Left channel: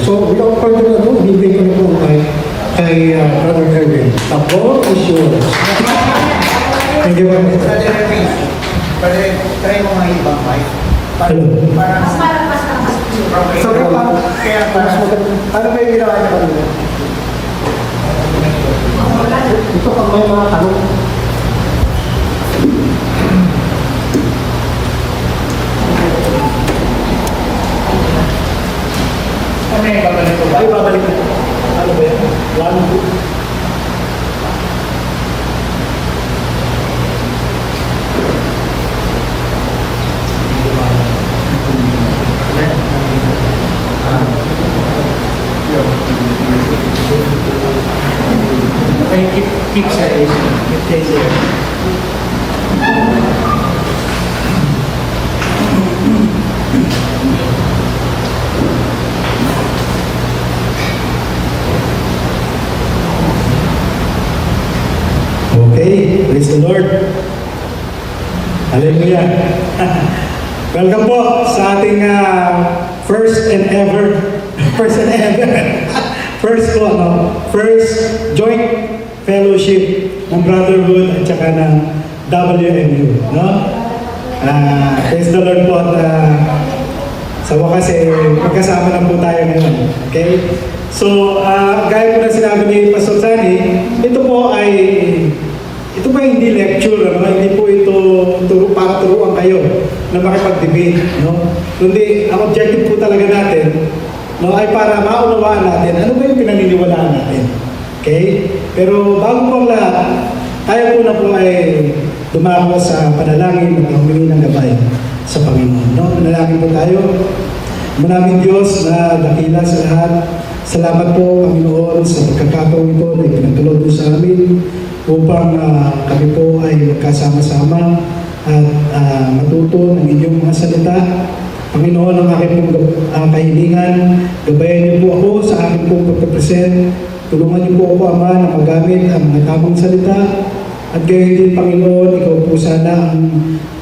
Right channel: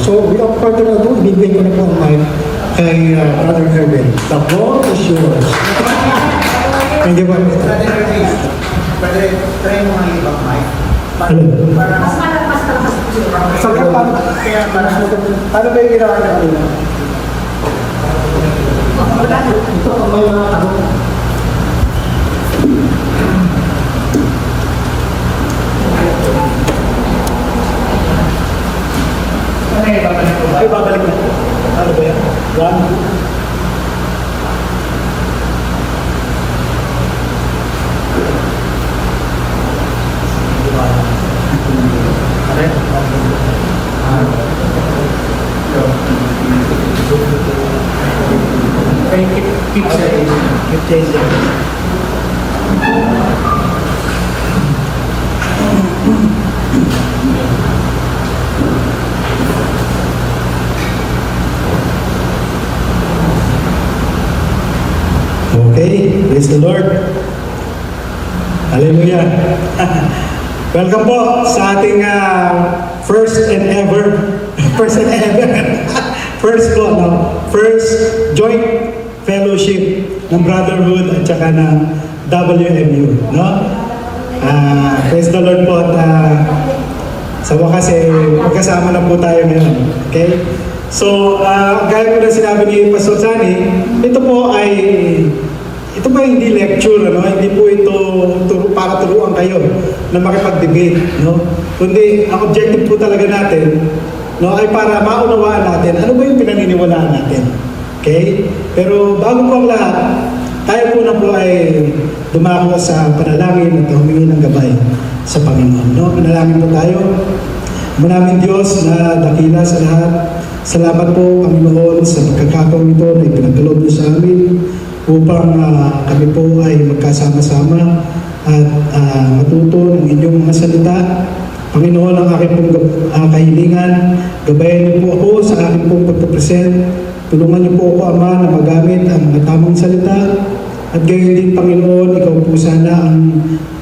So, we offer to na doon, bibigay ko na po ang mic kay Brother Erwin. The floor is yours. Thank you very much. Brother Erwin, try mo mga ibang mic. Mas malakas na lakas So, paano ba yung ginawa niya kanina? Ito ang may mga ano. Ay, babalik na. Ano ba yan? One. Okay, keep chasing. Okay, praise the Lord. Hallelujah. Welcome po sa ating first and ever first joint fellowship ng Brotherhood at saka ng WMU, no? Praise the Lord po at sa wakas magkasama na po tayo ngayon. Okay? So, gaya ko na sinabi ni Pastor Sunny, ito po hindi lecture, no? Hindi po ito para turuan kayo na makipag-debate, no? Kundi ang objective po talaga natin, no, ay para maunawaan natin ano ba yung pinaniniwalaan natin. Okay? Pero bago po ang lahat, tayo po na po ay dumako sa panalangin at humingi ng gabay sa Panginoon. No? Panalangin po tayo. Maraming Diyos na dakila sa lahat. Salamat po, Panginoon, sa pagkakataon ito na ipinagkaloob mo sa amin upang kami po ay magkasama-sama at matuto ng inyong mga salita. Panginoon, ang aking pong kahilingan, gabayan niyo po ako sa aking pong pagpapresent. Tulungan niyo po ako, Ama, na magamit ang mga tamang salita. At gayon din, Panginoon, ikaw po sana ang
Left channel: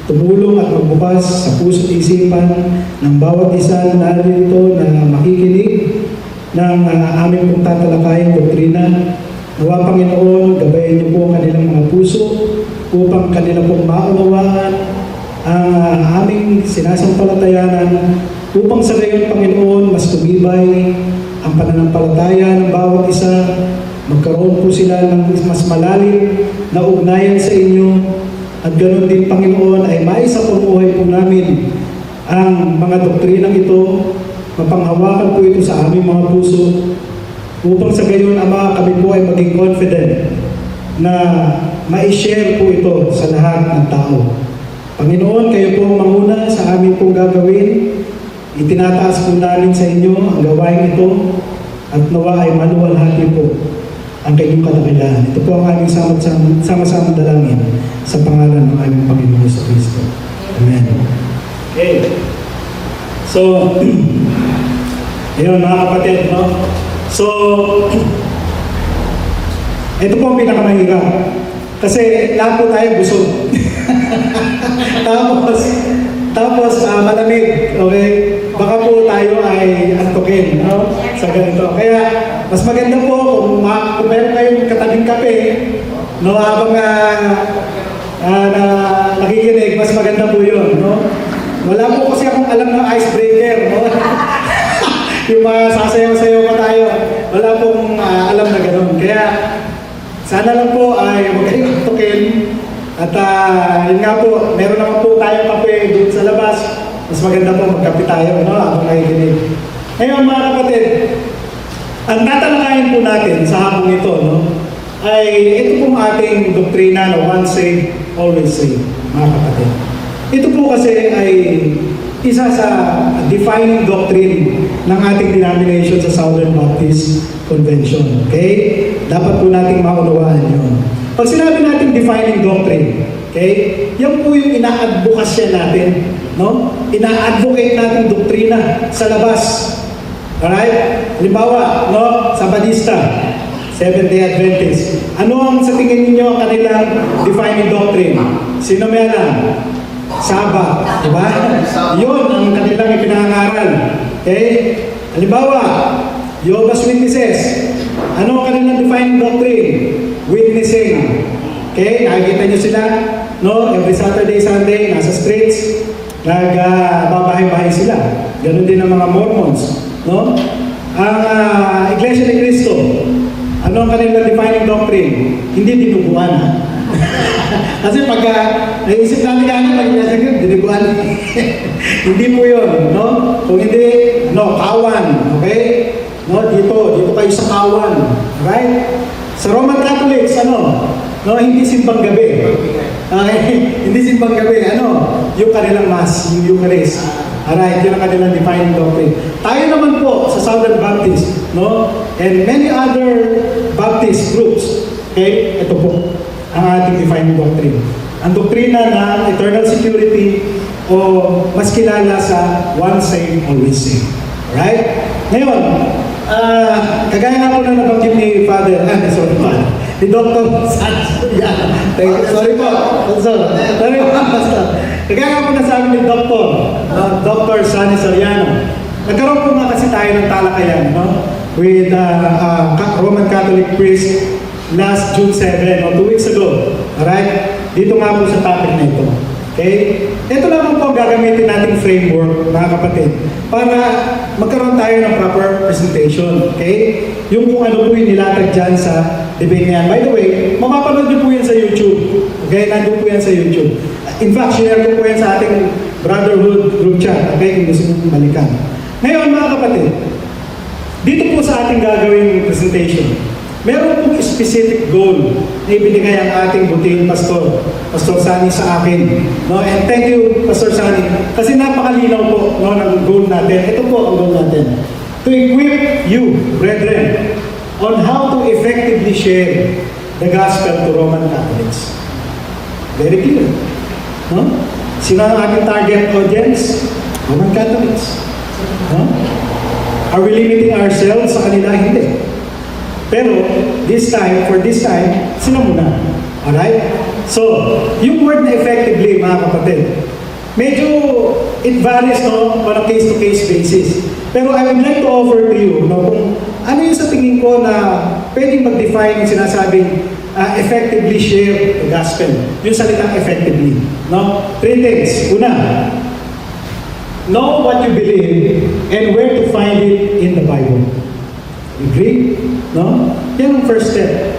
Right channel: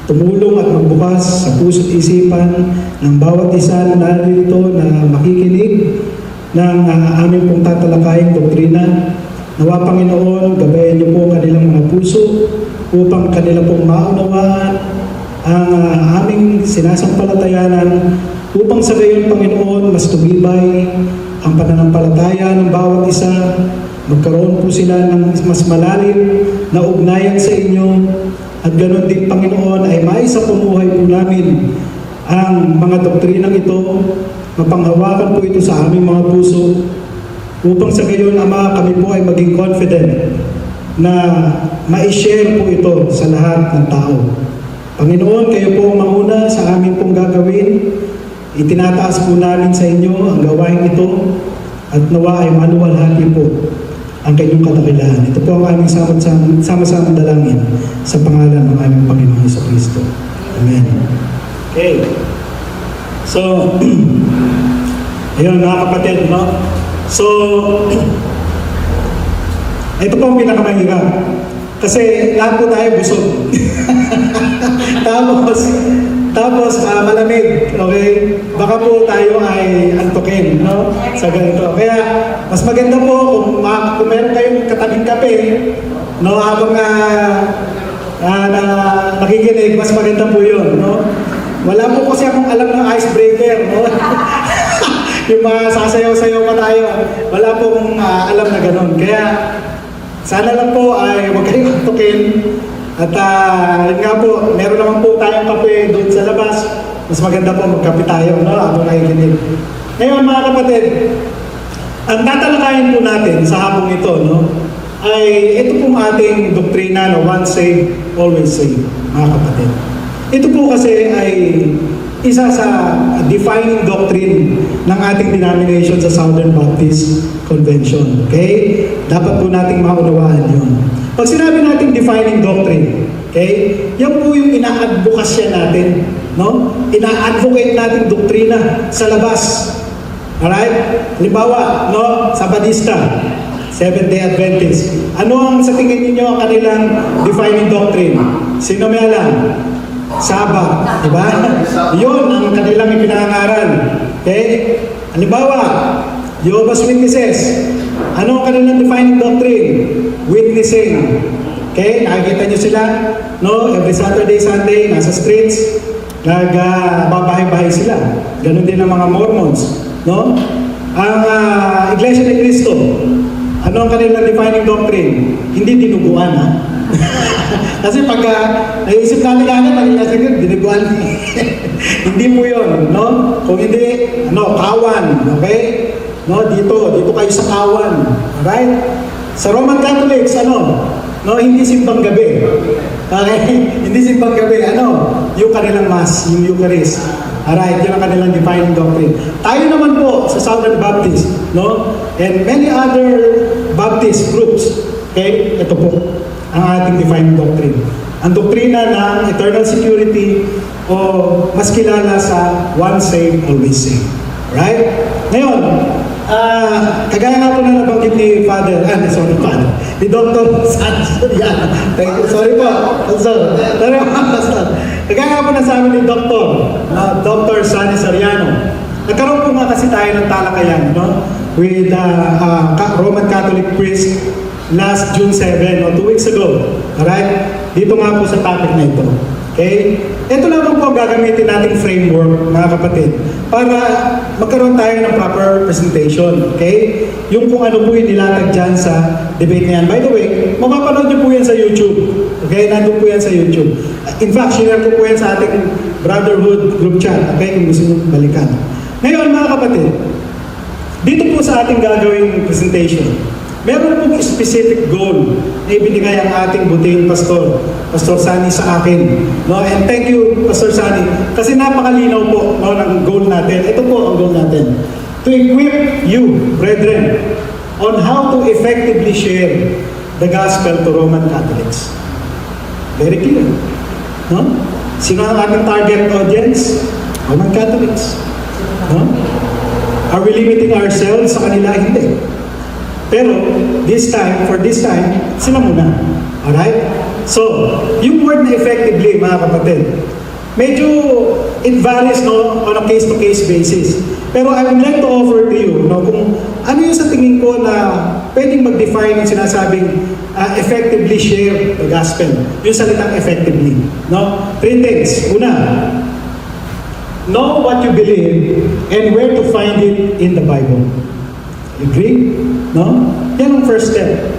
tumulong at magbukas sa puso at isipan ng bawat isa na narito na makikinig ng aming pong tatalakayang doktrina. Nawa, Panginoon, gabayan niyo po kanilang mga puso upang kanila pong maunawaan ang aming sinasampalatayanan upang sa gayon, Panginoon, mas tumibay ang pananampalataya ng bawat isa, magkaroon po sila ng mas malalim na ugnayan sa inyo, at ganoon din, Panginoon, ay maisapunuhay po namin ang mga doktrinang ito, mapanghawakan po ito sa aming mga puso, upang sa gayon, Ama, kami po ay maging confident na ma-share po ito sa lahat ng tao. Panginoon, kayo po mamuna sa aming pong gagawin. Itinataas po namin sa inyo ang gawain ito at nawa ay maluwalhati po ang kanyang kadakilaan. Ito po ang aming sama-sama dalangin sa pangalan ng aming Panginoon Jesucristo. Amen. Okay. So, yun mga kapatid, no? So, ito po ang pinakamahirap. Kasi lahat po tayo busog. Tapos malamig, okay? Baka po tayo ay antukin, no? Sa ganito. Kaya, mas maganda po kung meron kayong katabing kape, no? Habang nakikinig, mas maganda po yun, no? Wala po kasi akong alam ng icebreaker, no? Yung mga sasayaw-sayaw pa tayo, wala pong alam na ganun. Kaya, sana lang po ay huwag kayong antukin. At yun nga po, meron naman po tayong kape doon sa labas. Mas maganda po magkape tayo, no? Habang nakikinig. Ngayon mga kapatid, ang tatalakayin po natin sa hapong ito, no? Ay ito pong ating doktrina na once saved, always saved, mga kapatid. Ito po kasi ay isa sa defining doctrine ng ating denomination sa Southern Baptist Convention. Okay? Dapat po nating maunawaan yun. Pag sinabi natin defining doctrine, okay? Yan po yung ina-advocasya natin, no? Ina-advocate natin doktrina sa labas. Alright? Halimbawa, no? Sa Badista, Seventh-day Adventist. Ano ang sa tingin niyo ang kanilang defining doctrine? Sino may alam? Sabbath, di ba? Yun ang kanilang ipinangaral. Okay? Halimbawa, Jehovah's Witnesses. Ano ang kanilang defining doctrine? Witnessing. Okay, nakikita nyo sila, no? Every Saturday, Sunday, nasa streets, nagbabahay-bahay sila. Ganon din ang mga Mormons, no? Ang Iglesia ni Cristo, ano ang kanilang defining doctrine? Hindi dinuguan, ha? Kasi pagka naisip natin yan, mag-iasig yun, dinuguan. Hindi po yun, no? Kung hindi, kawan, okay? No, dito kayo sa kawan, right? Sa Roman Catholics, no, hindi simbang gabi. Okay? Hindi simbang gabi, yung kanilang mass, yung Eucharist. Alright, yun ang kanilang defining doctrine. Tayo naman po sa Southern Baptist, no? And many other Baptist groups, okay? Ito po ang ating defining doctrine. Ang doktrina ng eternal security o mas kilala sa once saved, always saved. Alright? Ngayon, kagaya nga po na nabanggit ni Father, ni Dr. Sorry po, Pastor. Kagaya nga po na sabi ni Dr. Sunny Soriano, nagkaroon po nga kasi tayo ng talakayan, no? With Roman Catholic priest last June 7, 2 weeks ago. Alright? Dito nga po sa topic na ito. Okay? Ito lang po ang gagamitin nating framework, mga kapatid, para magkaroon tayo ng proper presentation. Okay? Yung kung ano po yung nilatag dyan sa debate niyan. By the way, mapapanood niyo po yan sa YouTube. Okay? Nandun po yan sa YouTube. In fact, share ko po yan sa ating Brotherhood group chat. Okay? Kung gusto nyo balikan. Ngayon, mga kapatid, dito po sa ating gagawing presentation, meron pong specific goal na ibinigay ang ating buting Pastor Sunny sa akin. No? And thank you, Pastor Sunny, kasi napakalinaw po, no, ng goal natin. Ito po ang goal natin. To equip you, brethren, on how to effectively share the gospel to Roman Catholics. Very clear. No? Sino ang ating target audience? Roman Catholics. No? Are we limiting ourselves sa kanila? Hindi. Pero, for this time, sila muna. Alright? So, yung word na effectively, mga kapatid, medyo it varies, no, on a case-to-case basis. Pero I would like to offer to you, no, kung ano yung sa tingin ko na pwedeng mag-define yung sinasabing effectively share the gospel. Yung salitang effectively. No? 3 things. Una, know what you believe and where to find it in the Bible. You agree? No? Yan ang first step.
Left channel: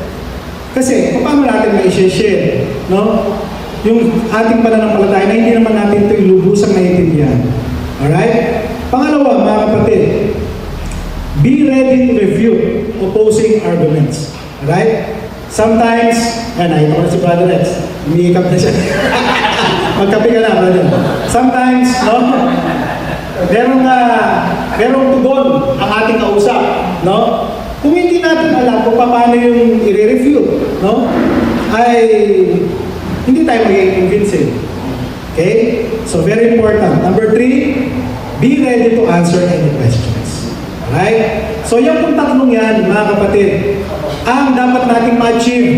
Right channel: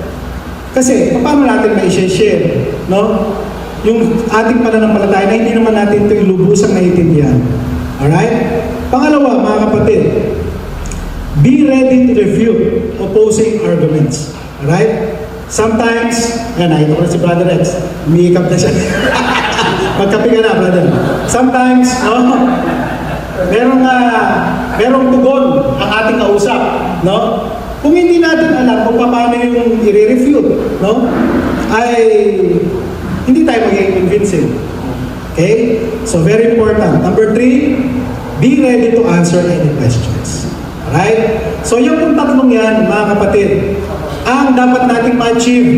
Kasi, paano natin mai-share? No? Yung ating pananampalataya na hindi naman natin ito ilubusang naiintindihan. Alright? Pangalawa, mga kapatid, be ready to refute opposing arguments. Alright? Sometimes, nakita ko si Brother Rex, umiikap na siya. Magkape ka na, brother. Sometimes, merong tugon ang ating kausap, no? Kung hindi natin alam kung paano yung i-refute, no? Ay hindi tayo magiging convincing. Okay? So very important. Number 3, be ready to answer any questions. Alright? So yung tatlong yan, mga kapatid, ang dapat nating ma-achieve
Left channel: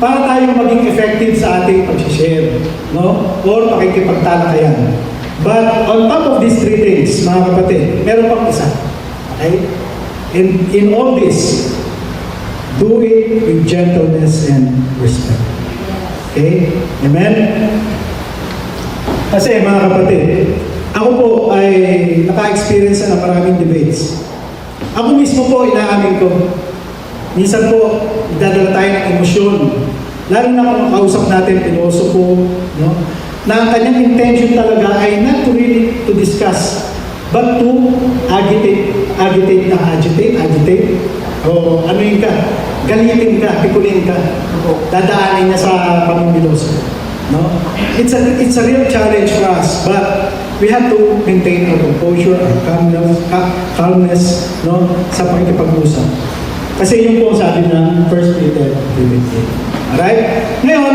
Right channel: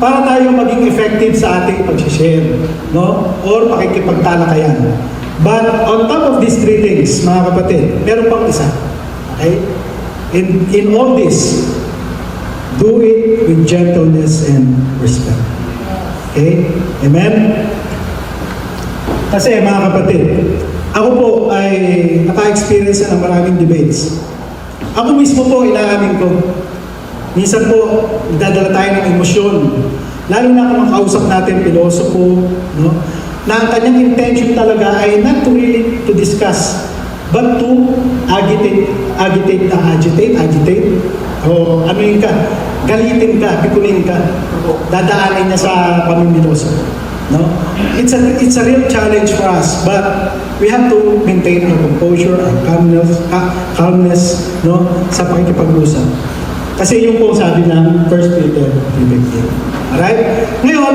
para tayo maging effective sa ating pag-share, no? Or pakikipagtalakayan. But on top of these 3 things, mga kapatid, meron pang isa. Okay? In all this, do it with gentleness and respect. Okay? Amen? Kasi mga kapatid, ako po ay naka-experience ng maraming debates. Ako mismo po, inaamin ko, minsan po, dadala tayo ng emosyon. Lalo na kung makausap natin, pilosopo, no? Na ang kanyang intention talaga ay not to really to discuss, but to agitate, o ano yun ka, galitin ka, pikunin ka, dadaanin niya sa pamimiloso. No? It's a real challenge for us, but we have to maintain our composure and calmness, no, sa pakikipag-usap. Kasi yung po sabi ng 1 Peter 3:8. Alright? Ngayon,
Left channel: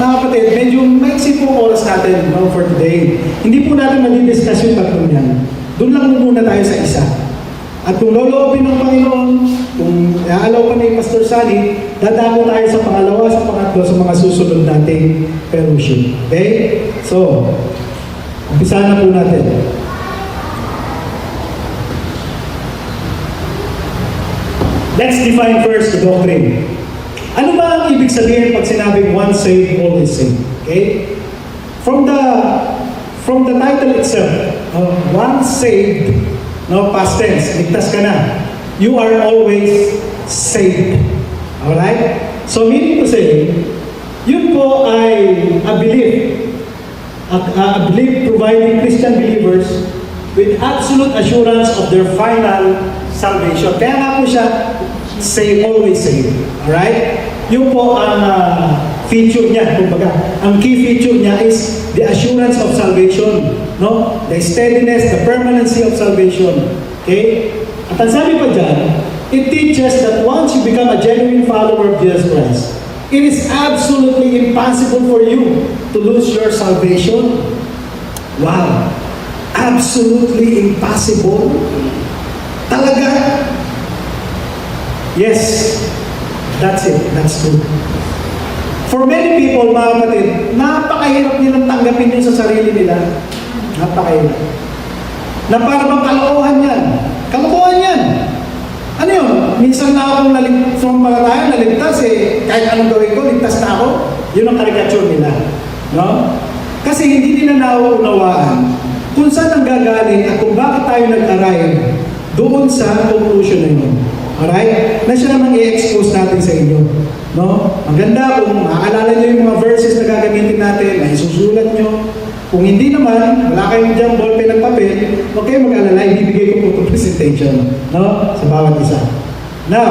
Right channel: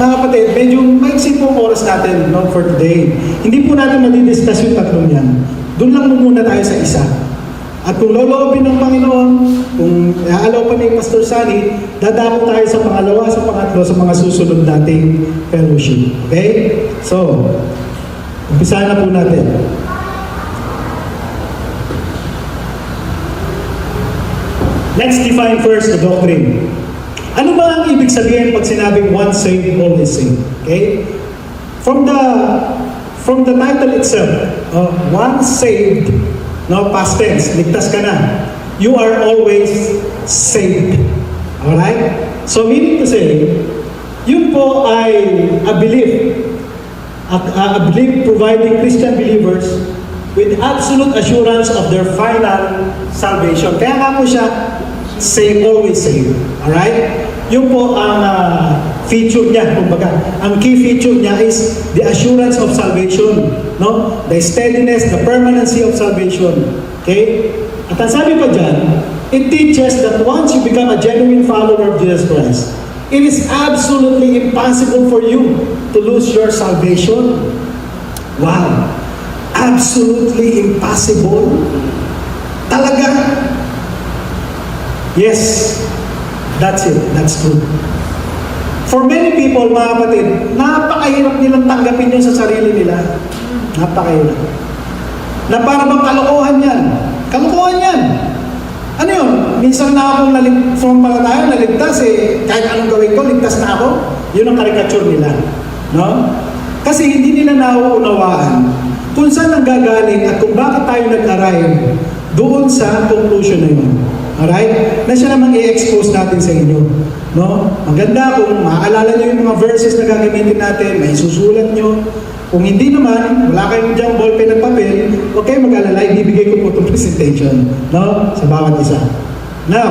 mga kapatid, medyo maiksi po oras natin, no, for today. Hindi po natin madidiscuss yung tatlong yan. Doon lang muna tayo sa isa. At kung loloopin ng Panginoon, kung aalaw pa ni Pastor Sunny, dadako tayo sa pangalawa, sa pangatlo, sa mga susunod nating fellowship. Okay? So, umpisa na po natin. let's define first the doctrine. Ano ba ang ibig sabihin pag sinabing once saved, always saved? Okay? From the title itself, once saved, no, past tense, ligtas ka na. You are always saved. Alright? So meaning to say, yun po ay a belief providing Christian believers with absolute assurance of their final salvation. Kaya nga po siya, save, always save. Alright? Yun po ang feature niya. Kumbaga, ang key feature niya is the assurance of salvation. No? The steadiness, the permanency of salvation. Okay? At ang sabi pa dyan, it teaches that once you become a genuine follower of Jesus Christ, it is absolutely impossible for you to lose your salvation. Wow! Absolutely impossible. Talaga. Yes, that's it. That's true. For many people, mga kapatid, napakahirap nilang tanggapin yun sa sarili nila. Napakahirap. Na para bang kalokohan yan. Kalokohan yan. Ano yun? Minsan na akong sumampalataya, naligtas eh. Kahit anong gawin ko, ligtas na ako. Yun ang karikature nila. No? Kasi hindi nila nauunawaan kung saan ang gagaling at kung bakit tayo nag-arrive doon sa conclusion na yun. Alright? Na siya namang i-expose natin sa inyo. No? Maganda kung maaalala nyo yung mga verses na gagamitin natin, na isusulat nyo. Kung hindi naman, wala kayong diyang ballpen at papel, huwag kayong mag-alala, ibibigay ko po itong presentation. No? Sa bawat isa. Now,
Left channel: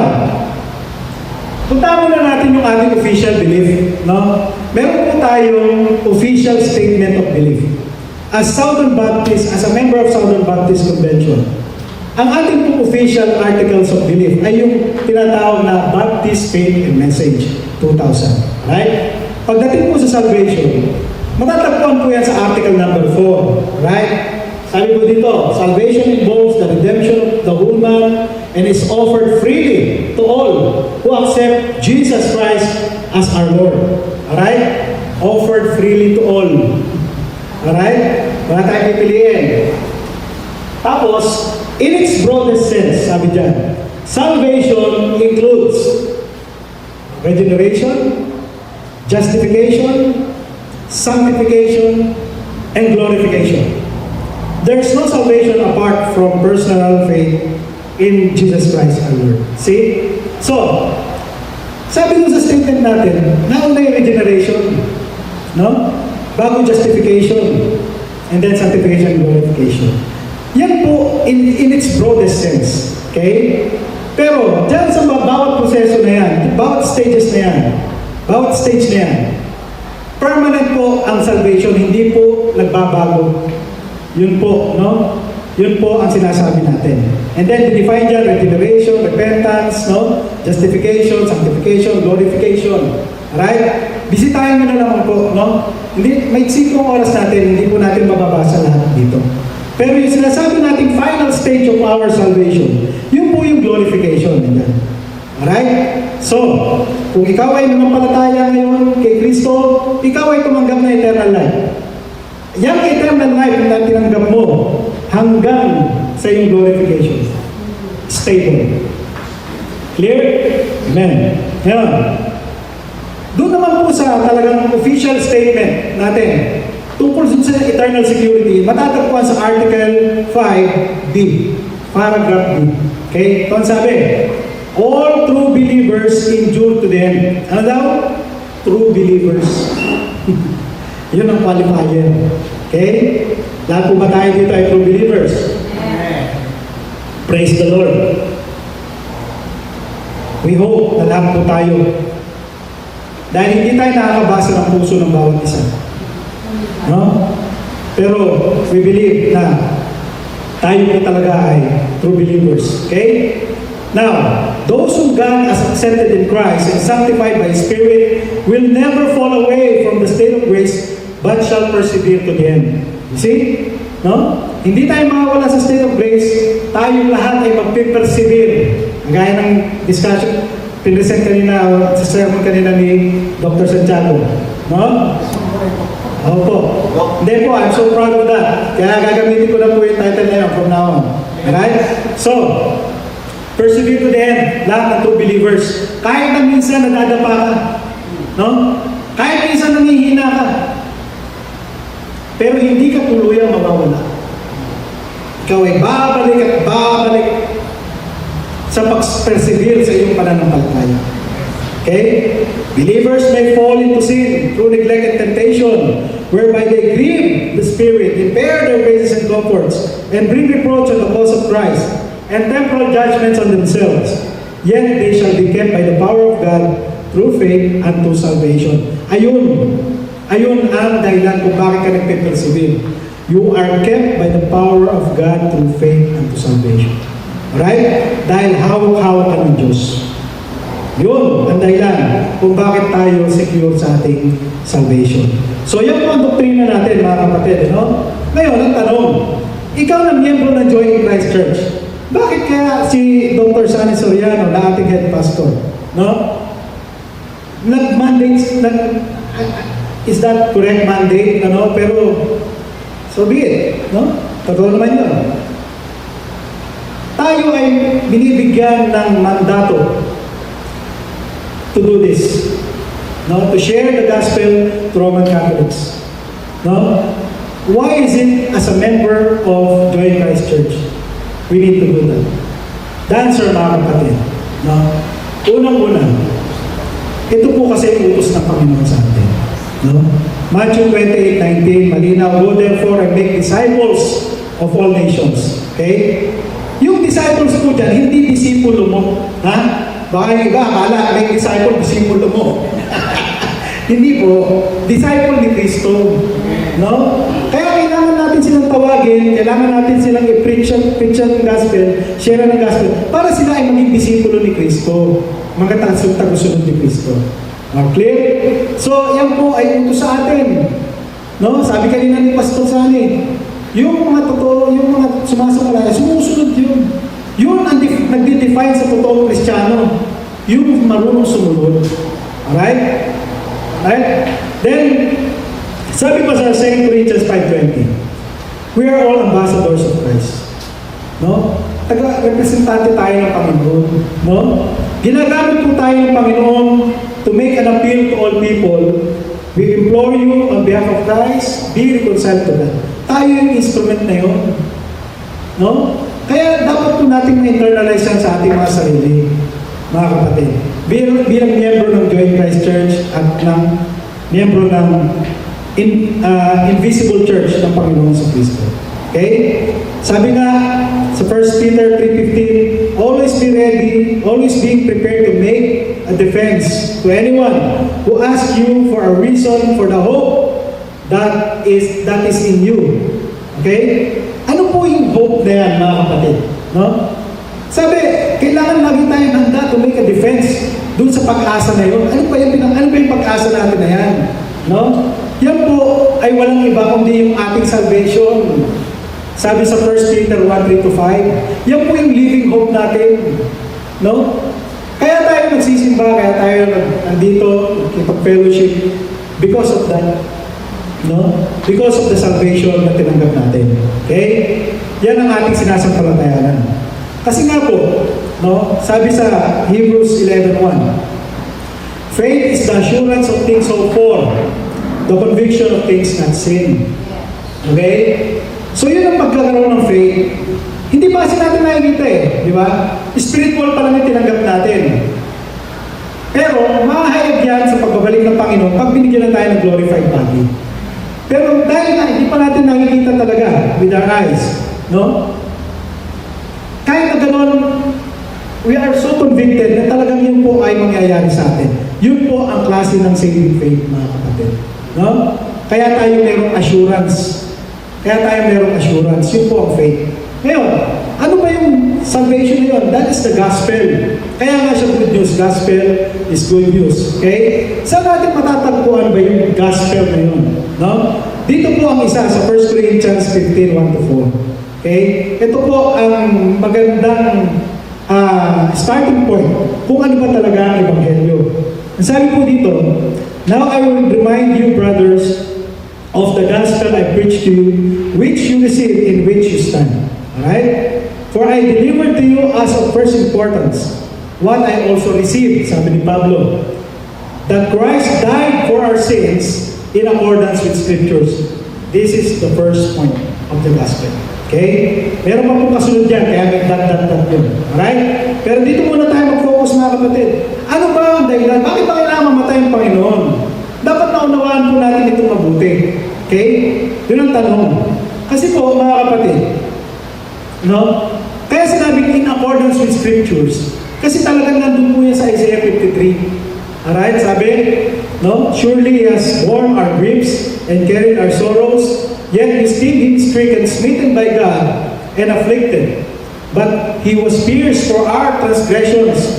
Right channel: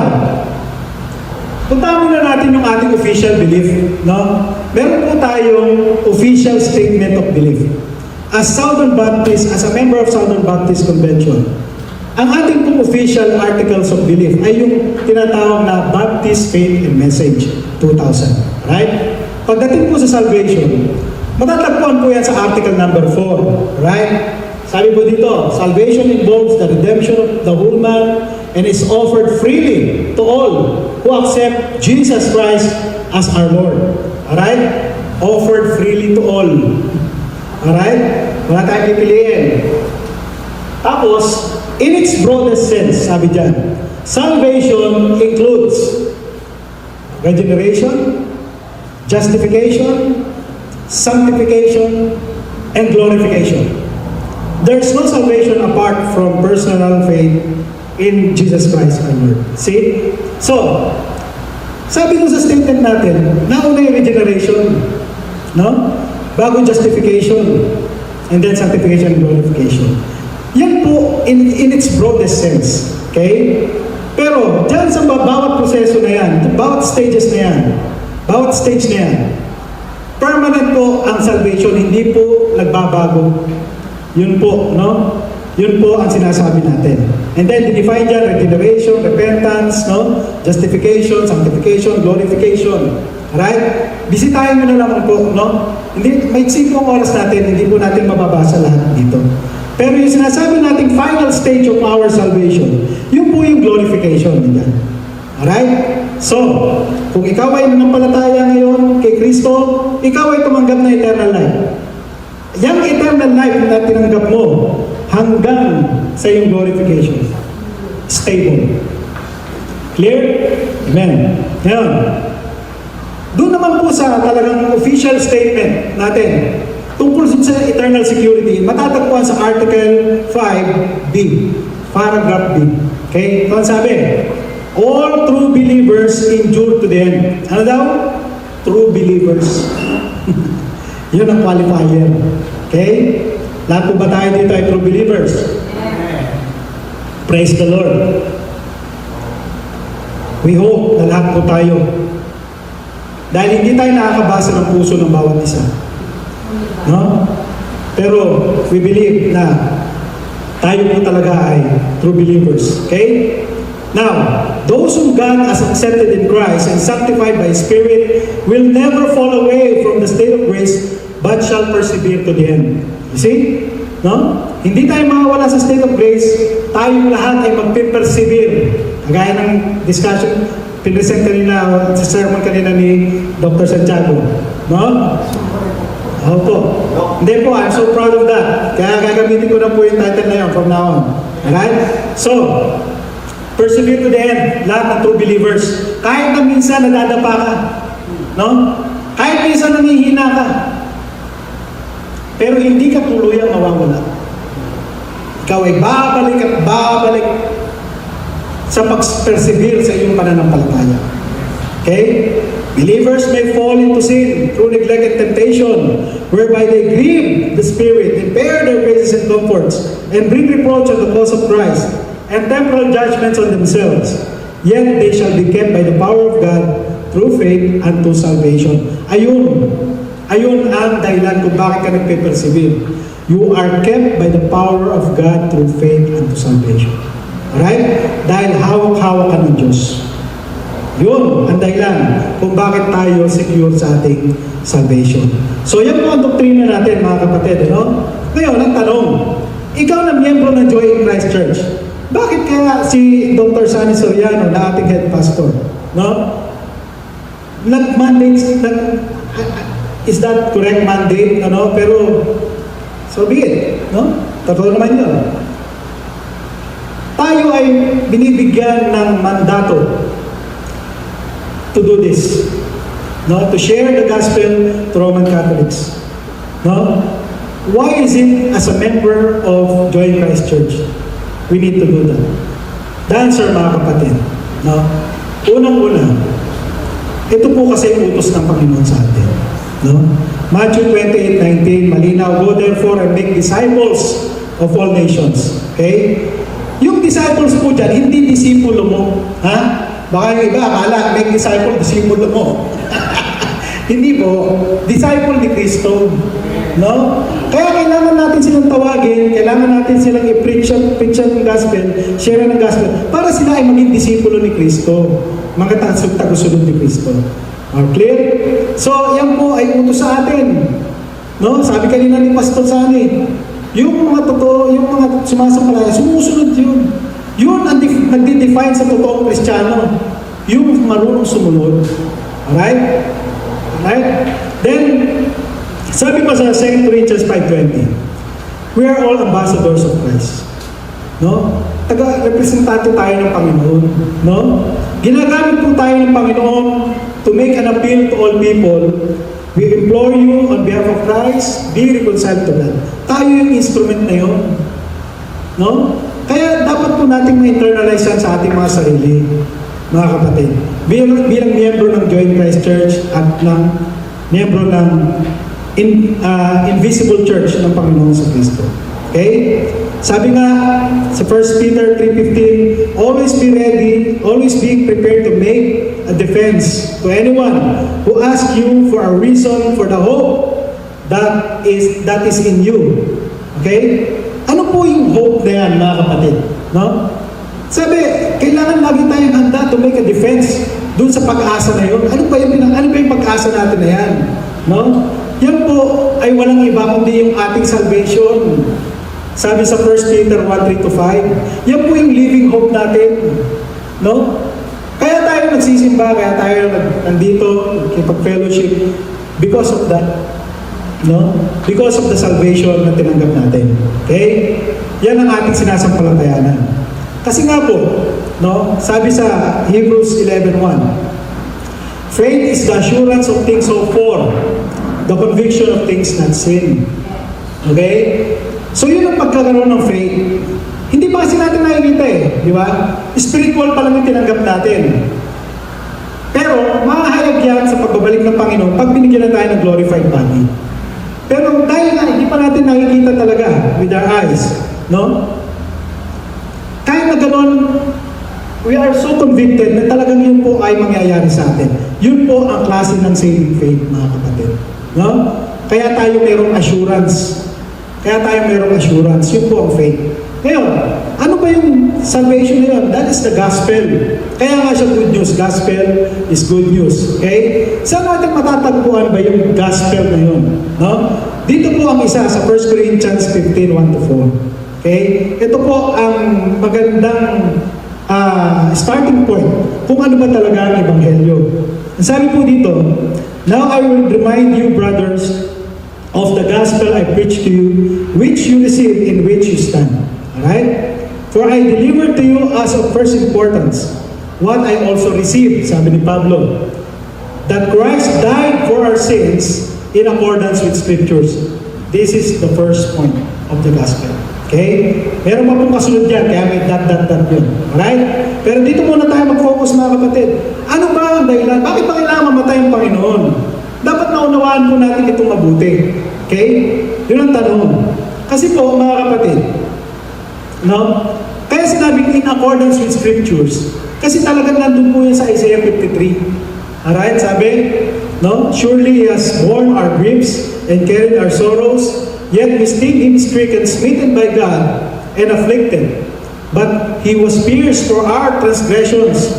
puntahan muna natin yung ating official belief. No? Meron po tayong official statement of belief. As Southern Baptist, as a member of Southern Baptist Convention, ang ating pong official articles of belief ay yung tinatawag na Baptist Faith and Message 2000. Right? Pagdating po sa salvation, matatagpuan po yan sa article number 4. Right? Sabi po dito, salvation involves the redemption of the whole man and is offered freely to all who accept Jesus Christ as our Lord. Alright? Offered freely to all. Alright? Wala tayong pipiliin. Tapos, in its broadest sense, sabi dyan, salvation includes regeneration, justification, sanctification, and glorification. There is no salvation apart from personal faith in Jesus Christ our Lord. See? So, sabi nung sa statement natin, nauna yung regeneration, no? Bago justification, and then sanctification and glorification. Yan po in its broadest sense. Okay? Pero, dyan sa bawat proseso na yan, bawat stages na yan, bawat stage na yan, permanent po ang salvation, hindi po nagbabago. Yun po, no? Yun po ang sinasabi natin. And then, define dyan, regeneration, repentance, no? Justification, sanctification, glorification. Alright? Bisitahin mo na lang po, no? Hindi, may sipong oras natin, hindi po natin mababasa lahat dito. Pero yung sinasabi nating final stage of our salvation, yun po yung glorification. Yan. Alright? So, kung ikaw ay nanampalataya ngayon kay Kristo, ikaw ay tumanggap na eternal life. Yang eternal life na tinanggap mo hanggang sa iyong glorification. Stable. Clear? Amen. Yan. Doon naman po sa talagang official statement natin tungkol sa eternal security, matatagpuan sa Article 5B, Paragraph B. Okay? Ito ang sabi, all true believers endure to the end. Ano daw? True believers. Yun ang qualifier. Okay? Lahat po ba tayo dito ay true believers? Praise the Lord. We hope na lahat po tayo. Dahil hindi tayo nakakabasa ng puso ng bawat isa. No? Pero we believe na tayo po talaga ay true believers. Okay? Now, those whom God has accepted in Christ and sanctified by His Spirit will never fall away from the state of grace but shall persevere to the end. You see? No? Hindi tayo mawawala sa state of grace, tayong lahat ay magpipersevere. Gaya ng discussion, pinesent kanina, sa sermon kanina ni Dr. Santiago. No? Opo. Hindi po, I'm so proud of that. Kaya gagamitin ko na po yung title na yun from now on. Alright? So, Persevere to the end, lahat ng true believers. Kahit na minsan nadadapa ka, no? Kahit minsan nangihina ka, pero hindi ka tuluyang mawawala. Ikaw ay babalik at babalik sa pag-persevere sa iyong pananampalataya. Okay? Believers may fall into sin through neglect and temptation, whereby they grieve the Spirit, impair their graces and comforts, and bring reproach on the cause of Christ, and temporal judgments on themselves. Yet they shall be kept by the power of God through faith unto salvation. Ayun ang dahilan kung bakit ka nagpe-persevere. You are kept by the power of God through faith unto salvation. Alright? Dahil hawak-hawak ka ng Diyos. Yun ang dahilan kung bakit tayo secure sa ating salvation. So yan po ang doktrina natin, mga kapatid. No? Ngayon, ang tanong, ikaw na miyembro ng Joy in Christ Church, bakit kaya si Dr. Sunny Soriano na ating head pastor, no? Is that correct mandate, ano? Pero, so be it, no? Totoo naman yun. Tayo ay binibigyan ng mandato to do this, no? To share the gospel to Roman Catholics, no? Why is it as a member of Joy in Christ Church we need to do that? The answer, mga kapatid, no? Unang-una, ito po kasi ang utos ng Panginoon sa atin, no? Matthew 28:19, malinaw, go therefore and make disciples of all nations. Okay? Yung disciples po dyan, hindi disipulo mo. Ha? Baka yung iba, akala, make disciple, disipulo mo. Hindi po, disciple ni Kristo. No? Kaya kailangan natin silang tawagin, kailangan natin silang i-preach ang gospel, share ang gospel, para sila ay maging disipulo ni Kristo. Mga tagusunod ni Kristo. Okay? So, yan po ay utos sa atin. No? Sabi kanina ni Pastor Sani, yung mga totoo, yung mga sumasamalaya, sumusunod yun. Yun ang nagde-define sa totoong Kristiyano. Yung marunong sumunod. Alright? Alright? Then, sabi pa sa 2 Corinthians 5:20, we are all ambassadors of Christ. No? Taga-representante tayo ng Panginoon. No? Ginagamit po tayo ng Panginoon to make an appeal to all people. We implore you on behalf of Christ, be reconciled to God. Tayo yung instrument na yun. No? Kaya dapat po natin ma-internalize yan sa ating mga sarili, mga kapatid. Bilang miyembro ng Joy in Christ Church at ng miyembro ng Invisible Church ng Panginoon sa Kristo. Okay? Sabi nga sa 1 Peter 3:15, always be ready, always being prepared to make a defense to anyone who asks you for a reason for the hope that is in you. Okay? Ano po yung hope na yan, mga kapatid? No? Sabi, kailangan lagi tayong handa to make a defense doon sa pag-asa na yun. Ano ba yung pag-asa natin na yan? No? Yan po ay walang iba kundi yung ating salvation. Sabi sa 1 Peter 1:3-5, yan po yung living hope natin. No? Kaya tayo nagsisimba, kaya tayo nandito, nakipag-fellowship because of that. No? Because of the salvation na tinanggap natin. Okay? Yan ang ating sinasampalatayanan. Kasi nga po, no? Sabi sa Hebrews 11:1, faith is the assurance of things hoped for, the conviction of things not seen. Okay? So yun ang pagkakaroon ng faith. Hindi pa kasi natin nakikita di ba? Spiritual pa lang yung tinanggap natin. Pero mahayag yan sa pagbabalik ng Panginoon pag binigyan na tayo ng glorified body. Pero dahil na hindi pa natin nakikita talaga with our eyes, no? Kahit na gano'n, we are so convicted na talagang yun po ay mangyayari sa atin. Yun po ang klase ng saving faith, mga kapatid. No? Kaya tayo mayroong assurance. Yun po ang faith. Ngayon, ano ba yung salvation na yun? That is the gospel. Kaya nga siya good news. Gospel is good news. Okay? Saan natin matatagpuan ba yung gospel na yun? No? Dito po ang isa sa 1 Corinthians 15:1-4. Okay? Ito po ang magandang starting point kung ano ba talaga ang Ebanghelyo. Sabi po dito, now I will remind you, brothers, of the gospel I preached to you, which you received, in which you stand. Alright? For I delivered to you as of first importance what I also received, sabi ni Pablo, that Christ died for our sins in accordance with Scriptures. This is the first point of the gospel. Okay? Meron pa pong kasunod yan, kaya may dot yun. Alright? Pero dito muna tayo mag-focus mga kapatid. Ano ba ang dahilan? Bakit ba kailangan mamatay ang Panginoon? Dapat naunawaan po natin itong mabuti. Okay? Yun ang tanong. Kasi po, mga kapatid, no? Kaya sinabing in accordance with Scriptures. Kasi talagang nandun po yan sa Isaiah 53. Alright, sabi, no? Surely He has borne our griefs and carried our sorrows, yet we esteemed Him stricken, smitten by God, and afflicted. But He was pierced for our transgressions.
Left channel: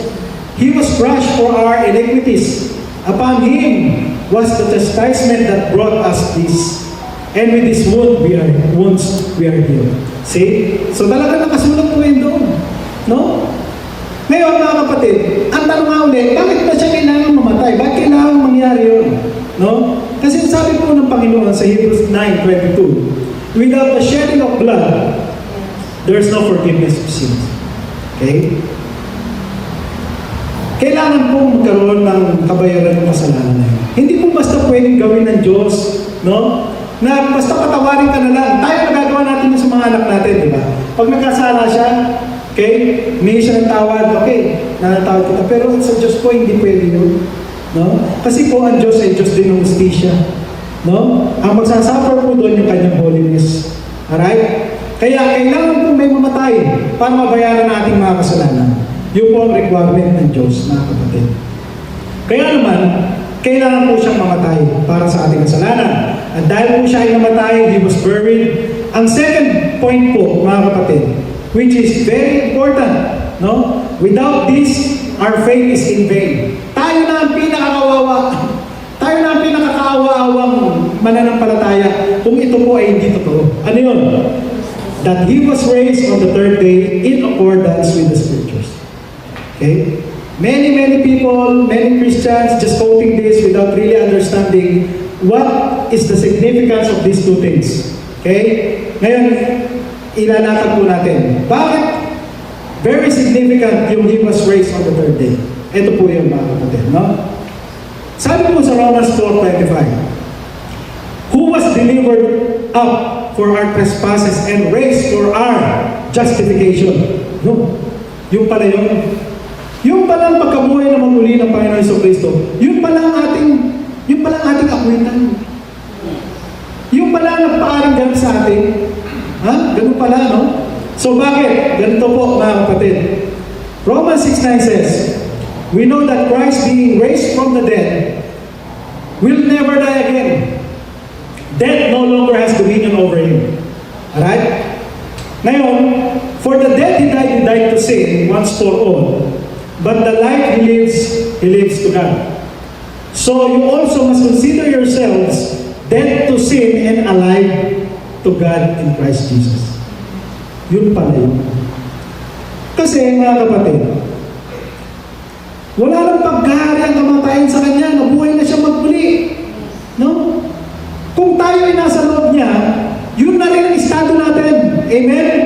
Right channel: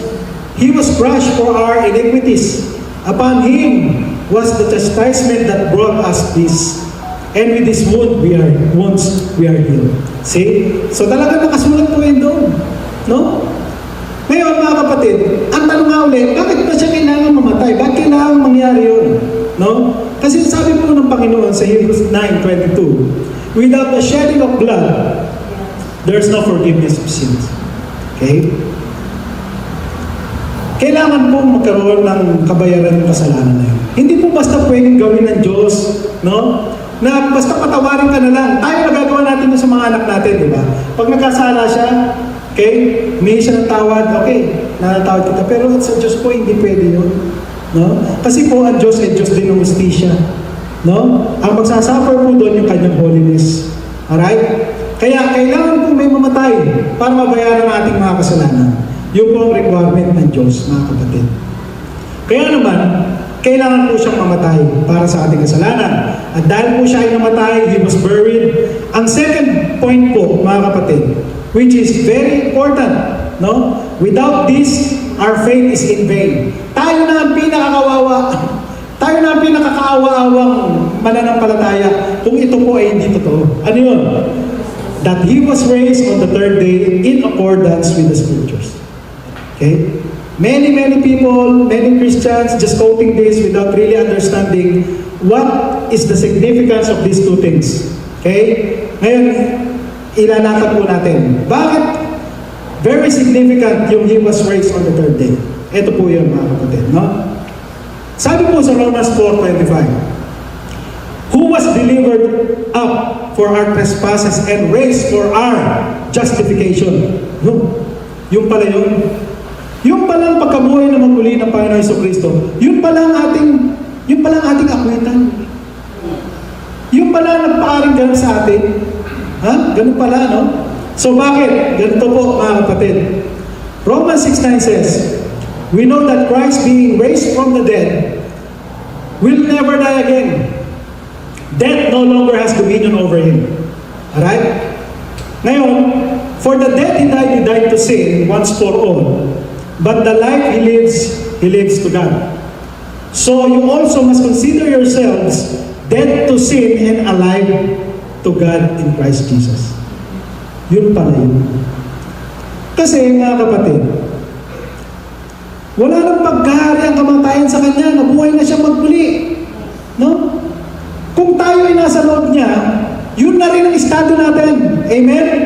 He was crushed for our iniquities. Upon Him was the chastisement that brought us peace. And with His wounds we are healed. See? So talaga nakasulat po yun doon. No? Ngayon mga kapatid, ang tanong nga ulit, bakit ba siya kailangan mamatay? Bakit kailangan mangyari yun? No? Kasi sabi po ng Panginoon sa Hebrews 9:22, without the shedding of blood, there's no forgiveness of sins. Okay? Kailangan po magkaroon ng kabayaran ng kasalanan na yun. Hindi po basta pwedeng gawin ng Diyos, no? Na basta patawarin ka na lang. Tayo nagagawa natin yun sa mga anak natin, di ba? Pag nagkasala siya, okay, humingi siya ng tawad, okay, nanatawad kita. Pero sa Diyos po, hindi pwede yun. No? Kasi po, ang Diyos ay Diyos din ng justisya. No? Ang magsasuffer po doon yung kanyang holiness. Alright? Kaya kailangan po may mamatay para mabayaran ang ating mga kasalanan. Yun po ang requirement ng Diyos, mga kapatid. Kaya naman, kailangan po siyang mamatay para sa ating kasalanan. At dahil po siya ay namatay, He was buried. Ang second point po, mga kapatid, which is very important, no? Without this, our faith is in vain. Tayo na ang pinakakawawa. Tayo na ang pinakakaawa-awang mananampalataya kung ito po ay hindi totoo. Ano yun? That He was raised on the third day in accordance with the Scriptures. Okay? Many people, many Christians just quoting this without really understanding what is the significance of these two things. Okay? Ngayon, ilalakad po natin. Bakit very significant yung He was raised on the third day? Ito po yung mga kapatid, no? Sabi po sa Romans 4:25, who was delivered up for our trespasses and raised for our justification. No? Yung pala yun. Yung pala ang pagkabuhay na magmuli ng Panginoon Jesucristo, yun pala ang ating akwitan. Yung pala ang nagpaaring ganun sa atin. Ha? Ganun pala, no? So bakit? Ganito po, mga kapatid. Romans 6:9 says, we know that Christ being raised from the dead will never die again. Death no longer has dominion over Him. Alright? Ngayon, for the dead He died to sin once for all. But the life He lives to God. So you also must consider yourselves dead to sin and alive to God in Christ Jesus. Yun pala yun. Kasi mga kapatid, wala nang paghahari ang kamatayan sa Kanya, nabuhay na siya magmuli. No? Kung tayo ay nasa loob niya, yun na rin ang estado natin. Amen?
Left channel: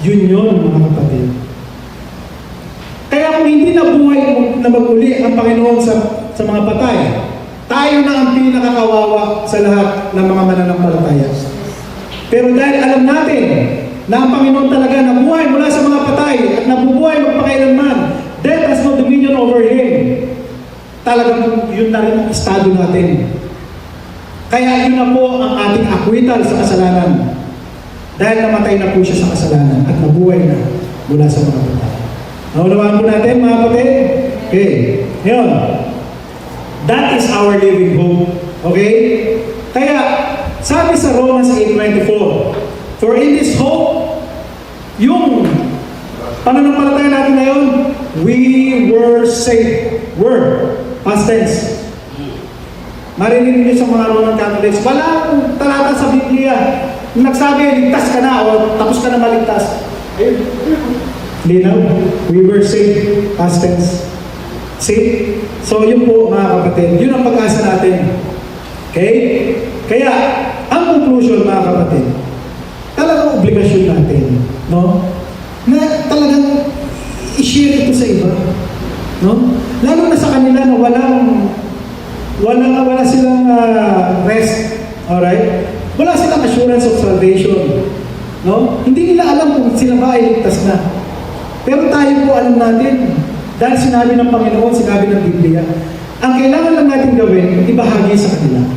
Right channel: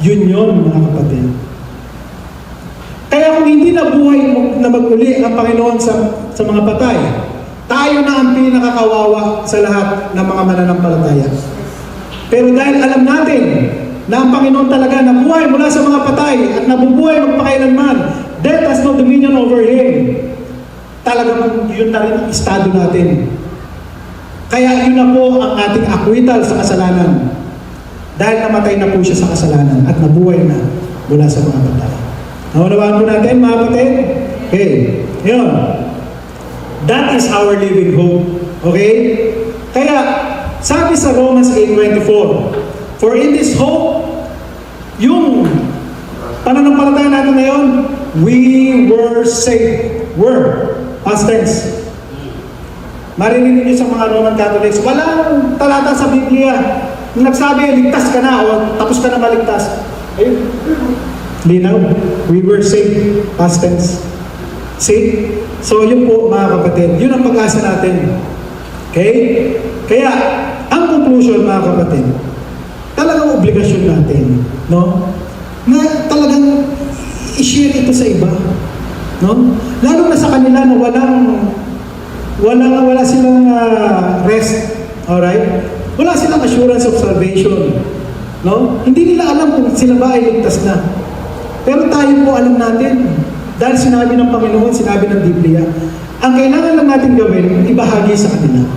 Yun mga kapatid. Kaya kung hindi nabuhay na maguli ang Panginoon sa mga patay, tayo na ang pinakakawawa sa lahat ng mga mananampalataya. Pero dahil alam natin na ang Panginoon talaga nabuhay mula sa mga patay at nabubuhay magpakailanman, death has no dominion over Him. Talagang yun na rin ang estado natin. Kaya yun na po ang ating akwital sa kasalanan. Dahil namatay na po siya sa kasalanan at nabuhay na mula sa mga patay. Naunawaan po natin, mga kapatid? Okay. Yun. That is our living hope. Okay? Kaya, sabi sa Romans 8:24, for in this hope, yung pananampalataya natin ngayon, we were saved. Were. Past tense. Marinig niyo sa mga Roman Catholics, walang talata sa Biblia. Nung nagsabi, ligtas ka na o tapos ka na maligtas. Ayun. Linaw, we were saved, past tense. See? So yun po mga kapatid, yun ang pag-asa natin. Okay? Kaya, ang conclusion mga kapatid, talagang obligasyon natin, no? na talagang i-share ito sa iba. No? Lalo na sa kanila na wala silang rest. Alright? Wala silang assurance of salvation. No? Hindi nila alam kung sila ba ay ligtas na. Pero tayo po alam natin, dahil sinabi ng Panginoon, sinabi ng Biblia, ang kailangan lang natin gawin, ibahagi sa kanila.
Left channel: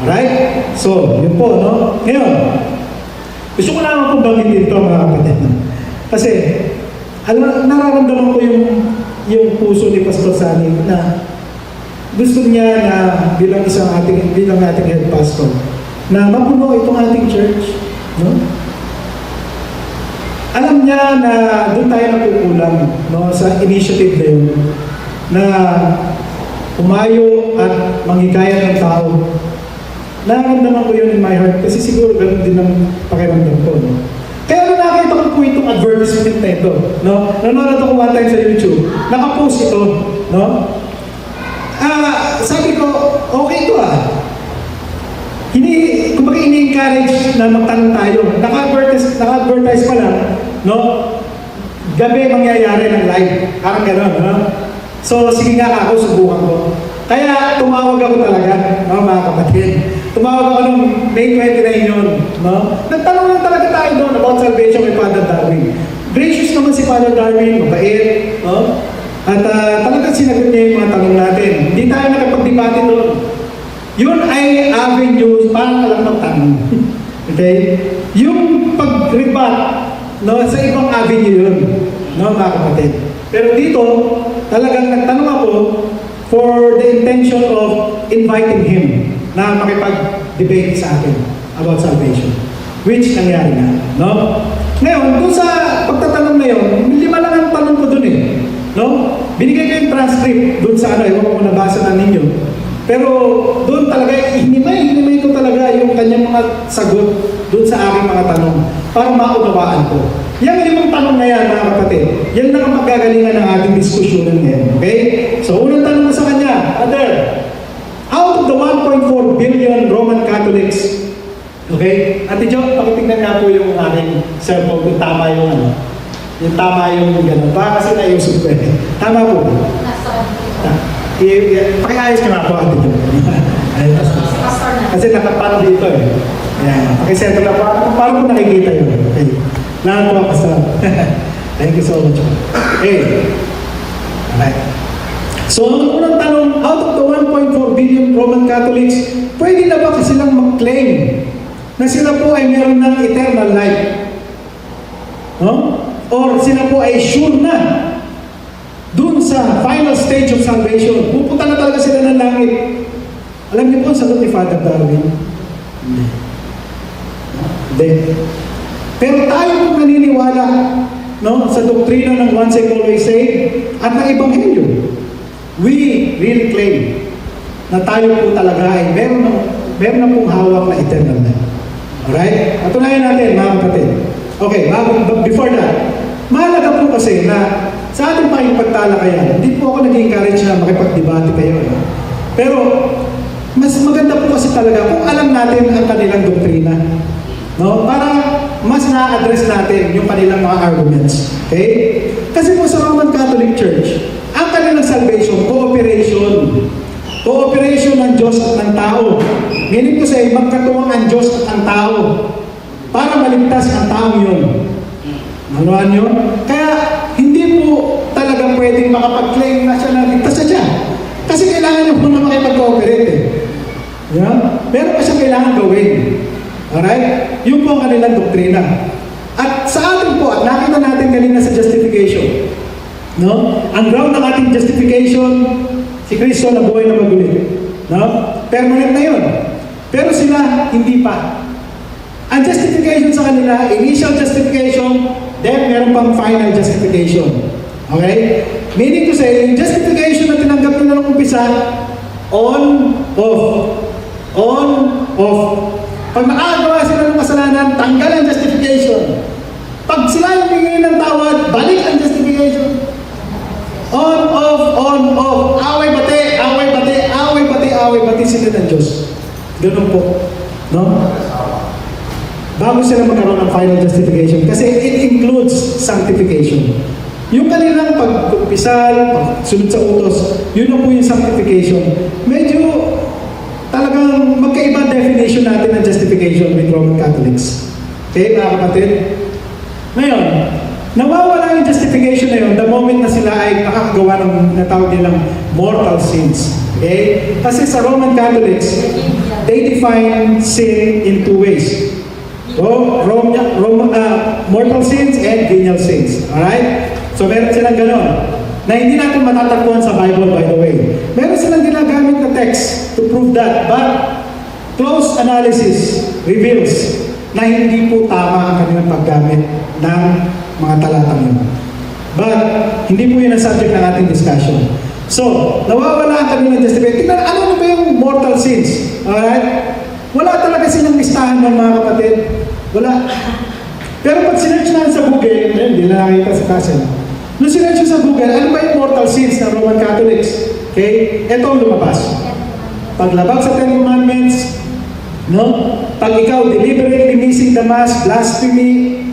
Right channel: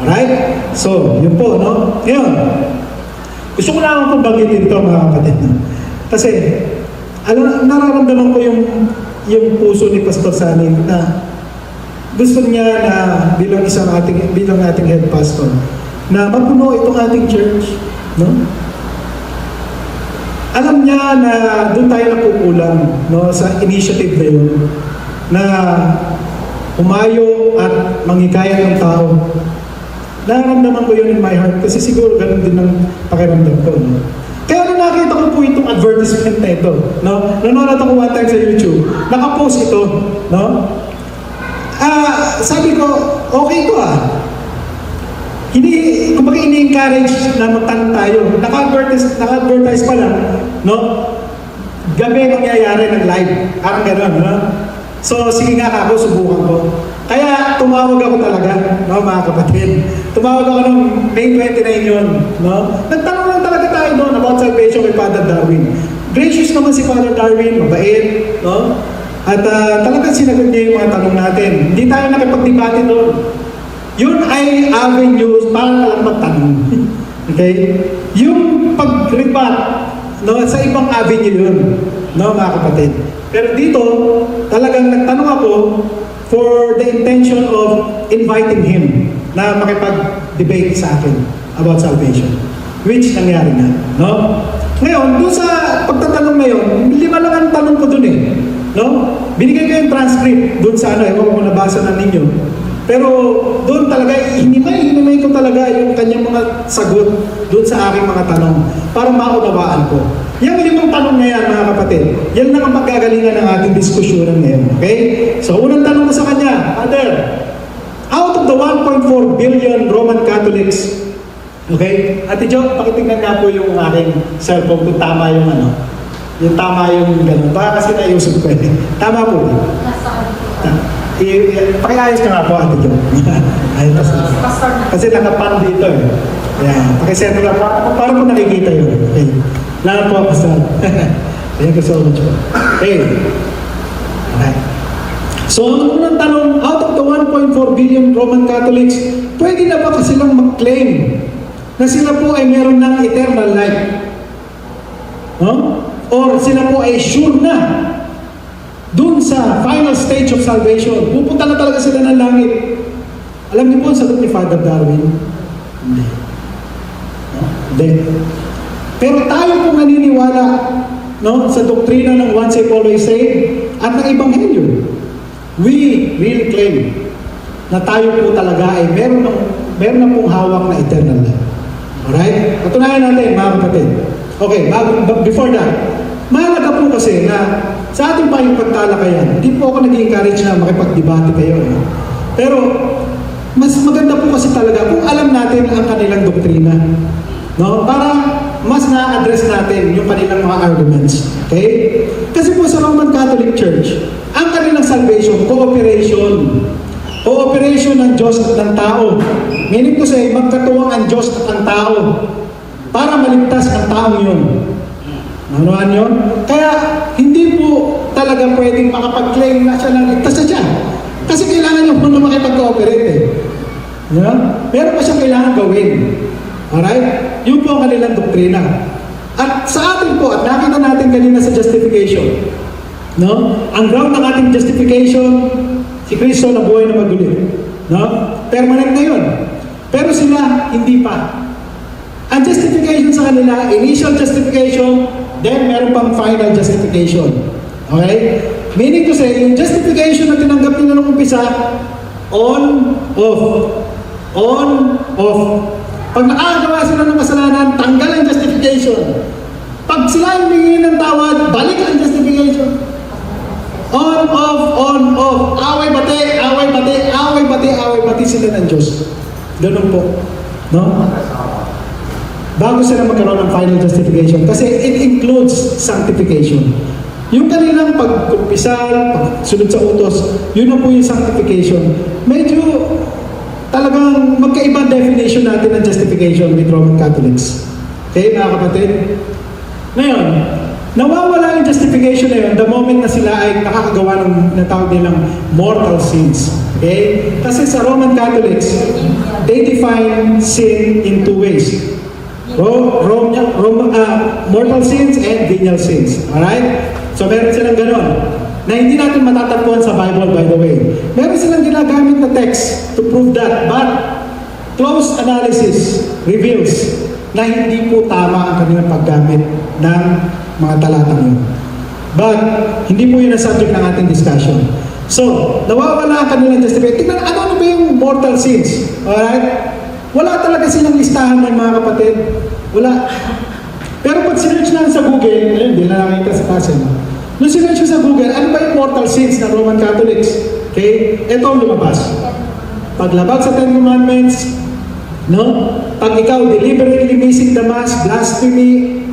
Alright? So, yun po, no? Ngayon, gusto ko naman pong gamitin ito, mga kapatid. No? Kasi, nararamdaman ko yung puso ni Pastor Salim na gusto niya na bilang ating head pastor na mapuno itong ating church, no? Alam niya na doon tayo nakukulang, no, sa initiative na yun, na umayo at manghikayat ng tao. Nararamdaman ko yun in my heart kasi siguro ganun din ang pakiramdam ko, no? Kaya nung nakita ko po itong advertisement na ito, no? Nanonood ako one time sa YouTube, nakapost ito, no? Sabi ko, okay ko kumbaga ini-encourage na magtanong tayo. Naka-advertise pa lang, no? Gabi mangyayari ng live. Parang gano'n, no? So, sige nga ako, subukan ko. Kaya tumawag ako talaga, no, mga kapatid. Tumawag ako nung May 29 yun, no? Nagtanong lang talaga tayo doon about salvation kay Father Darwin. Gracious naman si Father Darwin, mabait, no? At talagang sinagot niya yung mga tanong natin. Hindi tayo nakapag-debate doon. Yun ay avenues para lang magtanong. Okay? Yung pag-rebat, no, sa ibang avenue yun, no, mga kapatid. Pero dito, talagang nagtanong ako for the intention of inviting him na makipag-debate sa akin about salvation. Which nangyari na, no? Ngayon, dun sa pagtatanong na yun, 5 lang ang tanong ko dun no? Binigay ko yung transcript dun sa ewan ko nabasa na ninyo. Pero doon talaga, hinimay ko talaga yung kanyang mga sagot doon sa aking mga tanong para maunawaan ko. Yung 5 tanong na yan, mga kapatid, yan na ang magkagalingan ng ating diskusyon ngayon. Okay? So, unang tanong ko sa kanya, Father, out of the 1.4 billion Roman Catholics, okay? Ate Jo, pakitignan nga po yung aking cellphone kung tama yung yung tama yung gano'n. Baka kasi naiusap ko Tama po. Pakiayos ka nga po, Ate Jo. Pastor na. Kasi nakapan dito Ayan. Pakisettle na po. Parang po nakikita yun. Okay. Lahat po, Pastor. Thank you so much. Okay. Alright. So, ang unang tanong, out of the 1.4 billion Roman Catholics, pwede na ba silang mag-claim na sila po ay meron ng eternal life? Or sila po ay sure na dun sa final stage of salvation, pupunta na talaga sila ng langit. Alam niyo po ang sagot ni Father Darwin? Hindi. Hindi. Pero tayo po naniniwala, no, sa doktrina ng once and always saved at ng Ebanghelyo. We really claim na tayo po talaga ay meron na pong hawak na eternal life. Alright? Patunayan natin, mga kapatid. Okay, before that, mahalaga po kasi na sa ating pagtalakayan, hindi po ako nag-encourage na makipag-debate kayo. Pero, mas maganda po kasi talaga kung alam natin ang kanilang doktrina. No? Para mas na-address natin yung kanilang mga arguments. Okay? Kasi po sa Roman Catholic Church, ang kanilang salvation, cooperation. Cooperation ng Diyos at ng tao. Meaning ko say, magkatuwang ang Diyos at ang tao para maligtas ang taong yun. Nanuhan yun? Kaya, hindi po talaga pwedeng makapag-claim na siya na ligtas na siya. Kasi kailangan mo na makipag-cooperate Yeah? Meron pa siyang kailangan gawin. Alright? Yun po ang kanilang doktrina. At sa atin po, at nakita natin kanina sa justification, no? Ang ground ng ating justification, si Kristo na buhay na magulit. No? Permanent na yun. Pero sila, hindi pa. Ang justification sa kanila, initial justification, then meron pang final justification. Okay? Meaning to say, yung justification na tinanggap nila nung umpisa, on, off. On, off. Pag nakagawa sila ng kasalanan, tanggal ang justification. Pag sila humingi ng tawad, balik ang justification. On, off. Away, bati sila ng Diyos. Ganun po. No? bago sila magkaroon ng final justification. Kasi it includes sanctification. Yung kanilang pagkumpisal, pagsunod sa utos, yun na po yung sanctification. Medyo talagang magkaibang definition natin ng justification with Roman Catholics. Okay, mga kapatid? Ngayon, nawawala yung justification na yun the moment na sila ay nakakagawa ng natawag nilang mortal sins. Okay? Kasi sa Roman Catholics, they define sin in two ways. Mortal sins and venial sins. Alright? So meron silang ganon. Na hindi natin matatagpuan sa Bible, by the way. Meron silang ginagamit na text to prove that. But close analysis reveals na hindi po tama ang kanilang paggamit ng mga talatang yun. But hindi po yun ang subject ng ating discussion. So, nawawala ang kanilang justification. Tingnan, ano ba yung mortal sins? Alright? Wala talaga silang listahan ng mga kapatid. Wala. Pero pag sinerch na sa Google, hindi na nakita sa kasi. Nung sinerch sa Google, ano ba yung mortal sins ng Roman Catholics? Okay? Ito ang lumabas. Paglabag sa Ten Commandments, no? Pag ikaw deliberately missing the Mass, blasphemy,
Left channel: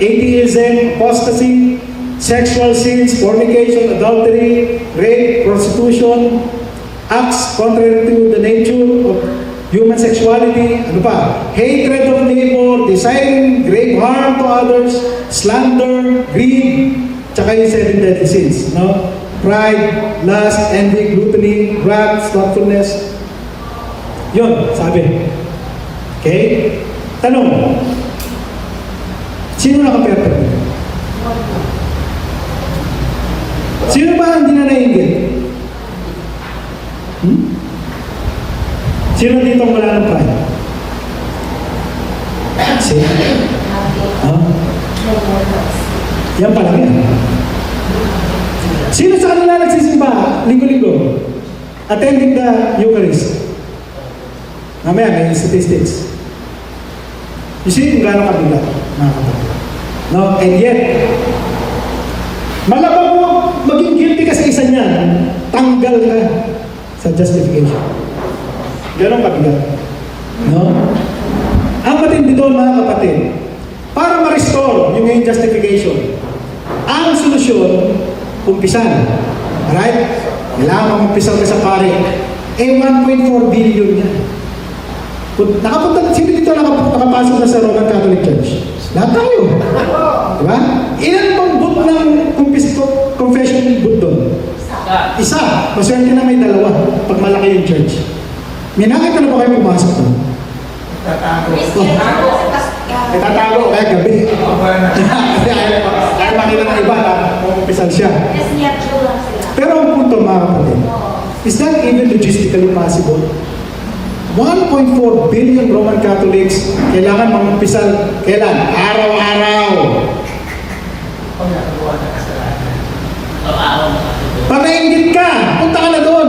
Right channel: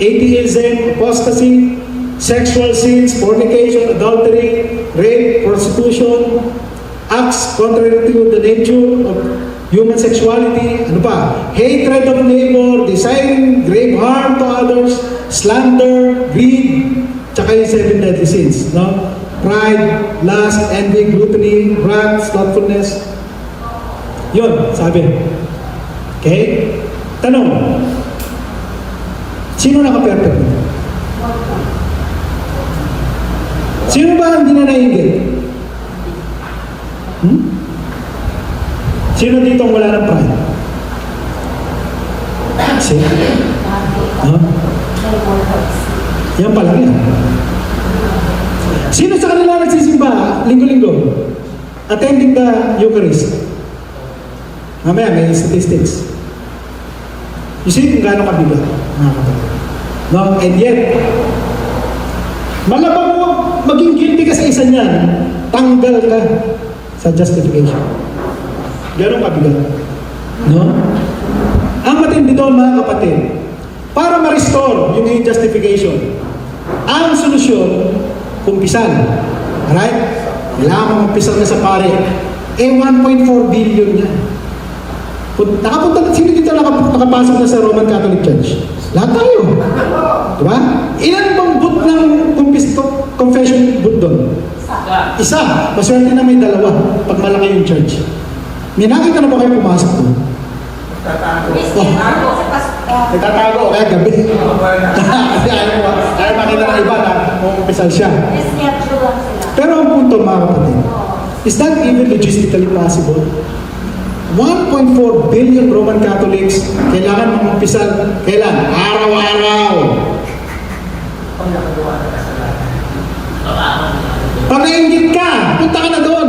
atheism, apostasy, sexual sins, fornication, adultery, rape, prostitution, acts contrary to the nature of human sexuality, ano pa? Hatred of neighbor, desiring grave harm to others, slander, greed, tsaka yung 7 deadly sins, no? Pride, lust, envy, gluttony, wrath, slothfulness. Yun, sabi. Okay? Tanong, sino naka-perfect? Sino ba ang dinanainggit? Sino dito ang wala ng pride? Sino? No? Yan pa lang yan. Sino sa kanila nagsisimba linggo-linggo? Attending the Eucharist? Mamaya, may statistics. You see kung gaano kabigat, mga kapatid. No? And yet, malabang mo maging guilty ka sa isa niyan, tanggal ka sa justification. Ganon kabigat. No? Ang matindi doon, mga kapatid, para ma-restore yung iyong justification, ang solusyon, kumpisan. Alright? Kailangan kumpisan ka sa pare. 1.4 billion yan. Nakapunta, sino dito nakapasok na sa Roman Catholic Church? Lahat tayo. Diba? Ilan bang boot ng confession boot doon? Isa. Maswerte na may dalawa pag malaki yung church. May nakita na ba kayo pumasok doon? Nagtatago kahit gabi. Kasi ayaw makita ng iba na kumpisal siya. Pero ang punto, mga kapatid, is that even logistically possible? 1.4 billion Roman Catholics kailangan magkumpisal. Kailan? Araw-araw. Pag nainggit ka, punta ka na doon.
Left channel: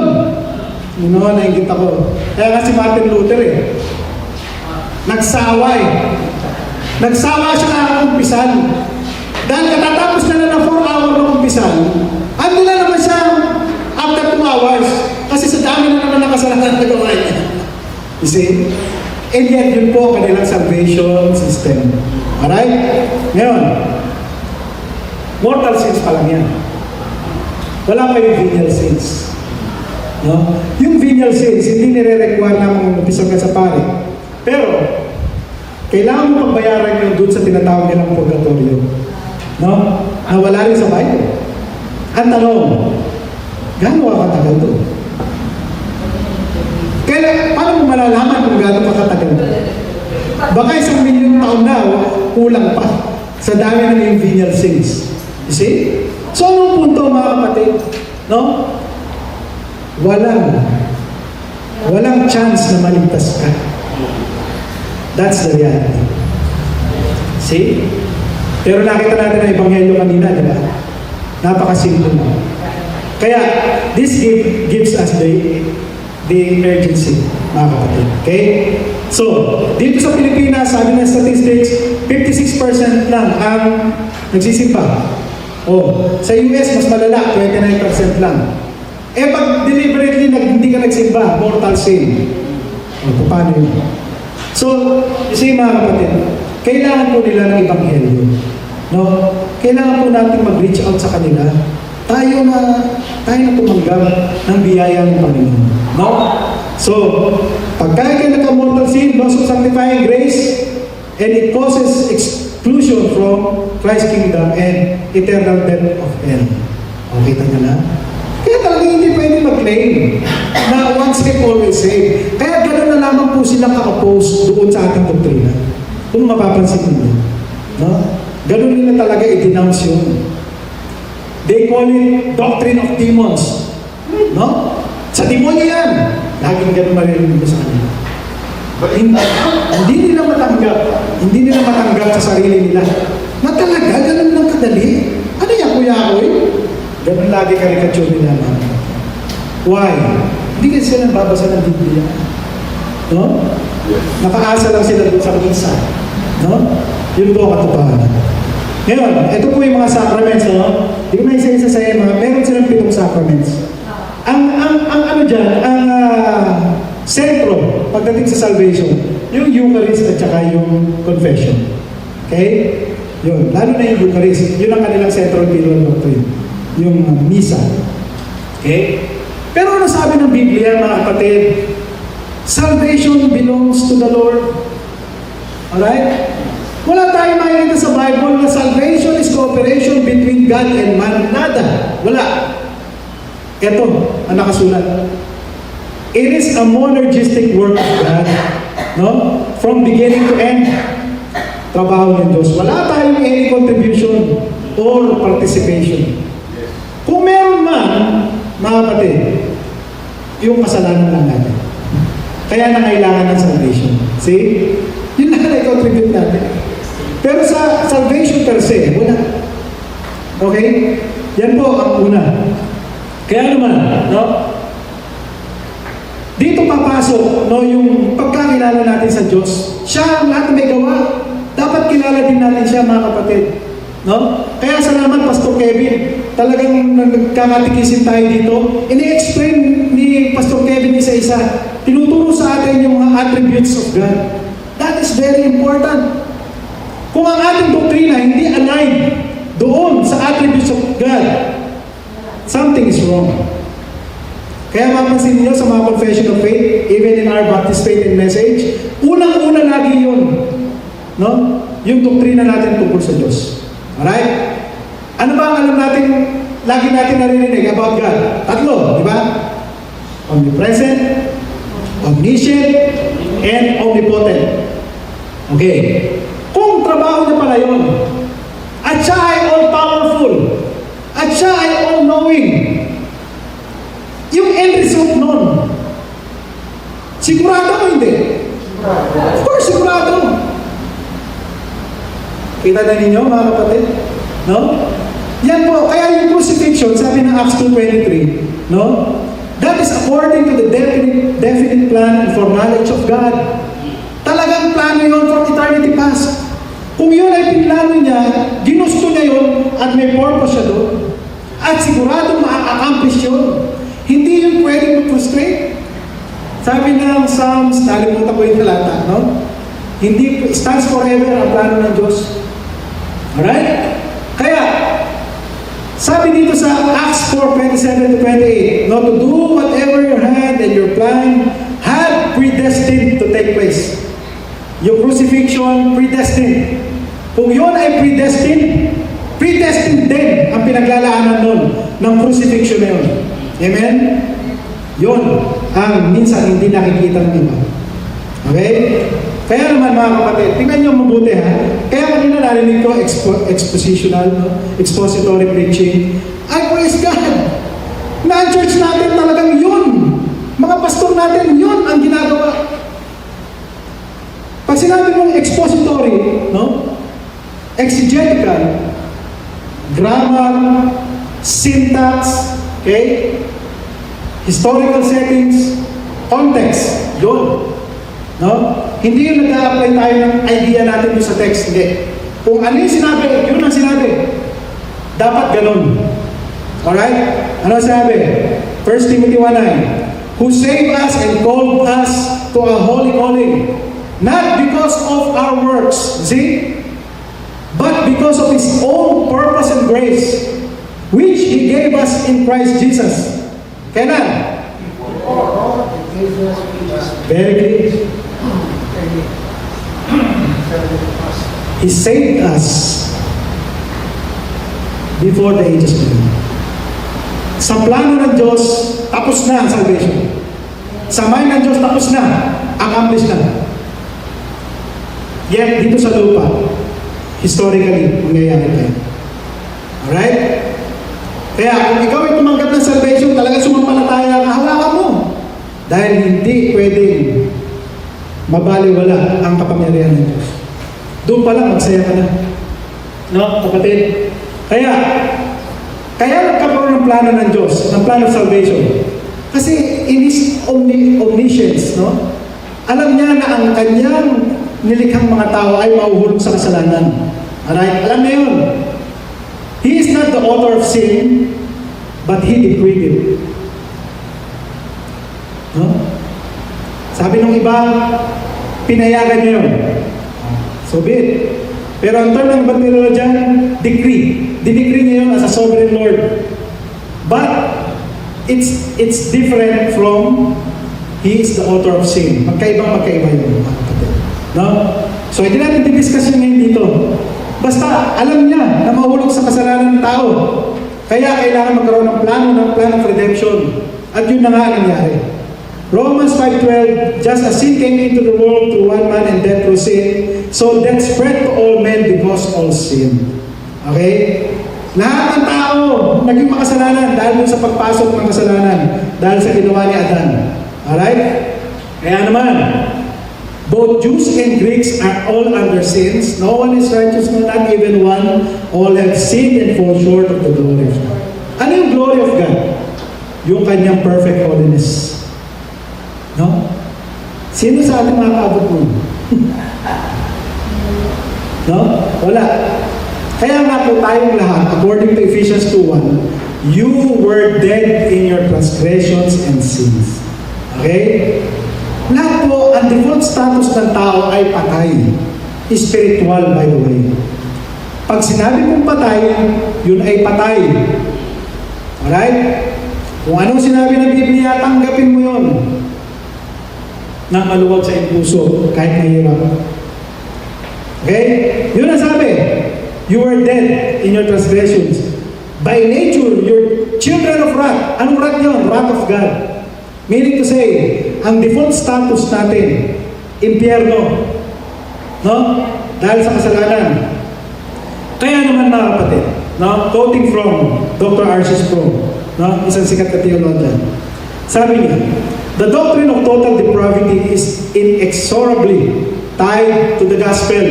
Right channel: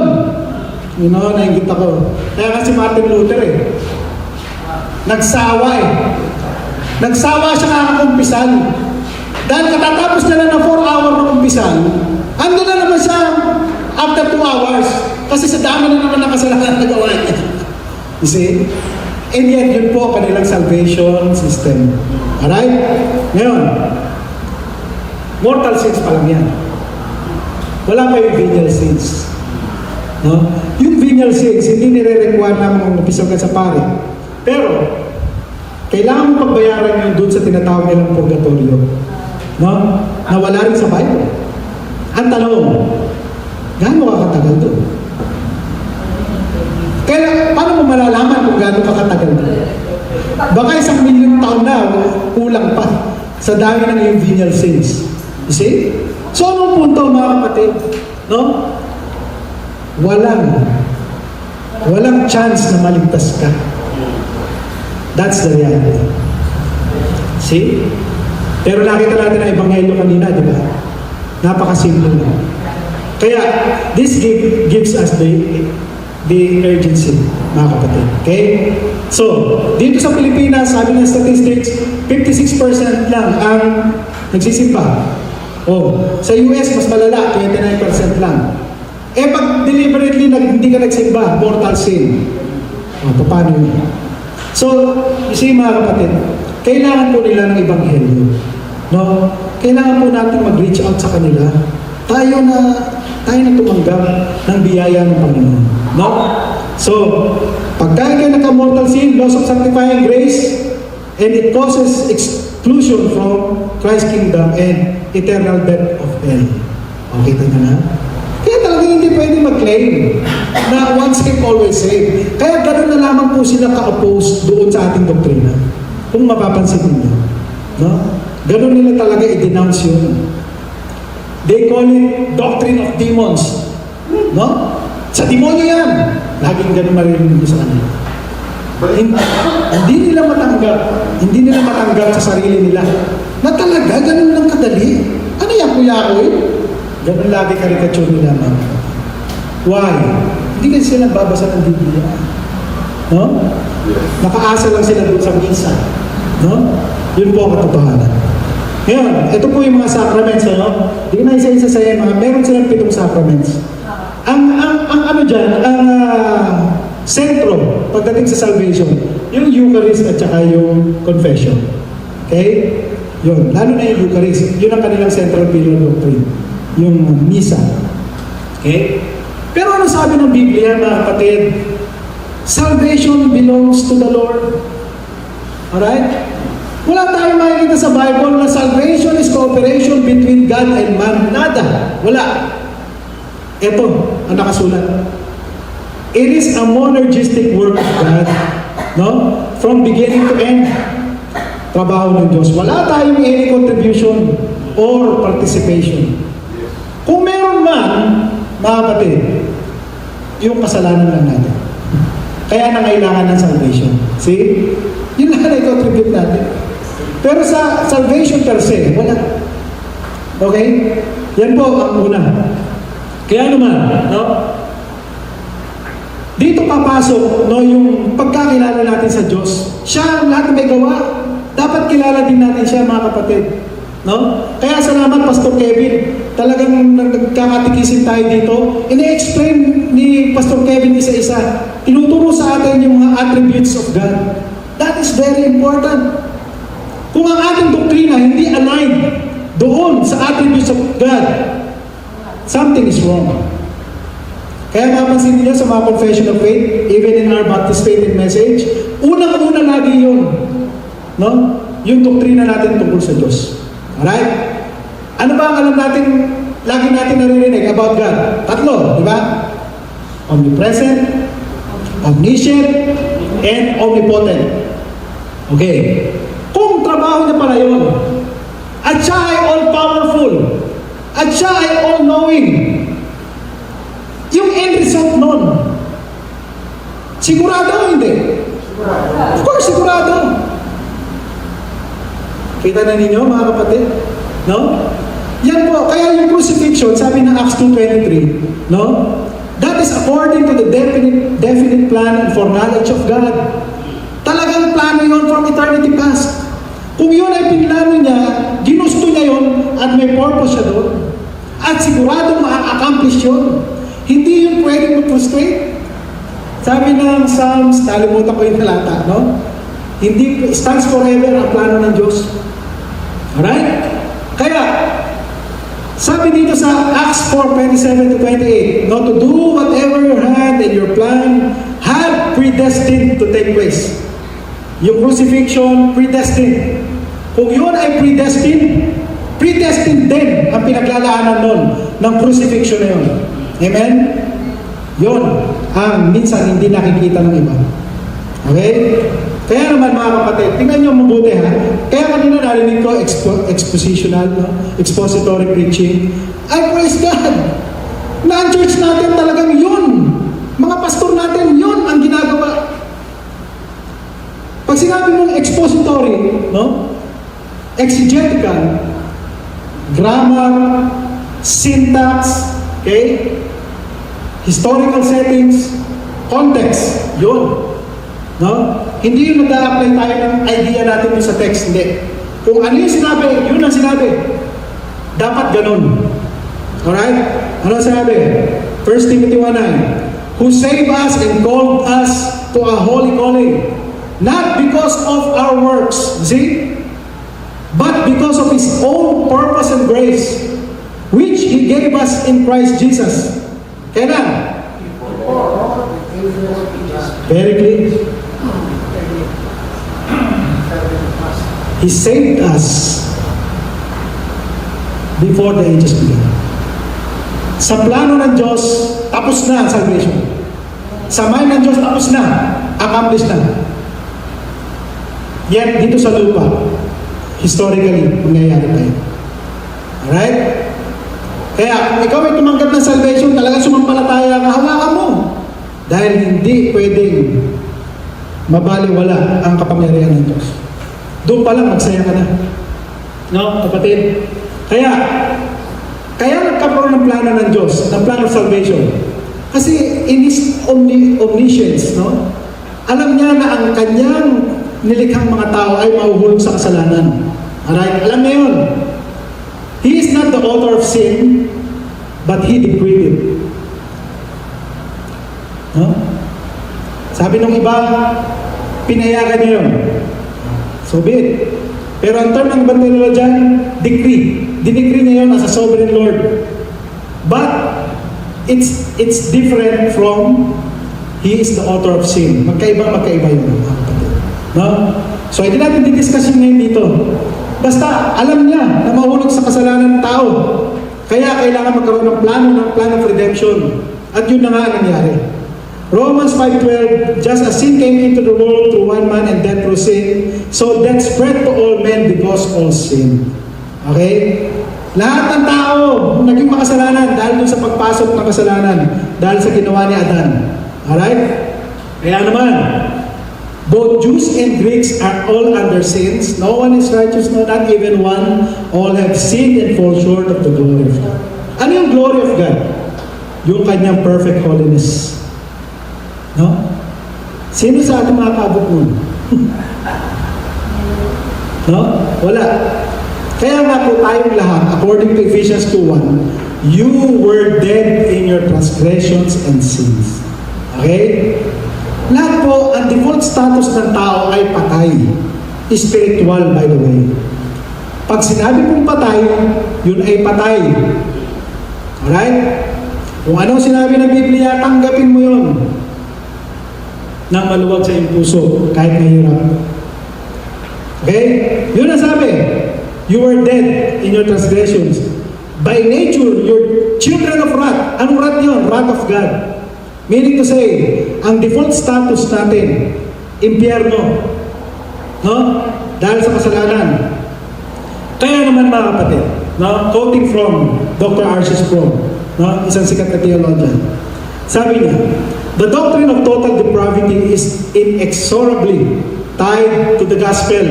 You know, nainggit ako. Kaya nga si Martin Luther nagsawa Nagsawa siya nakakumpisal. Dahil katatapos na ng 4 hours na kumpisal, ano na naman siya after 2 hours. Kasi sa dami na naman nakasalanan na gawa niya. You see? And yet, yun po ang kanilang salvation system. Alright? Ngayon, mortal sins pa lang yan. Wala pa yung venial sins. No? Yung venial sins, hindi nire-require naman kung napisal ka sa pare. Pero, kailangan mo pagbayaran yun dun sa tinatawag nilang purgatorio. No? Na wala rin sa Bible. Ang tanong, gaano ka katagal doon? Kaya, paano mo malalaman kung gaano ka katagal doon? Baka 1 milyon taon na, kulang pa sa dami ng yung venial sins. You see? So, anong punto, mga kapatid? No? Walang chance na maligtas ka. That's the reality. See? Pero nakita natin ang ebanghelyo kanina, di ba? Napakasimple mo. Kaya, this gives us the urgency, mga kapatid. Okay? So, dito sa Pilipinas, sabi ng statistics, 56% lang ang nagsisimba. Sa US, mas malala, 29% lang. Pag deliberately hindi ka nagsimba, mortal sin. Paano yun? So, you see, mga kapatid, kailangan po nilang ibanghelyo. No? Kailangan po natin mag-reach out sa kanila. Tayo na tumanggap ng biyaya ng Panginoon. No? So, pagka kayo nagka-mortal sin, loss of sanctifying grace, and it causes exclusion from Christ's kingdom and eternal death of hell. Okay, kita nyo na? Kaya talaga hindi pwede mag-claim na once saved, always saved. Kaya gano'n na lamang po sila ka-oppose doon sa ating doktrina. Kung mapapansin ninyo. No? Gano'n nila talaga i-denounce yun. They call it doctrine of demons. No? Sa demonyo yan. Laging gano'n marinig nyo sa kanila. Hindi nila matanggap sa sarili nila. Na talaga, gano'n lang kadali. Ano yan, kuya ako eh? Ganun lagi karikature nila. Why? Hindi kasi sila nagbabasa ng Biblia. No? Nakaasa lang sila doon sa misa. No? Yun po ang katotohanan. Ngayon, ito po yung mga sacraments. No? Hindi ko na isa-isa sa iyo. Meron silang 7 sacraments. Ang ano dyan, ang sentro pagdating sa salvation, yung Eucharist at saka yung confession. Okay? Yun. Lalo na yung Eucharist. Yun ang kanilang central pillar doctrine. Yung misa. Okay? Pero ano sabi ng Biblia, mga kapatid? Salvation belongs to the Lord. Alright? Wala tayong makikita sa Bible na salvation is cooperation between God and man. Nada. Wala. Ito, ang nakasulat. It is a monergistic work of God. No? From beginning to end. Trabaho ng Diyos. Wala tayong any contribution or participation. Kung meron man, mga kapatid, yung kasalanan lang natin. Kaya na kailangan ng salvation. See? Yun lang na i-contribute natin. Pero sa salvation per se, wala. Okay? Yan po ang una. Kaya naman, no? Dito papasok, no, yung pagkakilala natin sa Diyos. Siya ang lahat may gawa. Dapat kilala din natin siya, mga kapatid. No? Kaya salamat, Pastor Kevin. Talagang nagkakatikisin tayo dito. Ini-explain ni Pastor Kevin isa-isa. Tinuturo sa atin yung mga attributes of God. That is very important. Kung ang ating doktrina hindi aligned doon sa attributes of God, something is wrong. Kaya mapansin niyo sa mga confession of faith, even in our Baptist faith and message, unang-una lagi yun. No? Yung doktrina natin tungkol sa Diyos. Alright? Ano ba ang alam natin, lagi natin naririnig about God? 3, di ba? Omnipresent, omniscient, and omnipotent. Okay. Kung trabaho niya pala yun, at siya ay all-powerful, at siya ay all-knowing, yung end result nun, sigurado o hindi? Of course, sigurado. Kita na ninyo, mga kapatid? No? Yan po, kaya yung crucifixion, sabi ng Acts 2:23, no? That is according to the definite plan and foreknowledge of God. Talagang plano yun from eternity past. Kung yun ay pinlano niya, ginusto niya yun, at may purpose siya doon. At sigurado ma-accomplish yun. Hindi yun pwedeng mag-frustrate. Sabi ng Psalms, nalimutan ko yung talata, no? Hindi, stands forever ang plano ng Diyos. Alright? Kaya, sabi dito sa Acts 4:27-28, no, to do whatever your hand and your plan had predestined to take place. Yung crucifixion, predestined. Kung yun ay predestined, predestined din ang pinaglalaanan nun ng crucifixion na yun. Amen? Yun ang minsan hindi nakikita ng iba. Okay? Kaya naman, mga kapatid, tingnan nyo mabuti ha. Kaya kanina narinig ko expositional, no? Expository preaching. I praise God! Na ang church natin talagang yun. Mga pastor natin, yun ang ginagawa. Pag sinabi mong expository, no? Exegetical, grammar, syntax, okay? Historical settings, context, yun. No? Hindi yung nag-a-apply tayo ng idea natin sa text, hindi. Kung ano yung sinabi, yun ang sinabi. Dapat ganun. Alright? Ano sabi? 1 Timothy 1:9, who saved us and called us to a holy calling, Not because of our works, see? But because of His own purpose and grace, which He gave us in Christ Jesus. Kailan? Very clear. He saved us before the ages began. Sa plano ng Diyos, tapos na ang salvation. Sa mind ng Diyos, tapos na. Accomplish na. Yan, dito sa lupa, historically, nangyayari tayo. Alright? Kaya kung ikaw ay tumanggap ng salvation, talagang sumampalataya ka, hawakan mo. Dahil hindi pwedeng mabaliwala ang kapangyarihan ng Diyos. Doon pa lang, magsaya ka na. No, kapatid? Kaya nagkaroon ng plano ng Diyos, ng plano of salvation. Kasi in His omniscience, no? Alam niya na ang kanyang nilikhang mga tao ay mahuhulog sa kasalanan. Alright? Alam niya yun. He is not the author of sin, but He decreed it. No? Sabi nung iba, pinayagan niya yun. So be it. Pero ang term ng Bandilola dyan, decree. Dinecree niya yun as a sovereign Lord. But, it's different from He is the author of sin. Magkaiba yun, mga kapatid. No? So, hindi natin didiscuss yun ngayon dito. Basta, alam niya na mahulog sa kasalanan ng tao. Kaya kailangan magkaroon ng plan of redemption. At yun na nga nangyari. Romans 5:12, just as sin came into the world through one man and death through sin, so death spread to all men because all sin. Okay? Lahat ng tao naging makasalanan dahil sa pagpasok ng kasalanan, dahil sa ginawa ni Adan. Alright? Kaya naman, both Jews and Greeks are all under sins. No one is righteous, no, not even one. All have sinned and fall short of the glory of God. Ano yung glory of God? Yung kanyang perfect holiness. No? Sino sa ating mga kabukul? No? Wala. Kaya nga po tayong lahat, according to Ephesians 2:1, you were dead in your transgressions and sins. Okay? Lahat po, ang default status ng tao ay patay. Spiritual, by the way. Pag sinabi mong patay, yun ay patay. Alright? Kung anong sinabi ng Biblia, tanggapin mo yun. Na maluwag sa iyong puso, kahit mahirap. Okay? Yun ang sabi. You were dead in your transgressions. By nature, you're children of wrath. Anong wrath yun? Wrath of God. Meaning to say, ang default status natin, impyerno. No? Dahil sa kasalanan. Kaya naman mga kapatid, no? Quoting from Dr. R.C. Sproul, no? Isang sikat na theologian. Sabi niya, the doctrine of total depravity is inexorably tied to the gospel.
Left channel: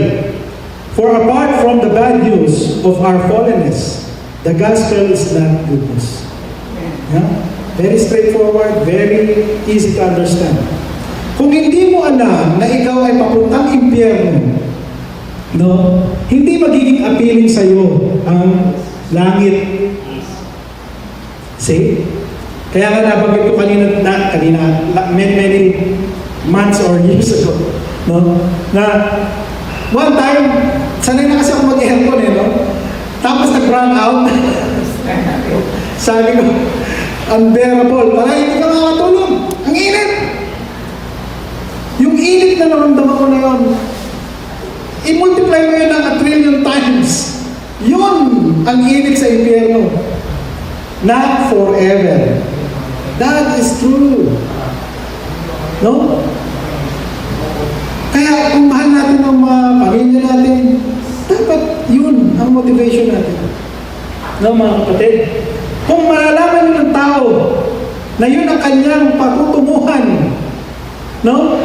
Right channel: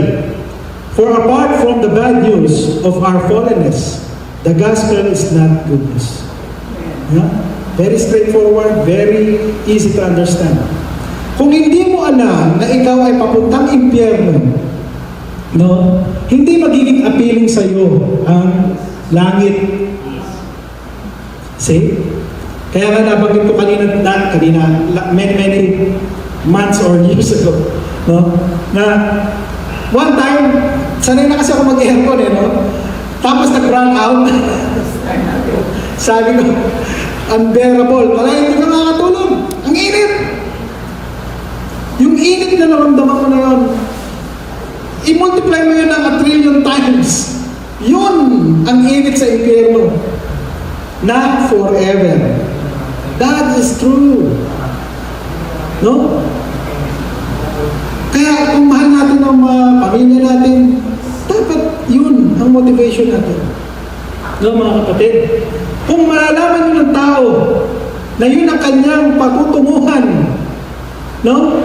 For apart from the bad news of our fallenness, the gospel is not goodness. Yeah? Very straightforward, very easy to understand. Kung hindi mo alam na ikaw ay papuntang impyerno, no, hindi magiging appealing sa iyo ang langit. See? Kaya nga nabanggit ko kanina, many months or years ago, no, na one time, sanay na kasi ako mag-aircon no? Tapos nag-run out. Sabi ko, unbearable. Wala, hindi ka makakatulog. Ang init. Yung init na naramdaman ko na yun, i-multiply mo yun ng 1 trillion times. Yun ang init sa impyerno. Not forever. That is true. No? Kaya kung mahal natin ang mga pamilya natin, dapat yun ang motivation natin. No, mga kapatid? Kung malalaman nyo ng tao na yun ang kanyang patutunguhan, no?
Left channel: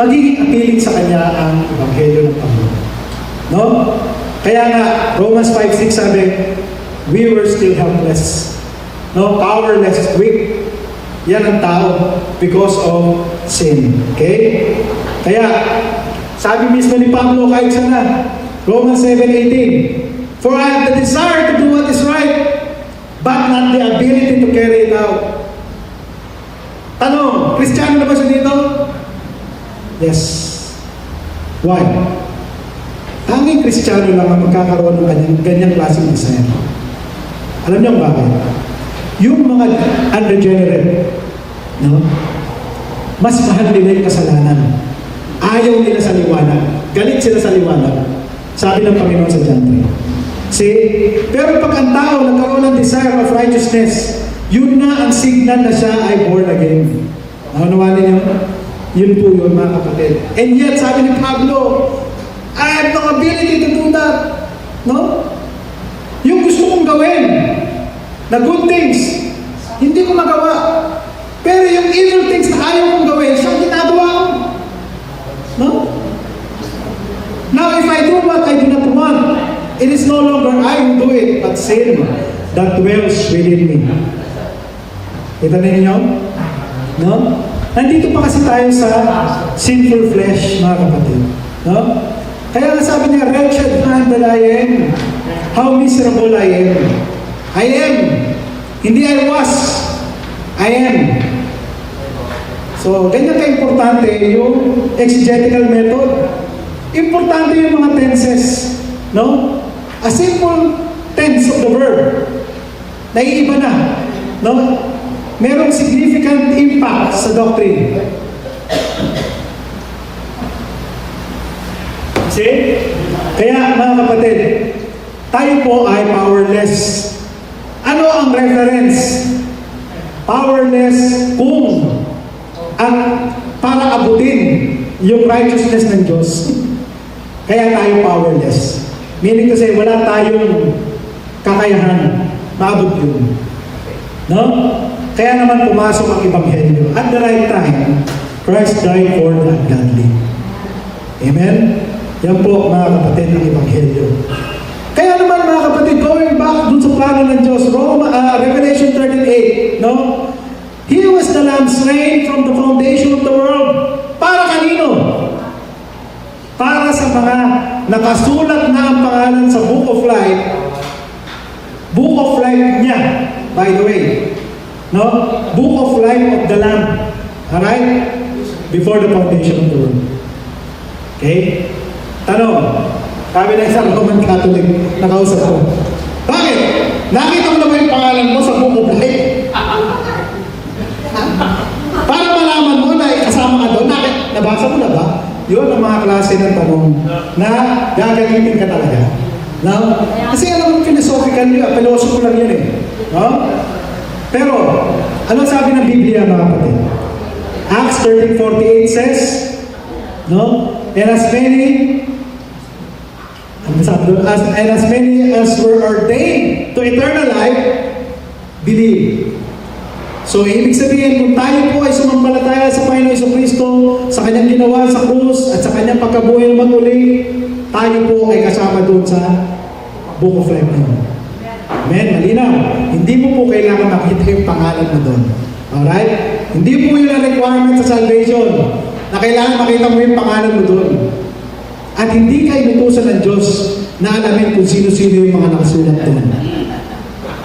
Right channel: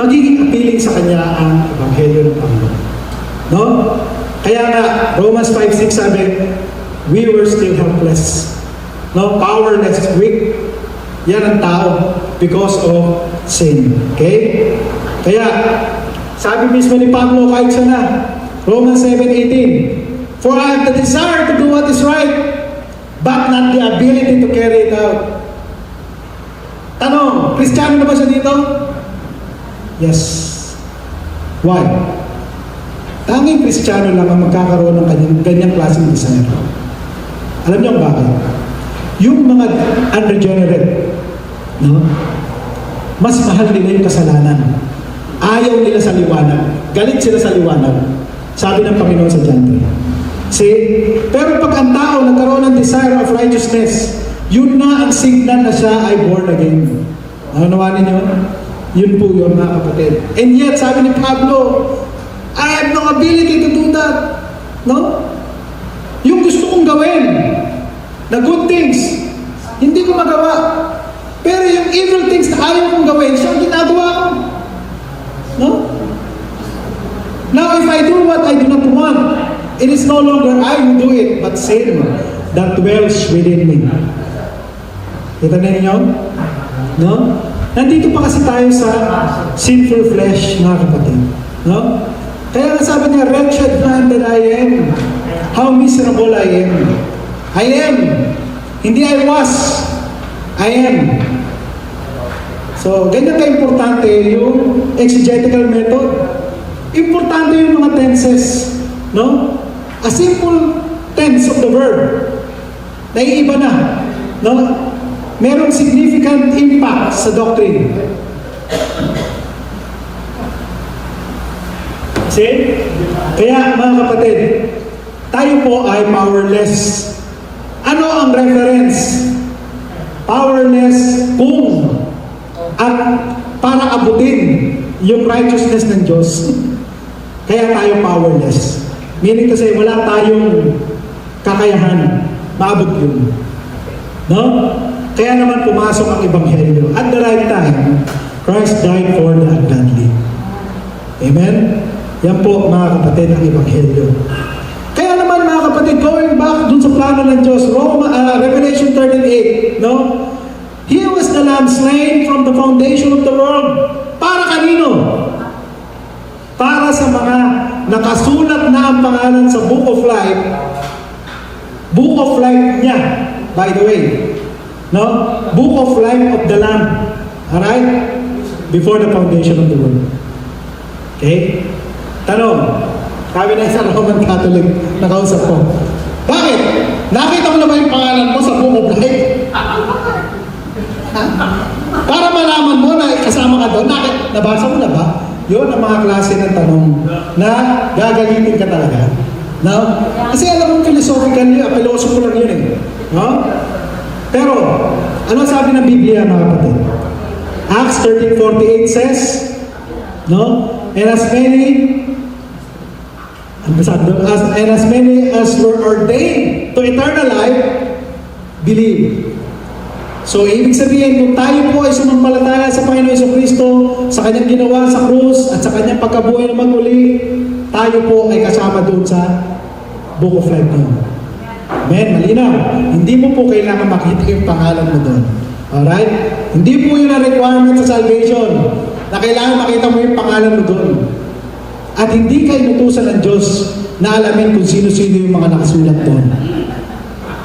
Magiging appealing sa kanya ang Ebanghelyo ng Panginoon. No? Kaya nga, Romans 5:6 sabi, we were still helpless. No? Powerless, weak. Yan ang tao because of sin. Okay? Kaya, sabi mismo ni Pablo kahit sana, Romans 7:18, for I have the desire to do what is right, but not the ability to carry it out. Tanong, Kristiyano na ba siya dito? Yes. Why? Tanging Kristiyano lang ang magkakaroon ng ganyang klaseng desire. Alam niyo bakit? Yung mga unregenerate, no? Mas mahal nila yung kasalanan. Ayaw nila sa liwanag. Galit sila sa liwanag. Sabi ng Panginoon sa John 3. See? Pero pag ang tao nagkaroon ng desire of righteousness, yun na ang signal na siya ay born again. Nakunawa ninyo? Yun po yun, mga kapatid. And yet, sabi ni Pablo, I have no ability to do that. No? Yung gusto kong gawin, the good things, hindi ko magawa. Pero yung evil things na ayaw kong gawin, siyang ginagawa ko. No? Now, if I do what I do not want, it is no longer I who do it, but sin that dwells within me. Kita na ninyo? No? Nandito pa kasi tayo sa sinful flesh, mga kapatid. No? Kaya nga sabi niya, wretched man that I am. How miserable I am. I am. Hindi I was. I am. So, ganyan ka-importante yung exegetical method. Importante yung mga tenses. No? A simple tense of the verb. Naiiba na. No? Merong significant impact sa doctrine. See? Kaya mga kapatid, tayo po ay powerless. Ano ang reference? Powerless kung at para abutin yung righteousness ng Diyos. Kaya tayo powerless. Meaning to say, wala tayong kakayahan maabot yun. No? Kaya naman pumasok ang Ebanghelyo. At the right time, Christ died for the ungodly. Amen? Yan po mga kapatid ng Ebanghelyo. Kaya naman mga kapatid, going back dun sa plano ng Diyos, Revelation 13:8, no? He was the Lamb slain from the foundation of the world. Para kanino? Para sa mga nakasulat na ang pangalan sa Book of Life. Book of Life niya, by the way. No? Book of Life of the Lamb. Alright? Before the foundation of the world. Okay? Tanong. Sabi na isang Roman Catholic na kausap ko. Bakit? Nakita mo na ba yung pangalan mo sa Book of Life? Para malaman mo na kasama ka doon. Nabasa mo na ba? Yun ang mga klase ng tanong na gagamitin ka talaga. No? Kasi alam mo philosophical yun, philosophy lang yun eh. No? Pero, ano sabi ng Biblia mga kapatid? Acts 13:48 says, no? And as many as were ordained to eternal life, believe. So, ibig sabihin, kung tayo po ay sumampalataya sa Panginoon Jesucristo, sa kanyang ginawa sa krus, at sa kanyang pagkabuhay na maguli, tayo po ay kasama doon sa Book of Life na. Amen? Malinaw. Hindi mo po kailangan makita yung pangalan mo doon. Alright? Hindi po yun ang requirement sa salvation na kailangan makita mo yung pangalan mo doon. At hindi ka inutusan ng Diyos na alamin kung sino-sino yung mga nakasulat doon.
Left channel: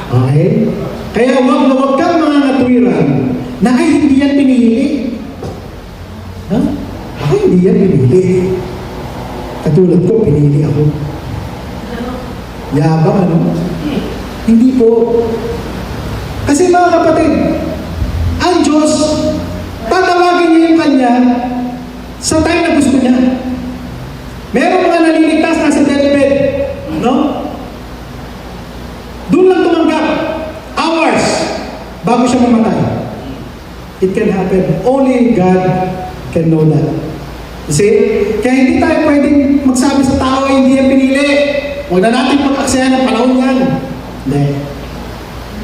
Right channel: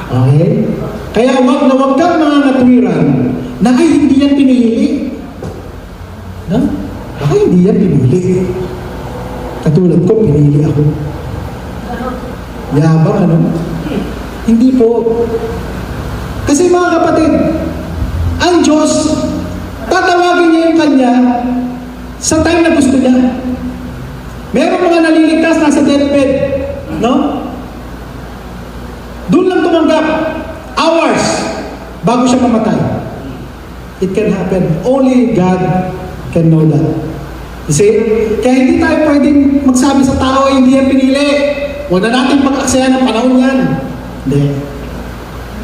Okay? Kaya wag kang mga natwiran na ay hindi yan pinili. No? Ay hindi yan pinili. Katulad ko, pinili ako. Yabang ano? Hindi po. Kasi mga kapatid, ang Diyos, tatawagin niya yung Kanya sa time na gusto niya. Meron mga naliligtas nasa deathbed, no? Doon lang tumanggap, hours, bago siya mamatay. It can happen. Only God can know that. You see? Kaya hindi tayo pwedeng magsabi sa tao, hindi yan pinili. Huwag na natin pagkaksayan ng panahon yan. Hindi.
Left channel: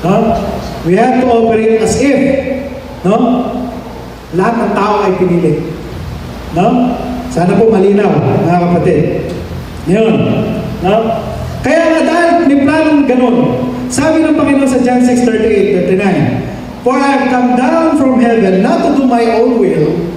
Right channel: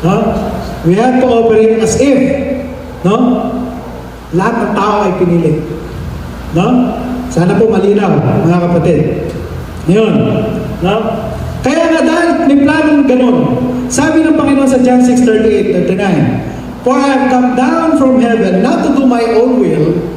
No? We have to operate as if, no? Lahat ng tao ay pinili. No? Sana po malinaw, mga kapatid. Yun. No? Kaya nga dahil may planong ganun, sabi ng Panginoon sa John 6:38-39, For I have come down from heaven not to do my own will,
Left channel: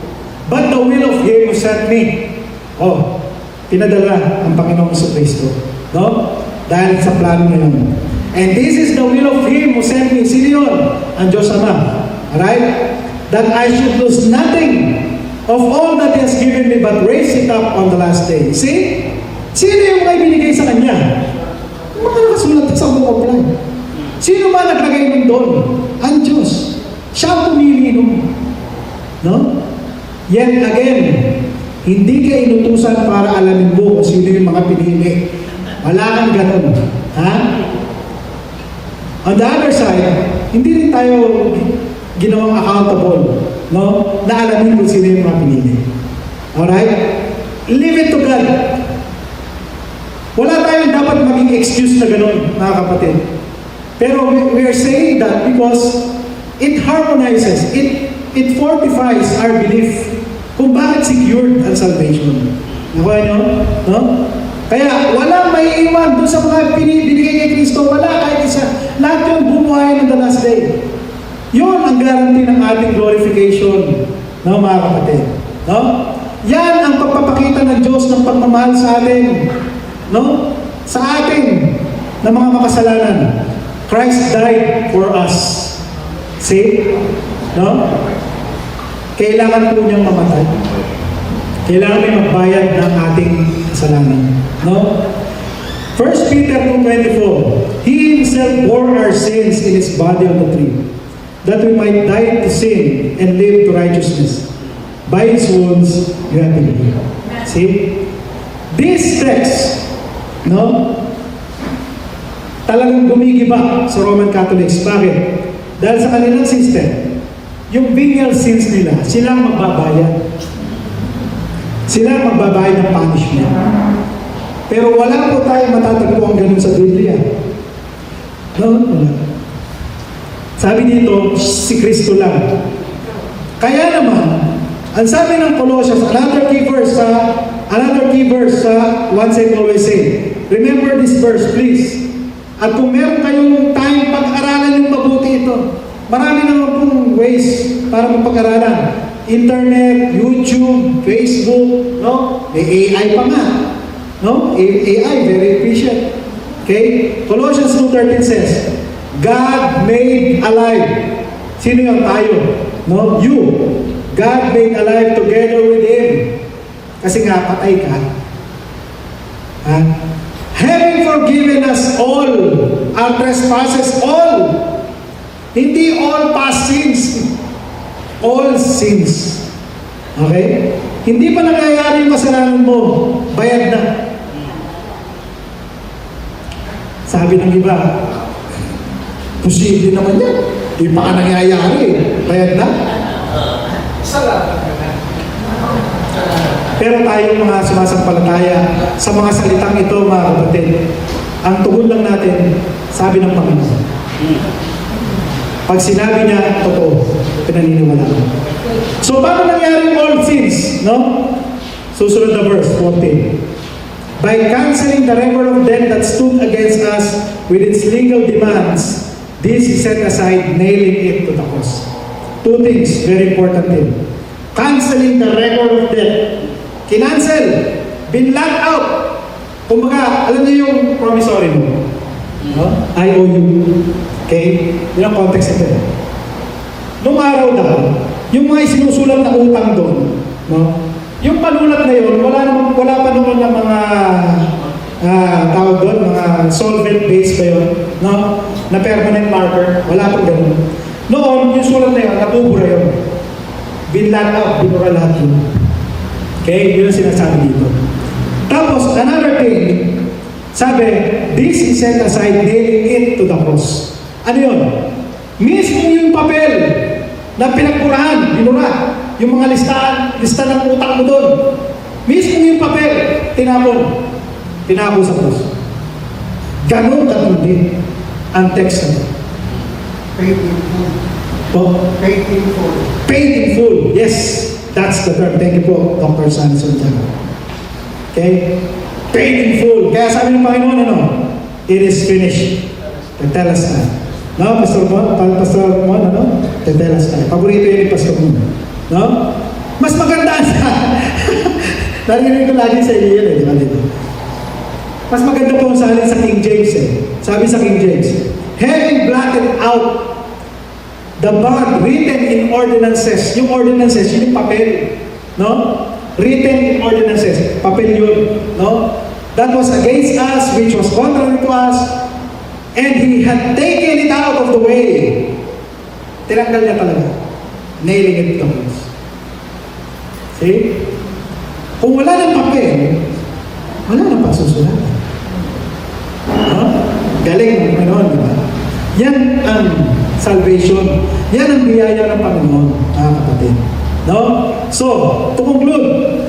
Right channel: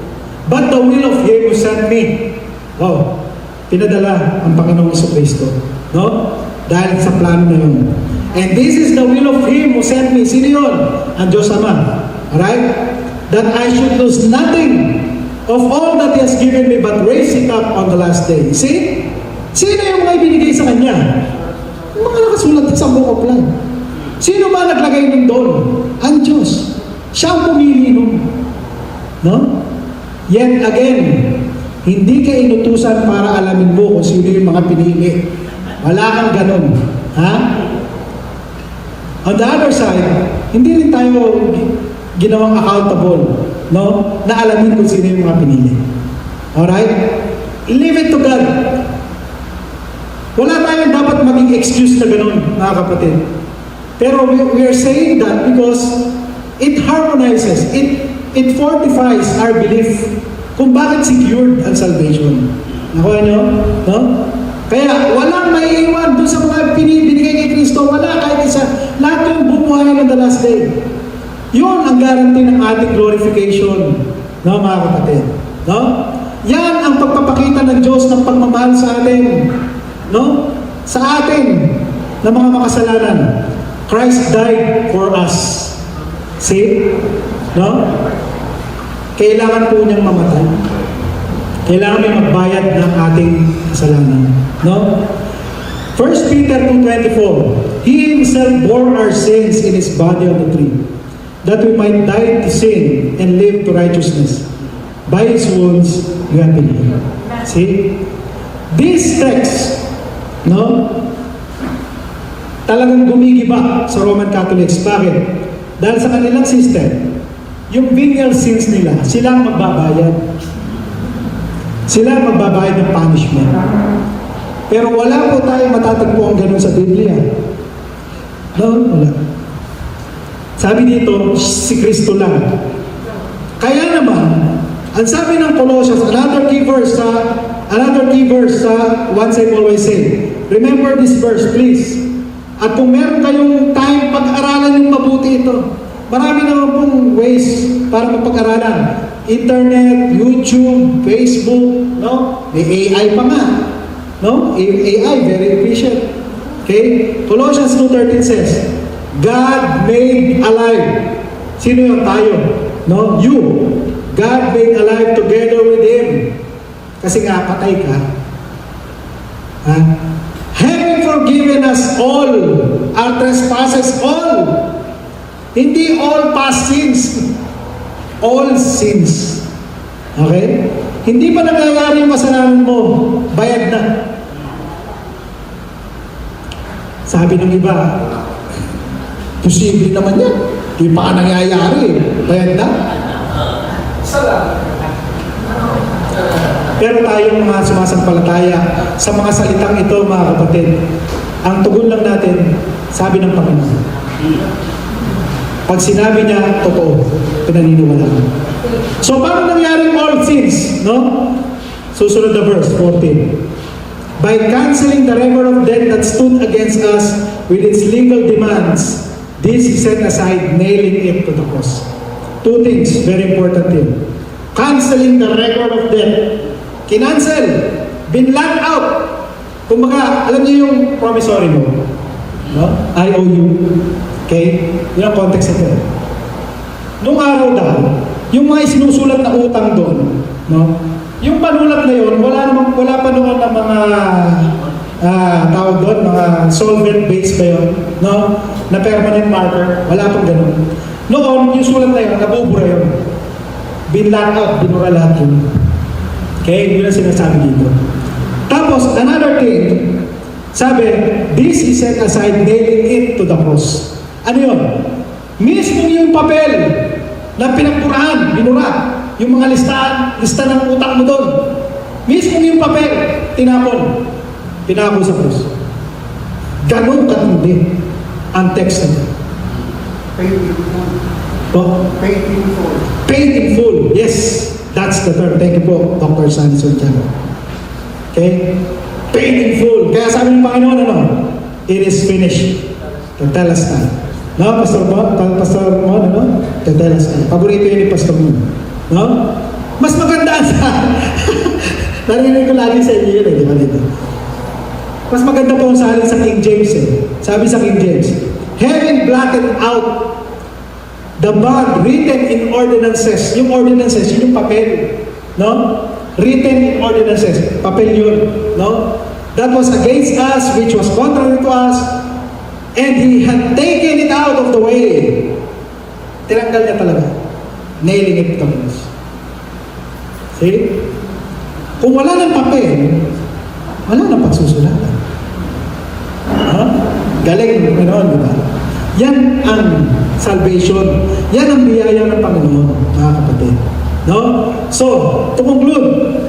but the will of Him who sent me. Oh, pinadala ang Panginoong Jesucristo. No? Dahil sa plano niya nun. And this is the will of Him who sent me. Sino yun? Ang Diyos Ama. Alright? That I should lose nothing of all that He has given me, but raise it up on the last day. See? Sino yung mga ibinigay sa Kanya? Yung mga nakasulat sa book of life. Sino ba naglagay din doon? Ang Diyos. Siya ang pumili nun. No? Yet again, hindi ka inutusan para alamin mo kung sino yung mga pinili. Wala kang ganun. Ha? On the other side, hindi rin tayo ginawang accountable, no? Na alamin kung sino yung mga pinili. Alright? Leave it to God. Wala tayong dapat maging excuse na ganun, mga kapatid. Pero we are saying that because it harmonizes, it fortifies our belief kung bakit secured ang salvation. Nakuha nyo? No? Kaya walang may iwan doon sa mga binigay kay Kristo. Wala kahit isa. Lahat yung bumuhay on the last day. Yun ang guarantee ng ating glorification. No, mga kapatid? No? Yan ang pagpapakita ng Diyos ng pagmamahal sa atin. No? Sa atin na mga makasalanan. Christ died for us. See? No? Kailangan po niyang mamatay. Kailangan may magbayad ng ating kasalanan. No? 1 Peter 2:24, He Himself bore our sins in His body on the tree, that we might die to sin and live to righteousness. By His wounds, we have been healed. See? This text, no? Talagang gumigiba sa Roman Catholics. Bakit? Dahil sa kanilang system, yung venial sins nila, sila ang magbabayad. Sila ang magbabayad ng punishment. Pero wala po tayong matatagpuan ganun sa Biblia. No? Wala. Sabi dito, si Kristo lang. Kaya naman, ang sabi ng Colossians, another key verse sa Once and Always Say. Remember this verse, please. At kung meron kayong time, pag-aralan yung mabuti ito. Marami naman pong ways para mapag-aralan. Internet, YouTube, Facebook, no? May AI pa nga. No? AI, very efficient. Okay? Colossians 2:13 says, God made alive. Sino yung tayo? No? You. God made alive together with Him. Kasi nga, patay ka. Ha? Having forgiven us all our trespasses, all. Hindi all past sins. All sins. Okay? Hindi pa nangyayari yung kasalanan mo, bayad na. Sabi ng iba, posible naman yan. Hindi pa ka nangyayari, bayad na. Pero tayong mga sumasampalataya sa mga salitang ito, mga kapatid, ang tugon lang natin, sabi ng Panginoon. Pag sinabi niya, totoo, pinaniniwala ko. So, paano nangyari all sins? No? Susunod na verse, 14. By canceling the record of debt that stood against us with its legal demands, this is set aside, nailing it to the cross. Two things, very important thing. Canceling the record of debt. Kinancel. Binlock out. Kumbaga, alam niyo yung promissory mo? No? I owe you. Okay? Yun ang context ito. Noong araw dahil, yung mga sinusulat na utang doon, no? Yung panulat na yun, wala pa naman ng mga tawag doon, mga solvent-based pa yun, no? Na permanent marker, wala pang ganun. Noon, yung sulat na yun, nabubura yun. Binlock out, binura lahat yun. Okay? Yun ang sinasabi dito. Tapos, another thing, sabi, this is set aside, nailing it to the cross. Ano yun? Mismo yung papel na pinagpurahan, binura, yung mga lista ng utang mo doon. Mismo yung papel, tinapon. Tinapon sa cross. Ganun katindi ang text na. Paid in full. Paid in full. Paid in full. Yes, that's the term. Thank you po, Dr. Sanson Tiago. Okay? Paid in full. Kaya sabi ng Panginoon, ano? It is finished. Tetelestai. No, Pastor Mon, ano? Tetelestai. Paborito yun ni Pastor Mon. No? Mas maganda sa... Narinig ko lagi sa inyo yun, di ba dito? Mas maganda po sa alin sa King James eh. Sabi sa King James, having blotted out the bond written in ordinances. Yung ordinances, yun yung papel. No? Written in ordinances. Papel yun. No? That was against us, which was contrary to us, and He had taken it out of the way. Tinanggal niya talaga. Nailing it to us. See? Kung wala ng papel, wala nang pagsusulatan. Huh? Galing ng Panginoon, di ba? Yan ang salvation. Yan ang biyaya ng Panginoon, mga kapatid. No? So, to conclude,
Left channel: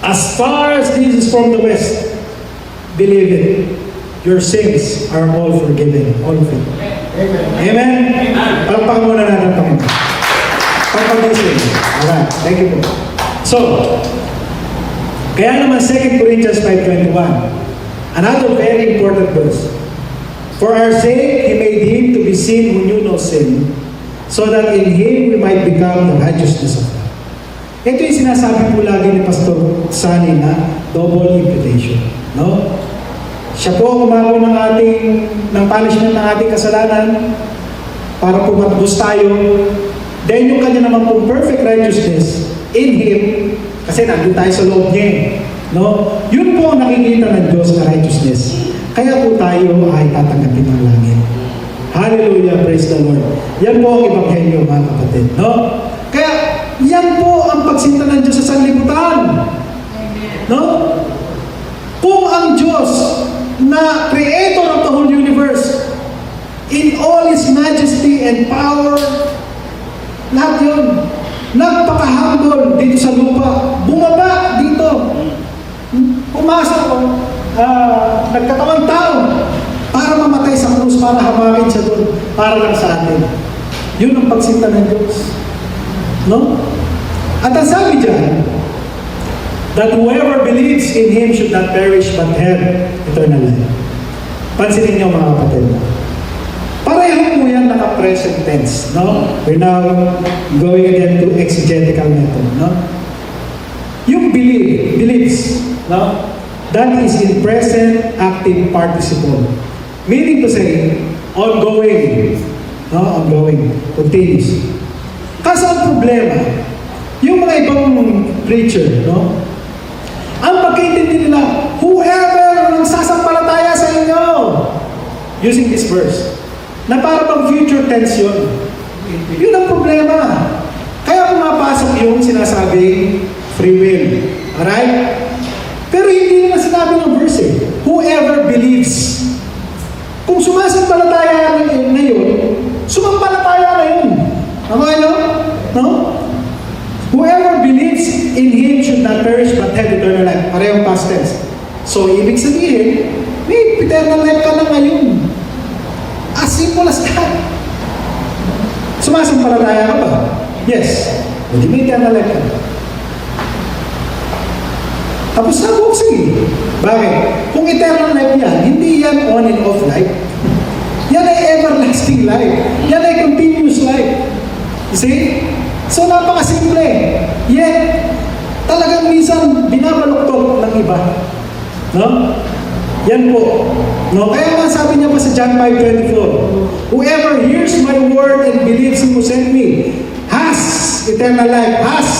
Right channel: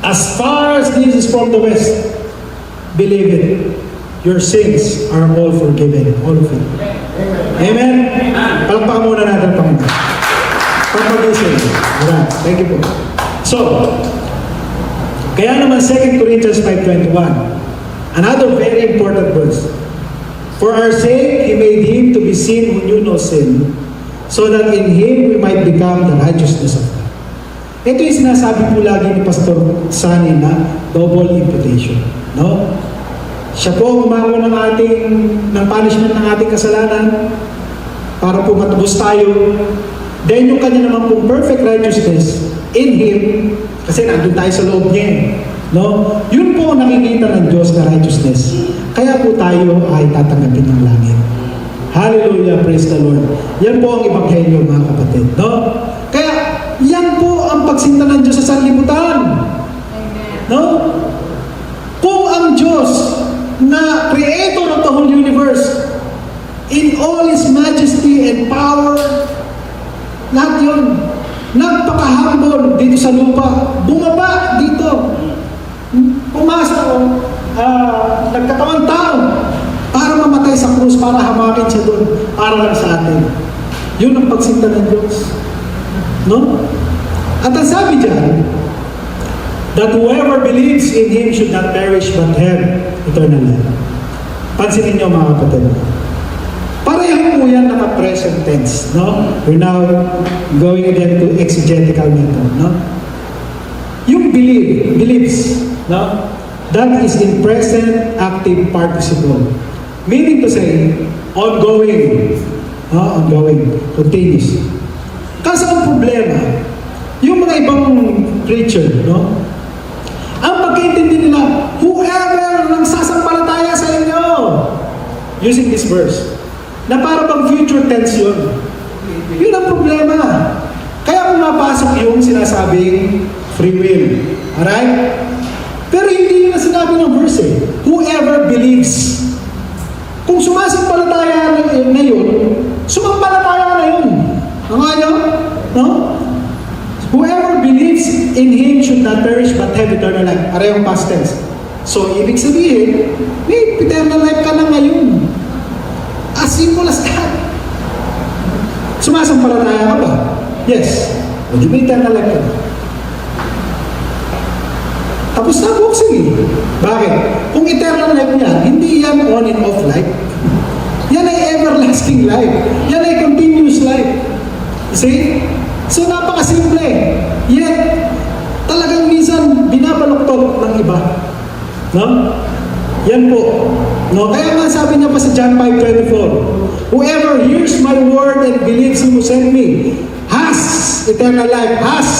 as far as this is from the west, believe it, your sins are all forgiven. All of it. Amen? Palakpakan muna natin ang Panginoon. Pagpagising. Alright, thank you po. So, kaya naman 2 Corinthians 5:21, another very important verse. For our sake, He made Him to be sin who knew no sin, so that in Him we might become the righteousness of God. Ito yung sinasabi po lagi ni Pastor Sunny na double imputation. No? Siya po ang umago ng punishment ng ating kasalanan para po matubos tayo. Dahil yung kanya naman pong perfect righteousness in Him, kasi nandun tayo sa loob niya. No? Yun po ang nakikita ng Diyos na righteousness. Kaya po tayo ay tatanggapin ng langit. Hallelujah, praise the Lord. Yan po ang ebanghelyo, mga kapatid. No? Kaya, yan po ang pagsinta ng Diyos sa sanlibutan. No? Kung ang Diyos na creator of the whole universe, in all His majesty and power, lahat yun, nagpakahambol dito sa lupa, bumaba dito, pumasok, nagkatawang tao para mamatay sa krus, para hamakin siya doon, para lang sa atin. Yun ang pagsinta ng Diyos. No? At ang sabi dyan, that whoever believes in Him should not perish but have eternal life. Pansinin niyo, mga kapatid. Pareho po yan naka-present tense. No? We're now going again to exegetical method. No? Yung believes, no? That is in present active participle. Meaning to say, ongoing. No? Ongoing. Continuous. Kasi ang problema, yung mga ibang preacher, no? Ang pagkaintindi nila, whoever nang sasampalataya sa inyo, using this verse, na para bang future tense yun. Yun ang problema. Kaya pumapasok yung sinasabing free will. Alright? Pero hindi yun ang sinabi ng verse eh. Whoever believes. Kung sumasampalataya na yun, sumampalataya na yun. Tama nyo? No? Whoever believes in Him should not perish but have eternal life. Parehong past tense. So, ibig sabihin, may eternal life ka na ngayon. As simple as that. Sumasampalataya ka ba? Yes. Hindi may eternal life ka. Tapos na po, sige. Bakit? Kung eternal life yan, hindi yan on and off life. Yan ay everlasting life. Yan ay continuous life. See? So, napakasimple. Yet, talagang minsan binabaluktok ng iba. No? Yan po. No? Kaya nga sabi niya pa sa John 5:24, whoever hears my word and believes Him who sent me has eternal life. Has.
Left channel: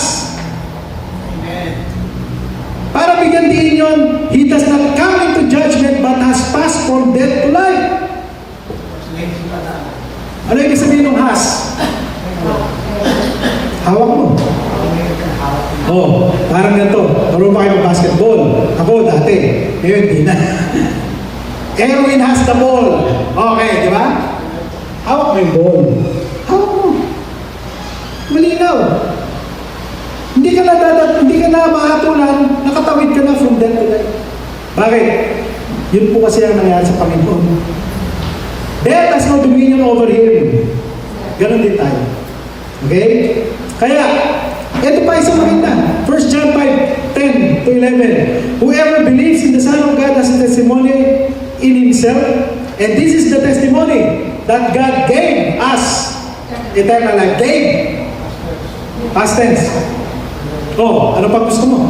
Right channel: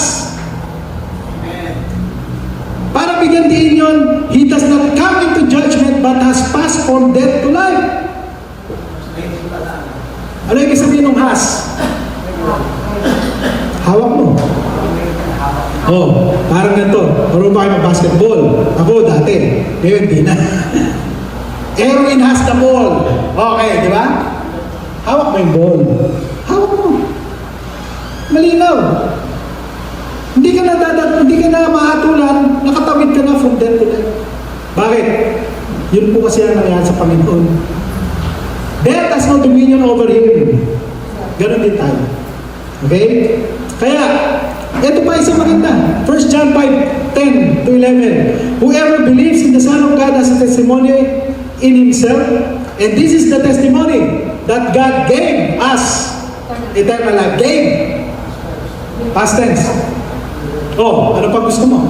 Para bigyan din yun, he does not come into judgment but has passed from death to life. Ano ibig sabihin ng has? Hawak mo. Oh, parang ganito. Marunong ba kayo mag-basketball? Ako dati. Ngayon, di na. Erwin has the ball. Okay, di ba? Hawak mo yung ball. Hawak mo. Malinaw. Hindi ka na mahatulan, nakatawid ka na from death to life. Bakit? Yun po kasi ang nangyari sa Panginoon. Death has no dominion over Him. Ganon din tayo. Okay? Kaya, ito pa isang maganda. 1 John 5:10 to 11. Whoever believes in the Son of God has a testimony in himself, and this is the testimony that God gave us eternal life. Gave. Past tense. Oh, ano pa gusto mo?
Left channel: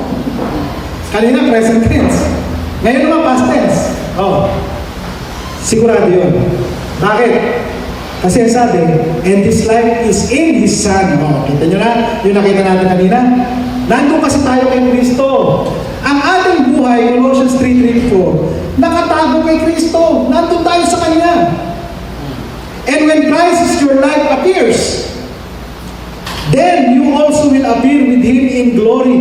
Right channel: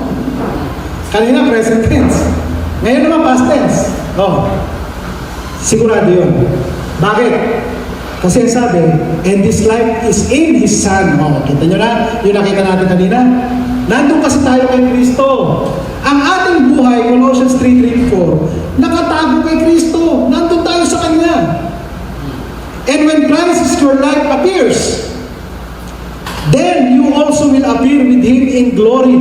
Kanina, present tense. Ngayon naman, past tense. Oh, sigurado yun. Bakit? Kasi sabi, and this life is in His Son. Oh, kita nyo na? Yung nakita natin kanina. Nandun kasi tayo kay Kristo. Ang ating buhay, Colossians 3:4, nakatago kay Kristo. Nandun tayo sa Kanya. And when Christ is your life appears, then you also will appear with Him in glory.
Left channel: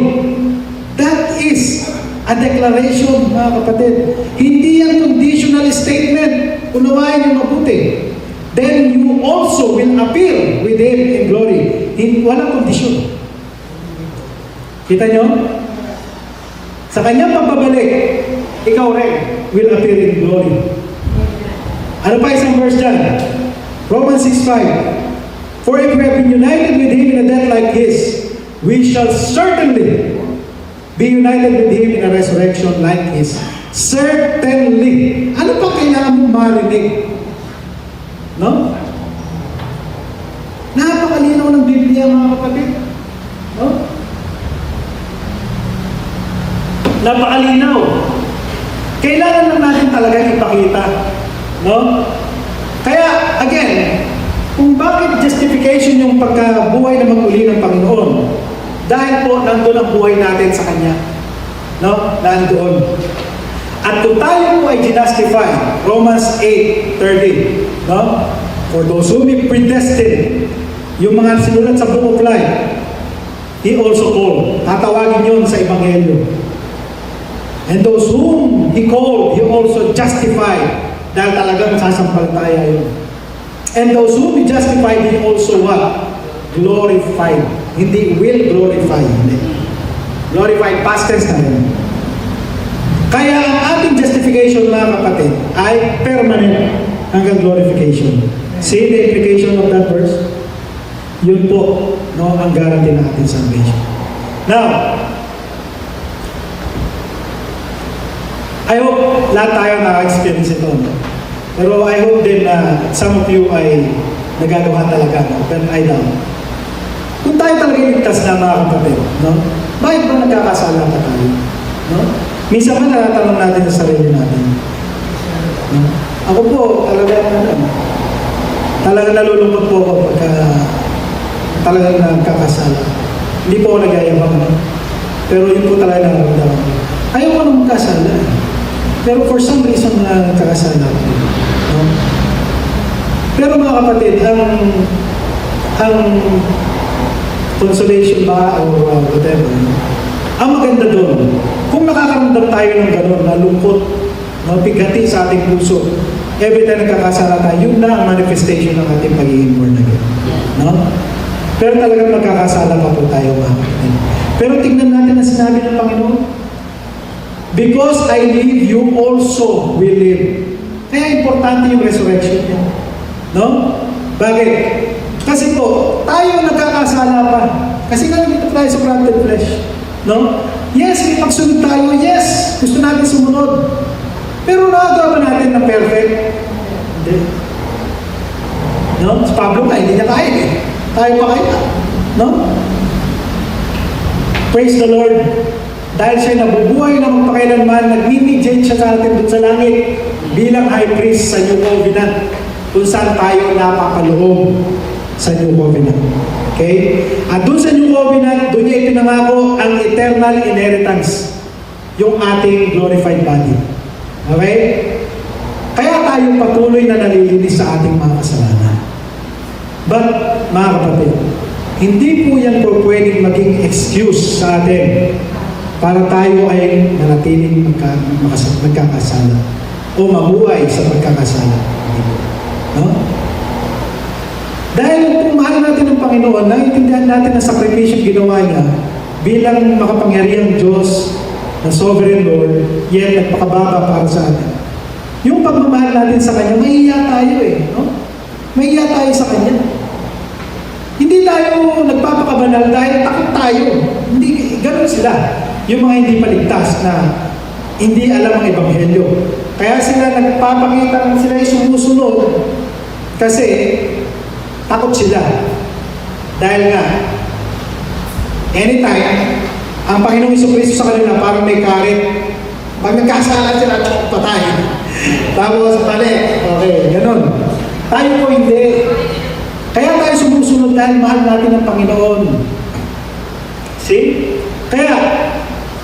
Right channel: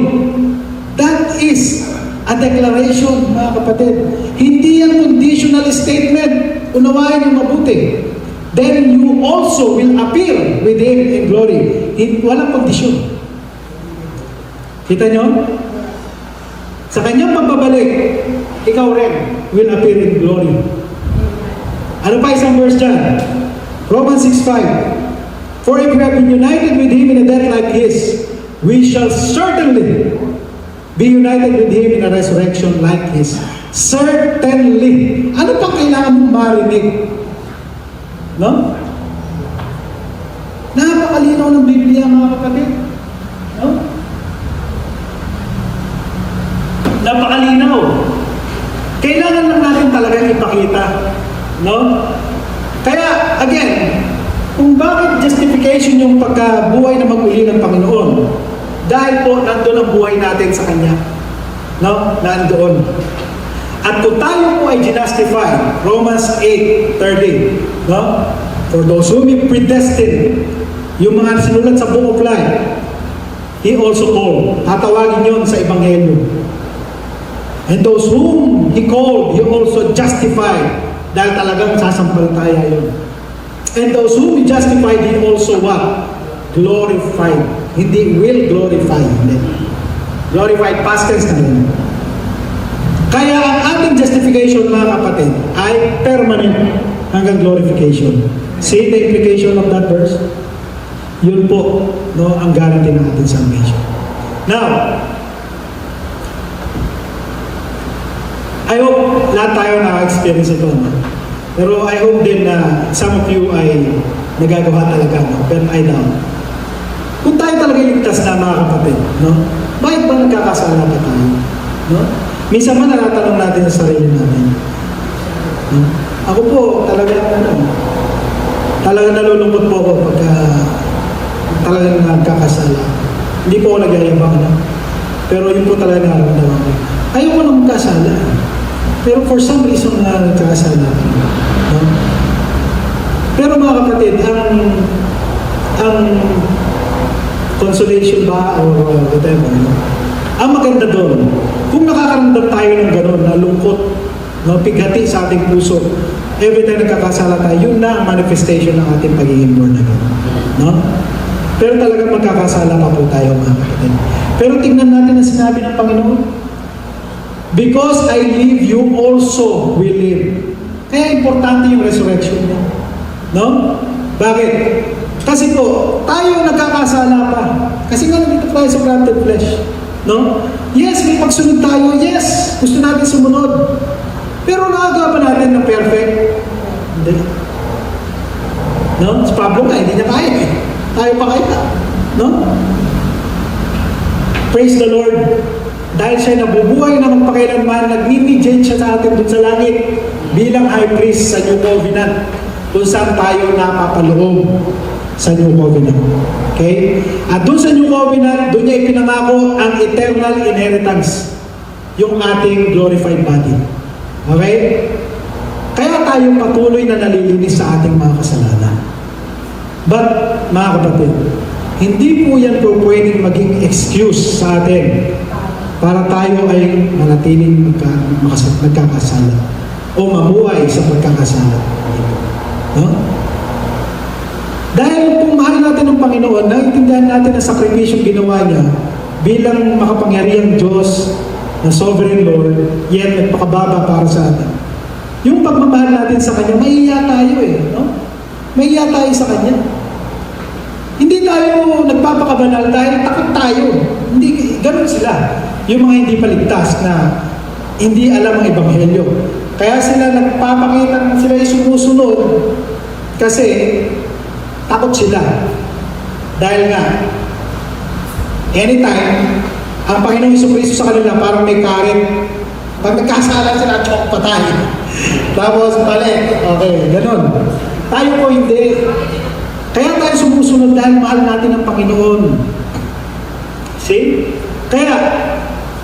That is a declaration, mga kapatid. Hindi yan conditional statement. Unawain yung mabuti. Then you also will appear with Him in glory. Walang kondisyon. Kita nyo? Sa kanyang pagbabalik, ikaw rin will appear in glory. Ano pa isang verse dyan? Romans 6:5. For if we have been united with Him in a death like His, we shall certainly be united with Him in a resurrection like His. Certainly. Ano pa kailangan mong marinig? No? Napakalinaw ng Biblia, mga kapatid. No? Napakalinaw. Kailangan lang natin talaga ipakita. No? Kaya, again, kung bakit justification yung pagkabuhay na mag-uli ng Panginoon, dahil po nandun ang buhay natin sa Kanya. No? Nandoon. At kung tayo po ay justify, Romans 8:30, no? For those whom He predestined, yung mga sinulat sa Book of Life, He also called. Tatawagin yun sa Ebanghelyo. And those whom He called, He also justified. Dahil talagang sasampalataya yun. And those whom He justified, He also what? Glorified. Hindi will glorify. Hindi. Glorified, past tense na yun. Kaya ang ating justification, mga kapatid, ay permanent hanggang glorification. See the implication of that verse? Yun po, no, ang guarantee ng ating salvation. Now, I hope lahat tayo na-experience ito. No? Pero I hope din na some of you ay nagagawa talaga, no? But I doubt. Kung tayo talaga iligtas na, mga kapatid, no? Bakit ba nagkakasala pa tayo? No? Minsan man natatanong natin sa sarili natin. No? Ako po, talaga nalulungkot po ako pagka talagang nagkakasala. Hindi po ako nagyayabang, no? Pero yun po talaga nararamdaman ko. Ayaw ko nang magkasala. Pero for some reason nagkakasala. No? Pero mga kapatid, ang consolation ba or whatever, no? Ang maganda doon, kung nakakaramdam tayo ng gano'n, na lungkot, mapighati sa ating puso, every time nagkakasala tayo, yun na ang manifestation ng ating pagiging born again. No? Pero talagang magkakasala pa po tayo, mga kapatid. Pero tingnan natin ang sinabi ng Panginoon. Because I live, you also will live. Kaya importante yung resurrection niya. No? Bakit? Kasi po, tayo nagkakasala pa. Kasi nga nandito tayo sa planted flesh. No? Yes, may pagsunod tayo. Yes, gusto natin sumunod. Pero nakagawa ba natin ng perfect? Hindi. No? Si Pablo nga, hindi niya kaya eh. Tayo pa kaya. No? Praise the Lord. Dahil siya nabubuhay na magpakailanman, nag-mediate siya sa atin dun sa langit bilang high priest sa New Covenant kung saan tayo napapaloob sa New Covenant. Okay? At dun sa New Covenant, dun niya ipinangako ang eternal inheritance, yung ating glorified body. Okay? Kaya tayo patuloy na nalilinis sa ating mga kasalanan. But, mga kapatid, hindi po yan po pwedeng maging excuse sa atin para tayo ay manatiling magkakasala o mabuhay sa pagkakasala. No? Dahil kung mahal natin ang Panginoon, naiintindihan natin ang sakripisyong ginawa niya bilang makapangyarihang Diyos na Sovereign Lord, yet nagpakababa para sa atin. Yung pagmamahal natin sa Kanya, mahihiya tayo eh. No? Mahihiya tayo sa Kanya. Hindi tayo nagpapakabanal dahil takot tayo. Hindi, ganun sila. Yung mga hindi paligtas na hindi alam ang Ebanghelyo. Kaya sila nagpapakita, sila yung sumusunod kasi takot sila. Dahil nga, anytime, ang Panginoong Jesucristo sa kanila parang may karit. Pag nagkasala sila, patay. Tapos balik. Okay, ganun. Tayo po hindi. Kaya tayo sumusunod dahil mahal natin ang Panginoon. See?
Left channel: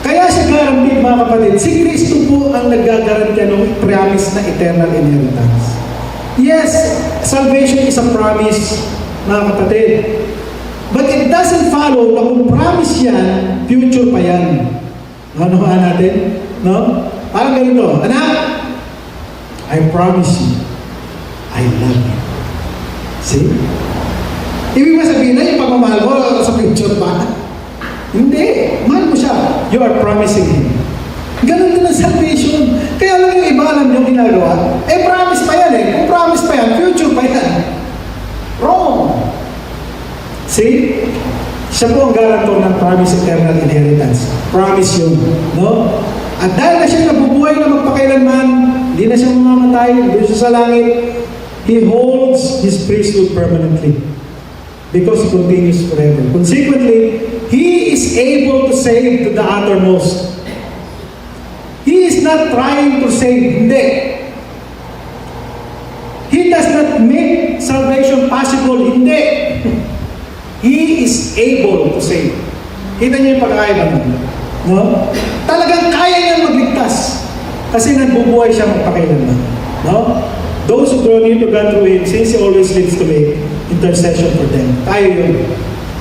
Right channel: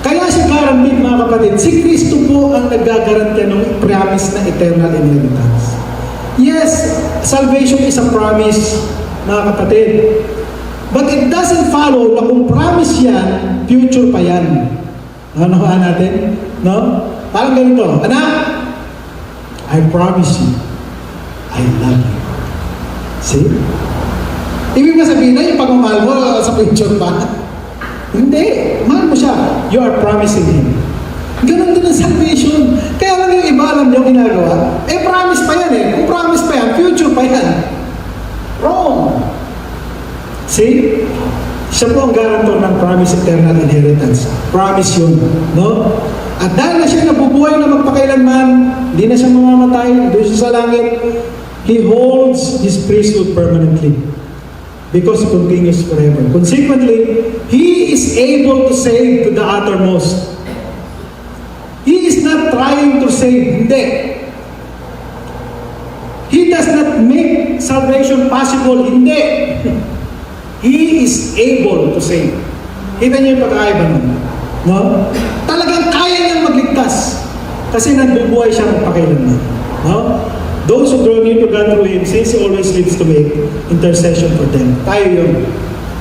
Kaya siya guaranteed, mga kapatid. Si Kristo po ang nagagarantiya ng promise na eternal inheritance. Yes, salvation is a promise, mga kapatid. But it doesn't follow na kung promise yan, future pa yan. Nakuhaan natin? No? Parang ganito, anak, I promise you, I love you. See? Ibig ba sabihin na yung pagmamahal mo sa future pa? Hindi. Mahal mo siya. You are promising Him. Ganon din ang salvation. Kaya lang yung iba alam niyo ginagawa. Promise pa yan eh. Kung promise pa yan, future pa yan. Wrong. See? Siya po ang garantor ng promise eternal inheritance. Promise yun. No? At dahil na siya nabubuhay na magpakailanman, hindi na siya mamamatay, doon siya sa langit, He holds His priesthood permanently. Because He continues forever. Consequently, He is able to save to the uttermost. He is not trying to save. Hindi. He does not make salvation possible. Hindi. He is able to save. Kita niyo yung pagkakaiba nun. No? Talagang kaya niyang magligtas. Kasi nagbubuhay siya magpakailanman. No? Those who draw near to God through Him, since He always lives to make intercession for them. Tayo yun.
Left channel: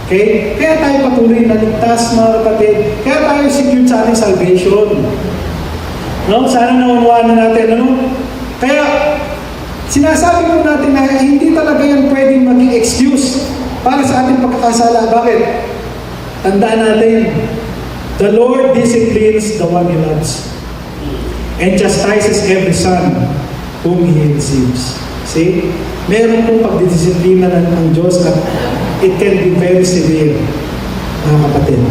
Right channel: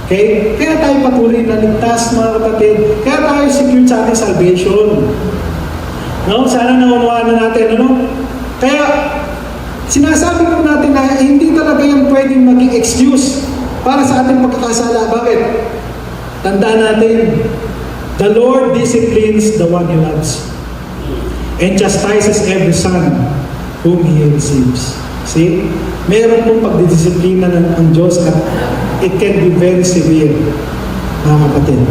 Okay? Kaya tayo patuloy na ligtas, mga kapatid. Kaya tayo secure sa ating salvation. No? Sana naunawaan na natin. Ano? Kaya, sinasabi ko natin na hindi talaga yan pwedeng maging excuse para sa ating pagkakasala. Bakit? Tandaan natin, the Lord disciplines the one He loves and chastises every son whom He receives. See? Meron pong pagdidisiplina ng Diyos at it can be very severe, mga kapatid.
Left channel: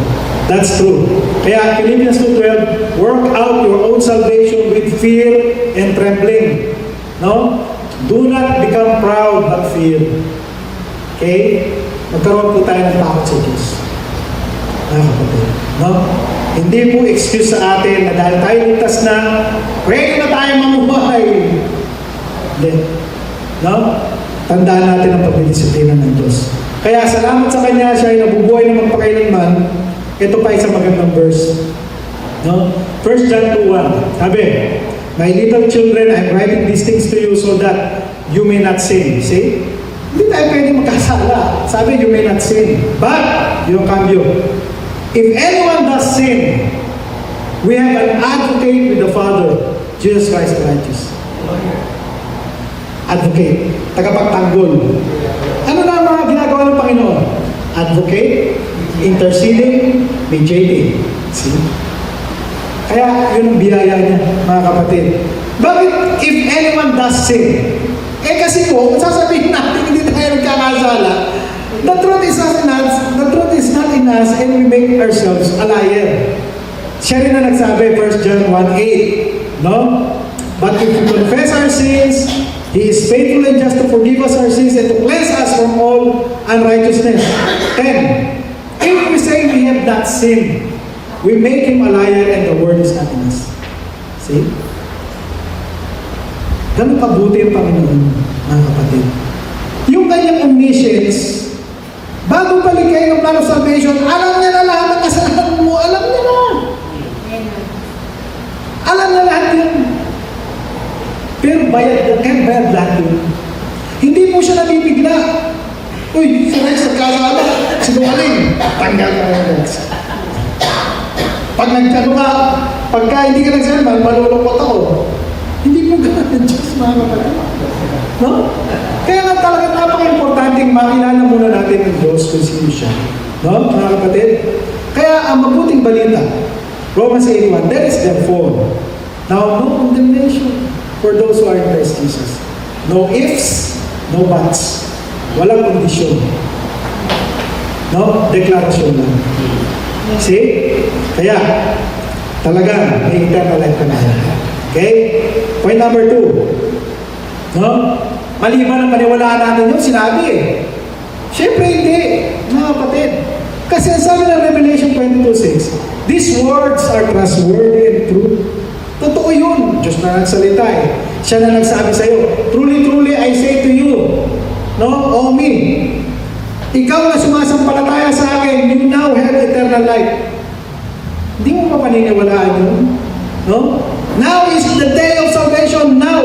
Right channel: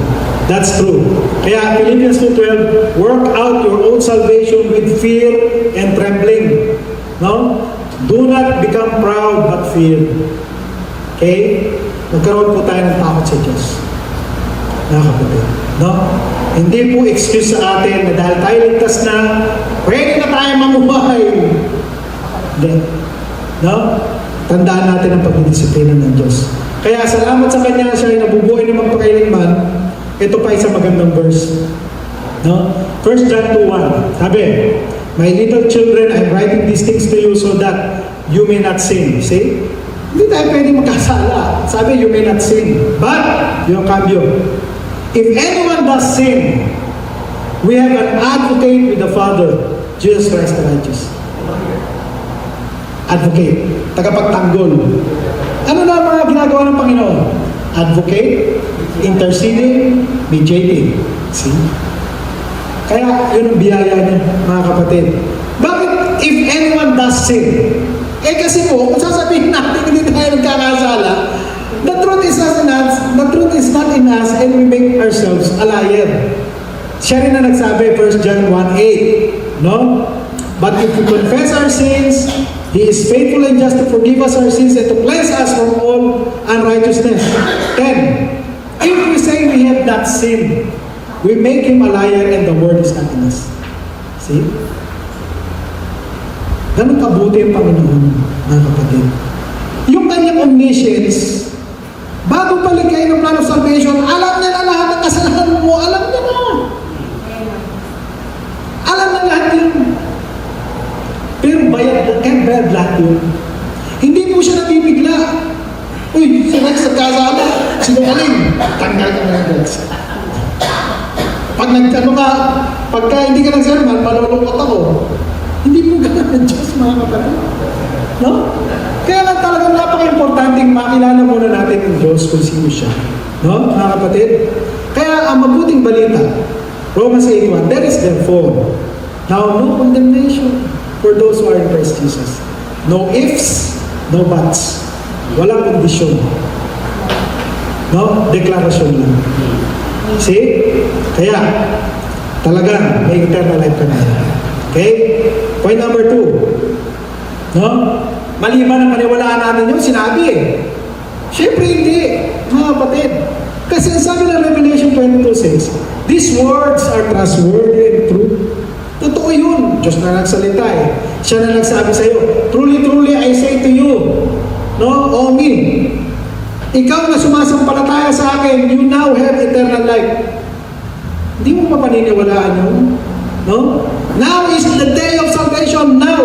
That's true. Kaya Philippians 2:12, work out your own salvation with fear and trembling. No? Do not become proud but fear. Okay? Magkaroon po tayo ng takot sa Diyos. Mga kapatid. No? Hindi po excuse sa atin na dahil tayo ligtas na, pwede na tayo mamuhay. Hindi. No? Tandaan natin ang pagdidisiplina ng Diyos. Kaya salamat sa Kanya, siya ay nabubuhay na magpakailanman. Ito pa isang magandang verse. No? 1 John 2:1. Sabi, my little children, I'm writing these things to you so that you may not sin. See? Hindi tayo pwede magkasala. Sabi, you may not sin. But, yung cambio, if anyone does sin, we have an advocate with the Father, Jesus Christ the righteous. Advocate, tagapagtanggol. Ano na mga ginagawa ng Panginoon? Advocate, interceding, mediating. See? Kaya yun ang biyaya niya, mga kapatid. Bakit if anyone does sin? Kasi po, sasabihin natin hindi tayo nagkakasala. The truth is not in us and we make ourselves a liar. Siya rin na nagsabi, 1 John 1:8, no? But if we confess our sins, He is faithful and just to forgive us our sins and to cleanse us from all unrighteousness. 10. If we say we have not sinned, we make Him a liar and the word is not in us. See? Ganun kabuti ang Panginoon, mga kapatid. Yung kanyang omniscience, bago paligay ng plan of salvation, alam niya na lahat ng kasalanan mo. Alam niya na. Alam na lahat yun. Pero bayad lahat yun. Hindi po siya nabibigla. Uy, si Rex nagkasala. Sinungaling. Tanggal ka na Rex. Pag nagkano ka, pagka hindi ka nagsalman, malulungkot ako. Hindi po ganun ng Diyos, mga kapatid. No? Kaya nga talagang napaka-importanting makilala muna natin yung Diyos kung sino siya. No, mga kapatid? Kaya ang mabuting balita, Romans 8:1, there is therefore now no condemnation for those who are in Christ Jesus. No ifs, no buts. Walang kondisyon. No? Deklarasyon lang. See? Kaya, talaga, may eternal life ka na. Okay? Point number 2. No? Maliban ang paniwalaan natin yung sinabi eh. Siyempre hindi, mga kapatid. Kasi ang sabi ng Revelation 22:6, these words are trustworthy and true. Totoo yun. Diyos na nagsalita eh. Siya na nagsabi sa'yo, truly, truly, I say to you, no, o me, ikaw na sumasampalataya sa akin, you now have eternal life. Hindi mo pa paniniwalaan yun. No? Now is the day of salvation, now.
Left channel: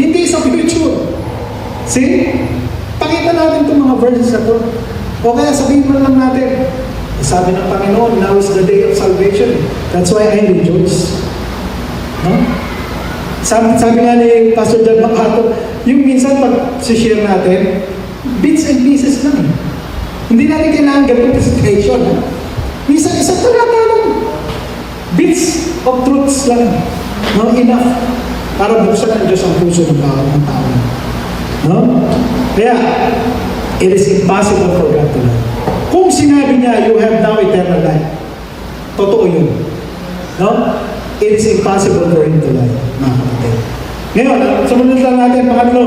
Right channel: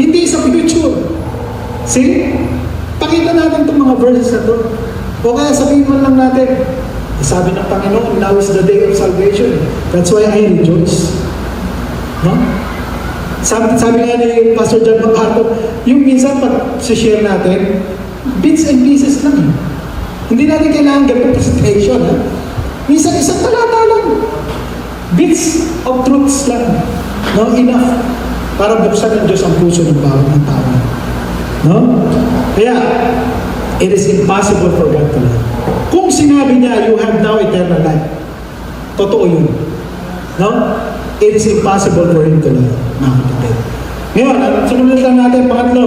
Hindi sa future. See? Pakita natin itong mga verses na to. O kaya sabihin mo lang natin, sabi ng Panginoon, now is the day of salvation. That's why I rejoice. No? Sabi nga ni Pastor John Macato, yung minsan pag-share natin, bits and pieces lang. Hindi natin kailangan ganito presentation. Ha? Minsan isang talata lang. Bits of truths lang. No? Enough. Para buksan ng Diyos ang puso ng bawat ng tao. No? Kaya, it is impossible for God to lie. Kung sinabi niya, you have now eternal life, totoo yun. No? It is impossible for Him to lie. Mga kapatid. Ngayon, sumunod lang natin, pangatlo.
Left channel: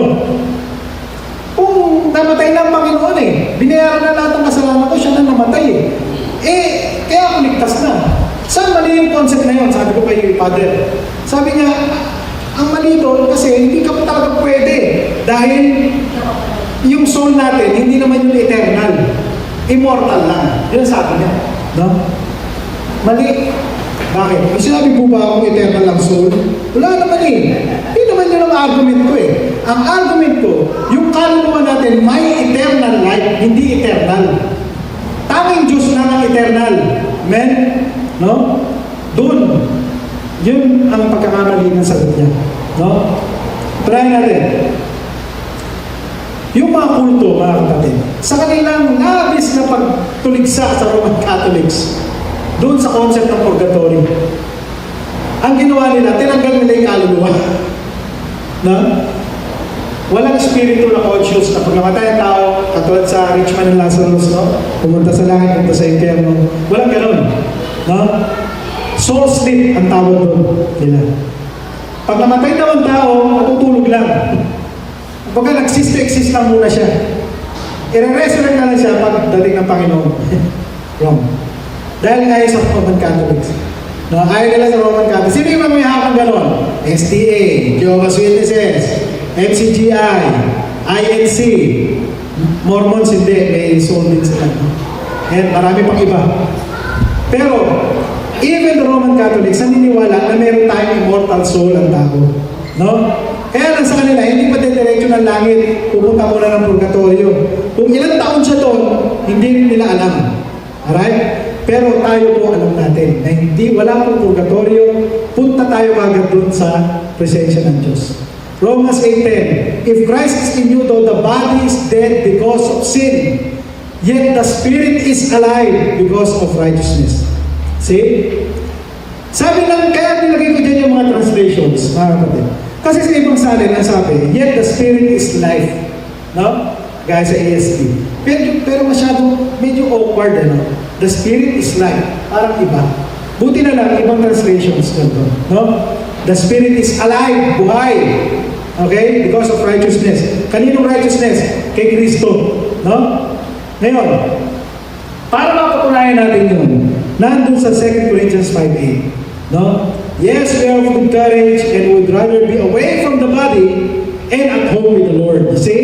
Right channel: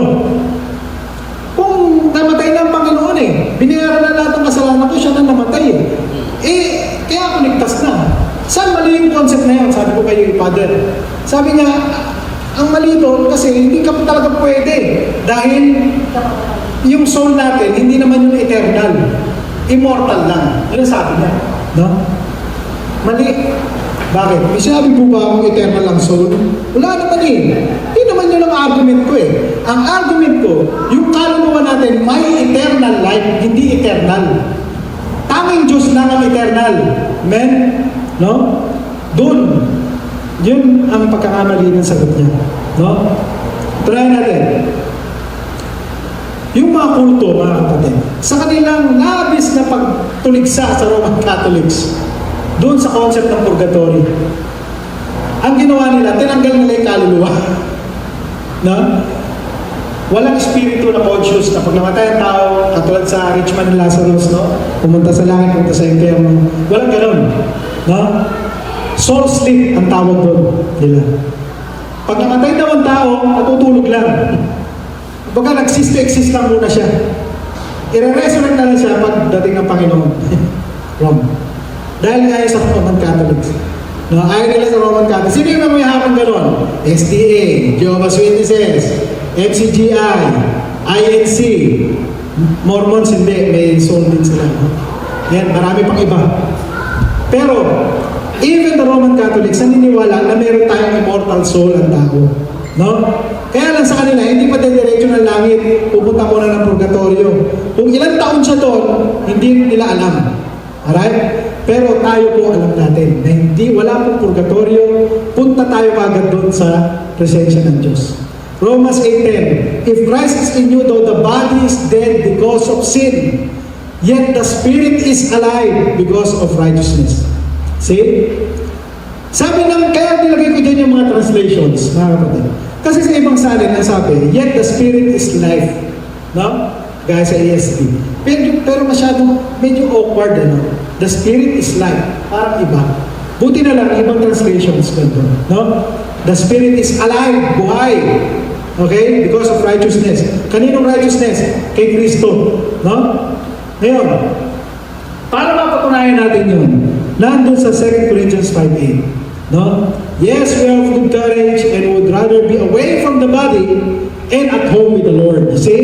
Kung namatay na ang Panginoon eh, binayaran na lahat ng kasalanan ko, siya na namatay eh. Kaya ako ligtas na. Saan mali yung concept na yun? Sabi ko kay Father. Sabi niya, ang mali doon kasi hindi ka talaga pwede. Dahil yung soul natin, hindi naman yung eternal. Immortal lang. Yun ang sabi niya. No? Mali. Bakit? May sinabi po ba akong eternal ang soul? Wala naman eh. Hindi naman yun ang argument ko eh. Ang argument ko, yung kaluluwa natin may eternal life, hindi eternal. Tanging Diyos lang ang eternal. Amen? No? Doon. Yun ang pagkakamali ng sagot niya. No? Try natin. Yung mga kulto, mga kapatid, sa kanilang labis na pagtuligsa sa Roman Catholics, doon sa concept ng purgatory, ang ginawa nila, tinanggal nila yung kaluluwa. No? Walang espiritu na conscious na pag namatay ang tao, katulad sa rich man ng Lazarus, no? Pumunta sa langit, pumunta sa impyerno. Walang ganun. No? Soul sleep ang tawag doon nila. Pag namatay daw ang tao, natutulog lang. Pagka nag-exist lang muna siya. I-resurrect na lang siya pag dating ng Panginoon. Wrong. Dahil ayaw sa Roman Catholics. No, ayaw nila sa Roman Catholics. Sino yung may hakang gano'n? SDA, Jehovah's Witnesses, MCGI, INC, Mormons, hindi. May soul din sila. And marami pang iba. Pero, even the Roman Catholics, naniniwala na meron tayong immortal soul ang tao. No? Kaya lang sa kanila, hindi pa diretso ng langit, pupunta muna ng purgatorio. Kung ilang taon siya doon, hindi nila alam. Alright? Pero tayo po alam natin na hindi, wala pong purgatorio, punta tayo agad doon sa presensya ng Diyos. Romans 8:10, if Christ is in you, though the body is dead because of sin, yet the spirit is alive because of righteousness. See? Sabi lang, kaya nilagay ko dyan yung mga translations, mga kapatid. Kasi sa ibang salin na sabi, yet the spirit is life. No? Gaya sa ESV. Pero masyadong medyo awkward, ano? The spirit is life. Parang iba. Buti na lang, ibang translations ganito. No? The spirit is alive, buhay. Okay? Because of righteousness. Kaninong righteousness? Kay Kristo. No? Ngayon, para mapatunayan natin yun, nandun sa 2 Corinthians 5:8. No? Yes, we are of good courage and would rather be away from the body and at home with the Lord. You see?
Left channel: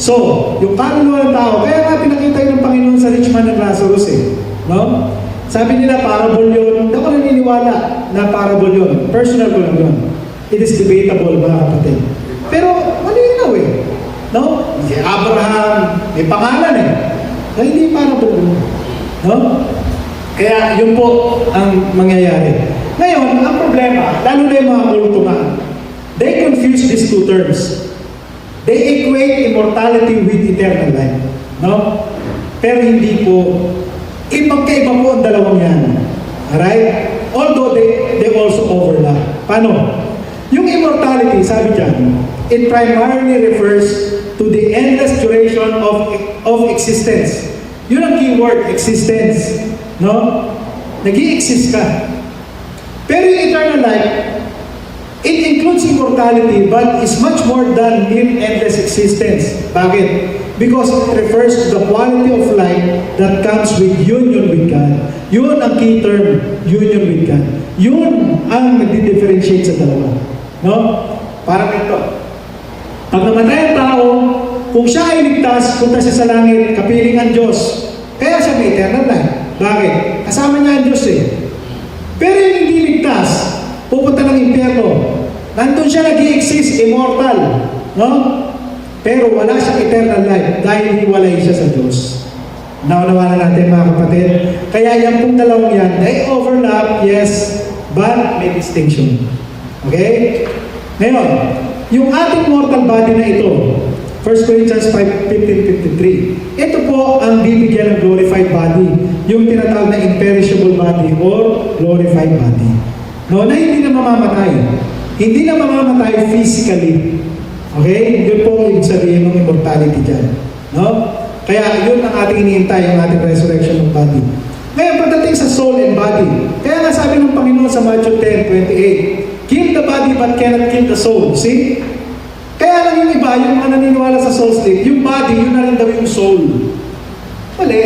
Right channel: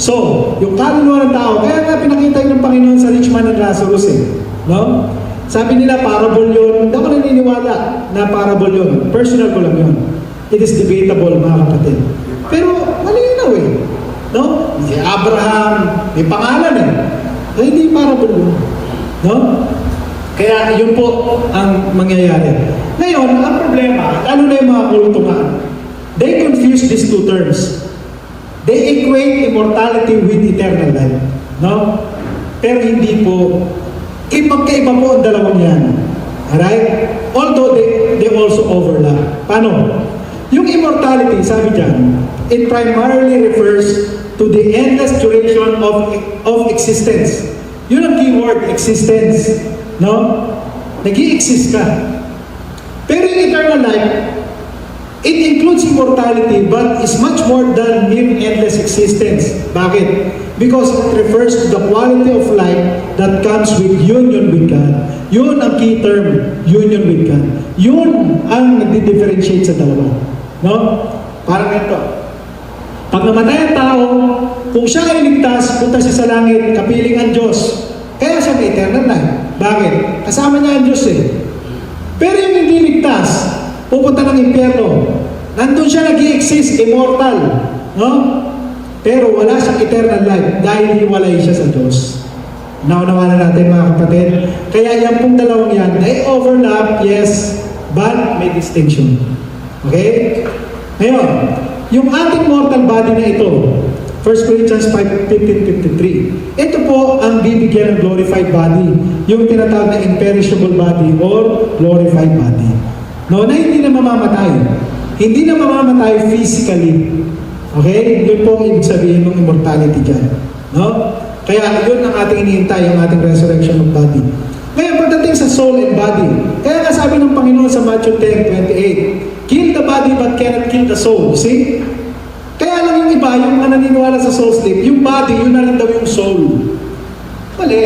So, yung kaluluwa ng tao, kaya nga pinakita yun ng Panginoon sa rich man and Lazarus eh. No? Sabi nila, parable yun. Hindi ako naniniwala na parable yun. Personal ko lang yun. It is debatable, mga kapatid. Pero, malinaw eh. No? Si Abraham, may pangalan eh. Na hindi parable yun. No? Kaya yun po ang mangyayari. Ngayon, ang problema, lalo na yung mga kultuhan, they confuse these two terms. They equate immortality with eternal life. No? Pero hindi po. Magkaiba po ang dalawang yan. Alright? Although they also overlap. Paano? Yung immortality, sabi dyan, it primarily refers to the endless duration of existence. Yun ang keyword, existence. No? Nag-i-exist ka. Pero yung eternal life, it includes immortality but is much more than mere endless existence. Bakit? Because it refers to the quality of life that comes with union with God. Yun ang key term, union with God. Yun ang nagdi-differentiate sa dalawa. No? Parang ito. Pag namatay ang tao, kung siya ay ligtas, punta siya sa langit, kapiling ang Diyos. Kaya siya may eternal life. Bakit? Kasama niya ang Diyos eh. Pero yung hindi ligtas, pupunta ng impyerno. Nandun siya nag-i-exist, immortal. No? Pero wala siyang eternal life dahil hiwalay siya sa Diyos. Naunawa na natin mga kapatid. Kaya yan pong dalawang yan, they overlap, yes, but may distinction. Okay? Ngayon, yung ating mortal body na ito, 1 Corinthians 5:15-53, ito po ang bibigyan ng glorified body, yung tinatawag na imperishable body or glorified body. No, na hindi na mamamatay. Hindi na mamamatay physically. Okay? Yun po ang ibig sabihin ng immortality dyan. No? Kaya yun ang ating iniintay, ang ating resurrection of body. Ngayon, pagdating sa soul and body, kaya nga sabi ng Panginoon sa Matthew 10:28, kill the body but cannot kill the soul. See? Kaya lang yung iba, yung mga naniniwala sa soul sleep, yung body, yun na rin daw yung soul. Mali.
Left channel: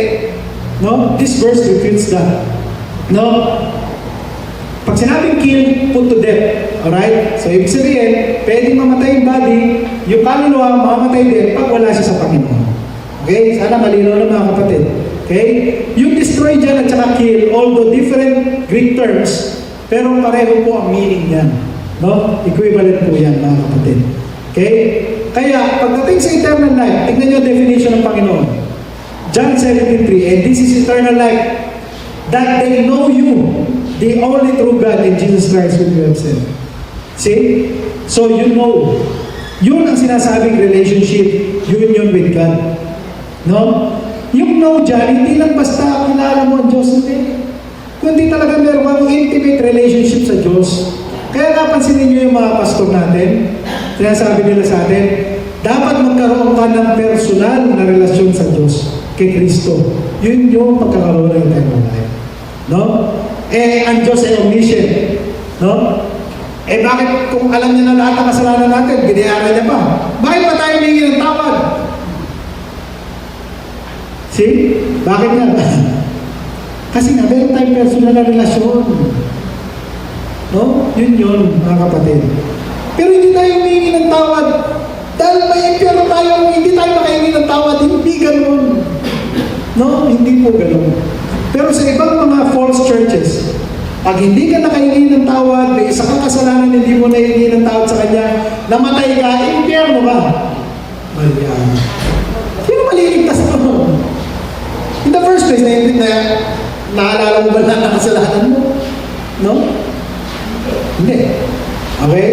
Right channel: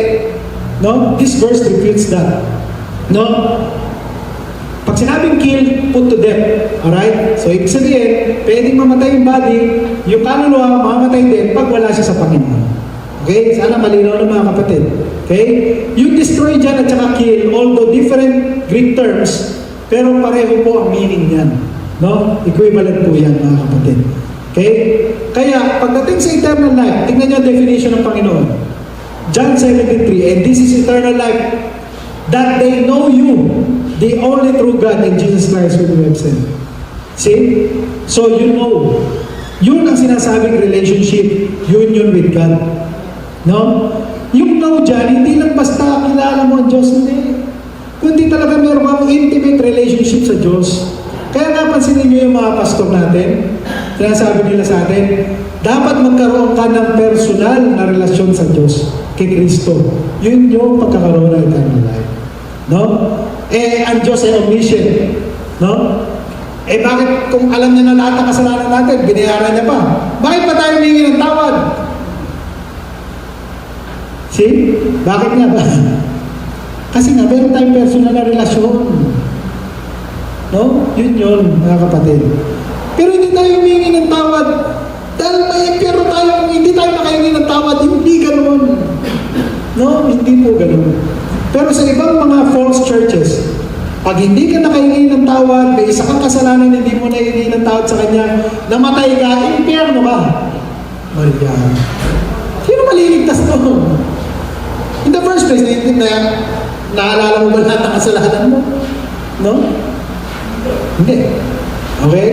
No? This verse refutes that. No? Pag sinabing kill, put to death. Alright? So, ibig sabihin, pwedeng mamatay yung body, yung kaluluwa, mamamatay din pag wala siya sa Panginoon. Okay? Sana malinaw na mga kapatid. Okay? Yung destroy dyan at saka kill, although different Greek terms, pero pareho po ang meaning niyan. No? Equivalent po yan mga kapatid. Okay? Kaya, pagdating sa eternal life, tingnan niyo ang definition ng Panginoon. John 17:3, and this is eternal life, that they know you, the only true God, and Jesus Christ whom you have sent. See? So you know. Yun ang sinasabing relationship, union with God. No? Yung know dyan, hindi lang basta kilala mo ang Diyos, hindi. Kundi talaga meron kang intimate relationship sa Diyos. Kaya napansinin niyo yung mga pastor natin, sinasabi nila sa atin, dapat magkaroon ka ng personal na relasyon sa Diyos, kay Kristo. Yun yung pagkakaroon ng eternal life. No? Eh, ang Diyos ay omniscient. No? Eh, bakit kung alam niya na lahat ng kasalanan natin, binayaran niya pa? Bakit pa tayo humingi ng tawad? See? Bakit nga ba? Kasi nga, meron tayong personal na relasyon. No? Yun yun, mga kapatid. Pero hindi tayo humingi ng tawad. Dahil may impyerno tayo, hindi tayo makahingi ng tawad. Hindi ganun. No? Hindi po ganun. Pero sa ibang mga false churches, pag hindi ka nakahingi ng tawad, may isa kang kasalanan, hindi mo nahingi ng tawad sa kanya, namatay ka, impyerno ka. Maria. Sino maliligtas naman? In the first place, naalala mo ba lahat ng kasalanan mo? No? Hindi. Okay?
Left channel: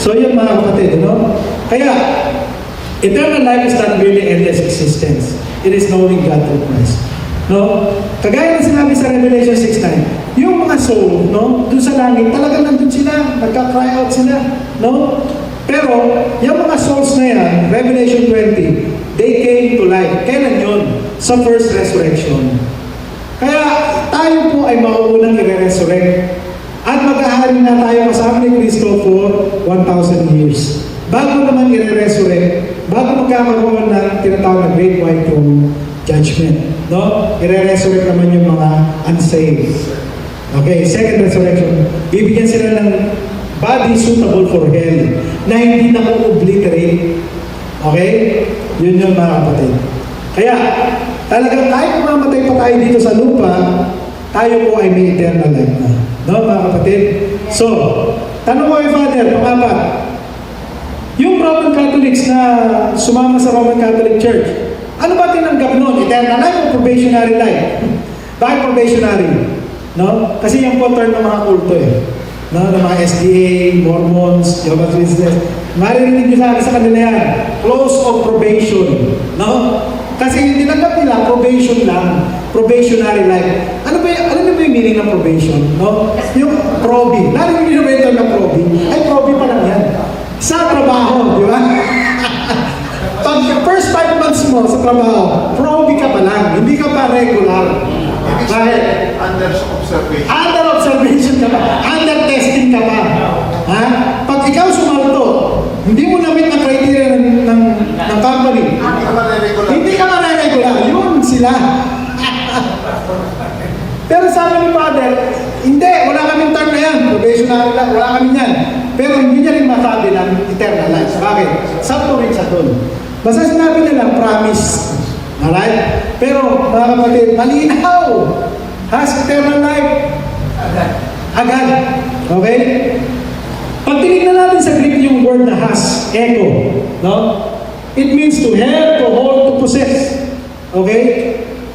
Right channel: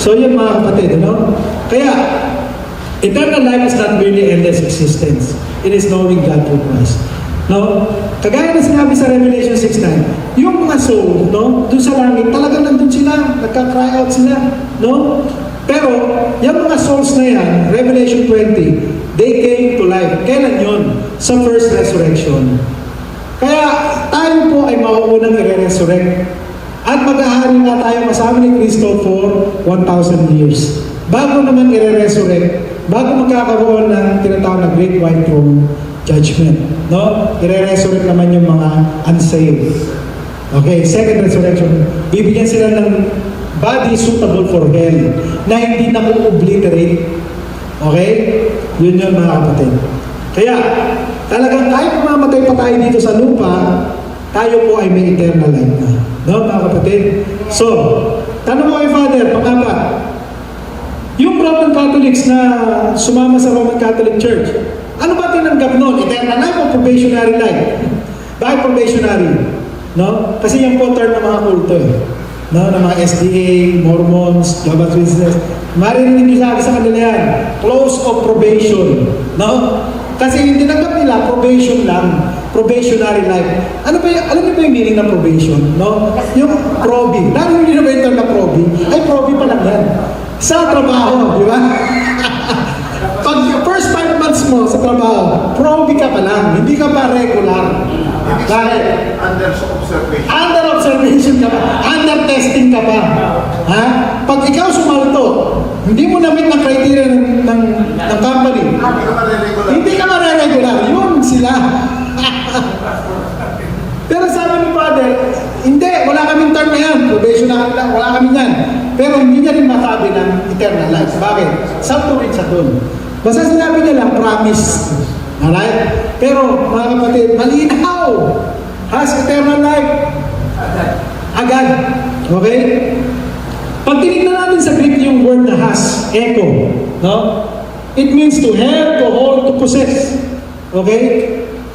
So yun mga kapatid, no? Kaya, eternal life is not really endless existence. It is knowing God through Christ. No? Kagaya na sinabi sa Revelation 6:9, yung mga soul, no? Doon sa langit, talaga nandun sila, nagka-cry out sila, no? Pero, yung mga souls na yan, Revelation 20, they came to life. Kailan yun? Sa first resurrection. Kaya, tayo po ay mauunang i-resurrect. At mag-ahari na tayo kasama ni Kristo for 1,000 years. Bago naman i-resurrect, bago magkakaroon ng tinatawag na Great White Throne Judgment. No? I-resurrect naman yung mga unsaved. Okay, second resurrection. Bibigyan sila ng body suitable for hell na hindi na obliterate. Okay? Yun yung mga kapatid. Kaya, talagang kahit mamamatay pa tayo dito sa lupa, tayo po ay may eternal life na. No, mga kapatid? So, tanong ko kay Father, pangapat, yung Roman Catholics na sumama sa Roman Catholic Church, ano ba tinanggap noon? Eternal life o probationary life? Bakit probationary? No? Kasi yung po term ng mga kulto eh. No? Ng mga SDA, Mormons, Jehovah's Witnesses. Maririnig nyo sa kanila yan. Close of probation. No? Kasi yung tinanggap nila, probation lang. Probationary life. Ano ba yung meaning ng probation? No? Yung probi. Lalo nyo ba yung term na probi? Ay, probi pa lang yan. Sa trabaho, di ba? Pag first 5 months mo sa trabaho, probi ka pa lang. Hindi ka pa regular. Kahit Under observation. under observation ka pa. Under testing ka pa. Ha? Pag ikaw sumalto, hindi mo na-meet ang criteria ng company. Hindi ka maliregular. Hindi ka mariregular. Yun sila. Pero sabi ng Father, hindi, wala kaming term na yan. salvation na wala kami yan. Pero hindi niya rin masabi ng eternal life. Bakit? Sakto rin sa doon. Basta sinabi niya lang, promise. Alright? Pero, mga kapatid, malinaw. Has eternal life. Agad. Okay? Pag tinignan natin sa Greek yung word na has, echo, no? It means to have, to hold, to possess. Okay?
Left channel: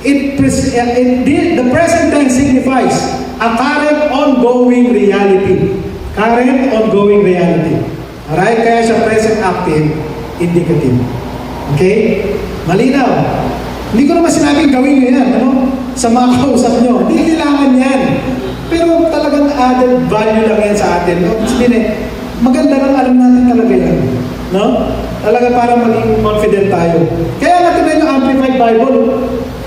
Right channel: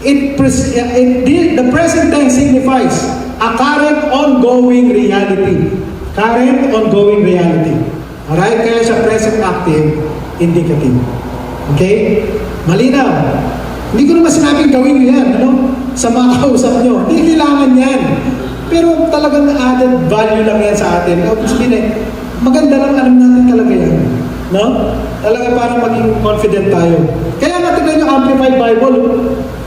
The present tense signifies a current ongoing reality. Current ongoing reality. Alright? Kaya siya present active, indicative. Okay? Malinaw. Hindi ko naman sinabing gawin nyo yan, ano? Sa mga kausap nyo. Hindi kailangan yan. Pero talagang added value lang yan sa atin. Maganda lang alam natin talaga yan. No? Talaga para maging confident tayo. Kaya nga tignan yung Amplified Bible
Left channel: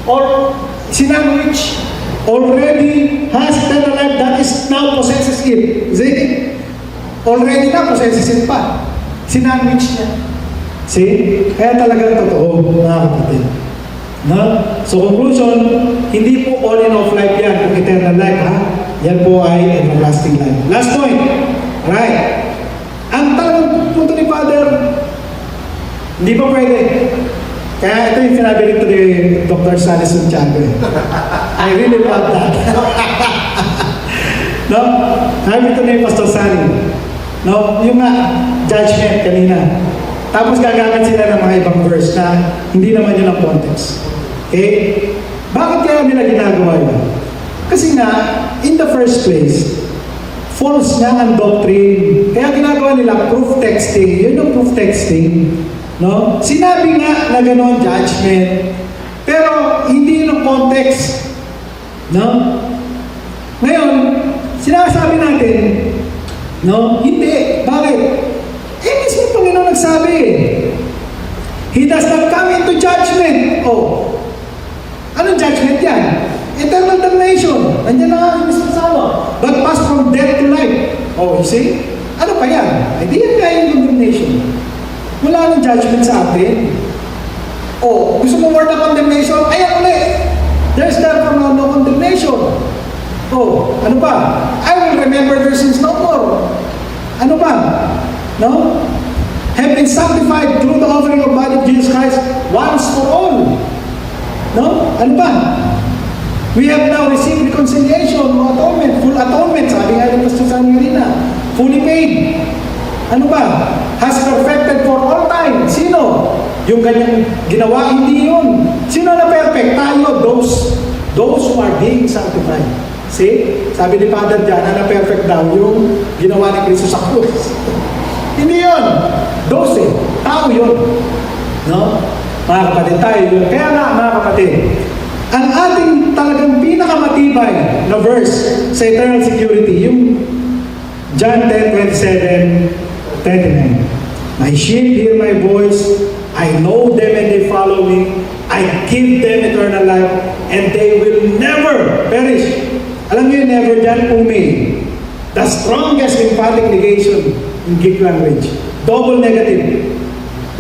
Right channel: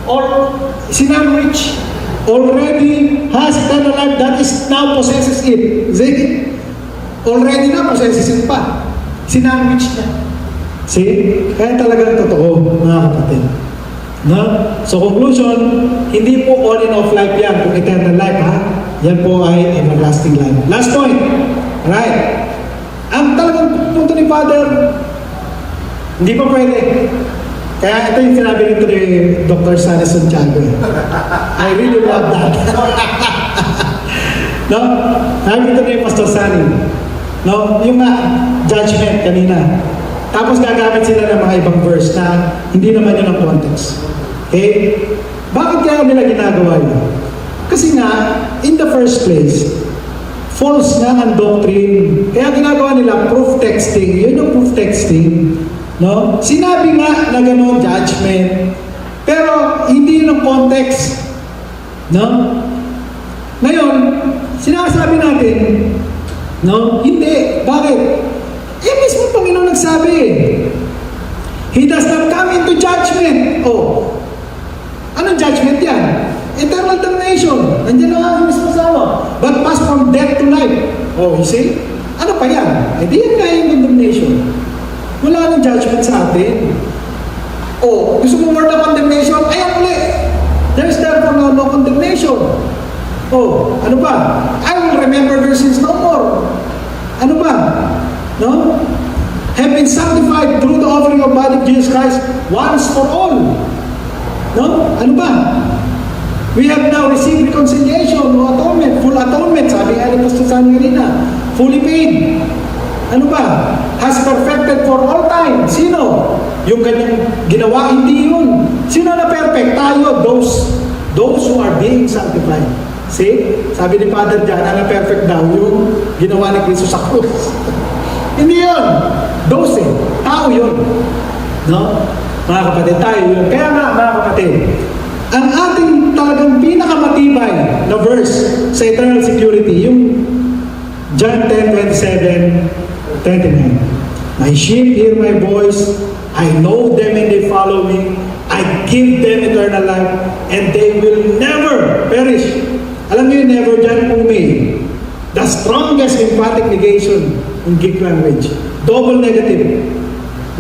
or sinandwich already has eternal life that is now possesses it. See? Already na possesses it pa. Sinandwich niya. See? Kaya talaga totoo, mga kapatid. No? So conclusion, hindi po on and off life yan, kung eternal life ha. Yan po ay everlasting life. Last point. Right. Ang talagang punto ni Father, hindi pa pwede. Kaya ito yung sinabi nito ni Dr. Sally Santiago. I really love that. No? Sabi ito ni Pastor Sally. No? Yung judgment kanina. Tapos gagamit sila ng mga ibang verse na hindi naman yun ang context. Okay? Bakit kaya nila ginagawa yun? Kasi nga, in the first place, false nga ang doctrine. Kaya ginagawa nila proof texting. Yun yung proof texting. No? Sinabi nga na gano'n judgment. Pero hindi yun ang context. No? Ngayon, sinasabi natin, no? Hindi. Bakit? Mismo Panginoon nagsabi. He does not come into judgment. Oh. Anong judgment yan? Eternal damnation. Nandiyan na nga mismo sa but pass from death to life. Oh, you see? Ano pa yan? Hindi yan kaya yung condemnation. Wala nang judgment sa atin. Oh, gusto mo word of condemnation? Ayan ulit. There's therefore no condemnation. Oh, ano ba? I will remember their sins no more. Ano ba? No? Have been sanctified through the offering of body of Jesus Christ once for all. No? Ano ba? We have now received reconciliation, atonement, full atonement, sabi nga ni Pastor Sanyo na, fully paid. Ano ba? Has perfected for all time. Sino? Yung kanyang ginawa, hindi yun. Sino na perfect? Tayo, those who are being sanctified. See? Sabi ni Father John, na perfect daw yung ginawa ni Cristo sa krus. Hindi yun. Those tao yun. No? Mga kapatid, tayo yun. Kaya nga, mga kapatid, ang ating talagang pinakamatibay na verse sa eternal security, yung John 10:27, 29. My sheep hear my voice, I know them and they follow me, I give them eternal life, and they will never perish. Alam niyo yung never dyan, umay. The strongest emphatic negation in Greek language. Double negative.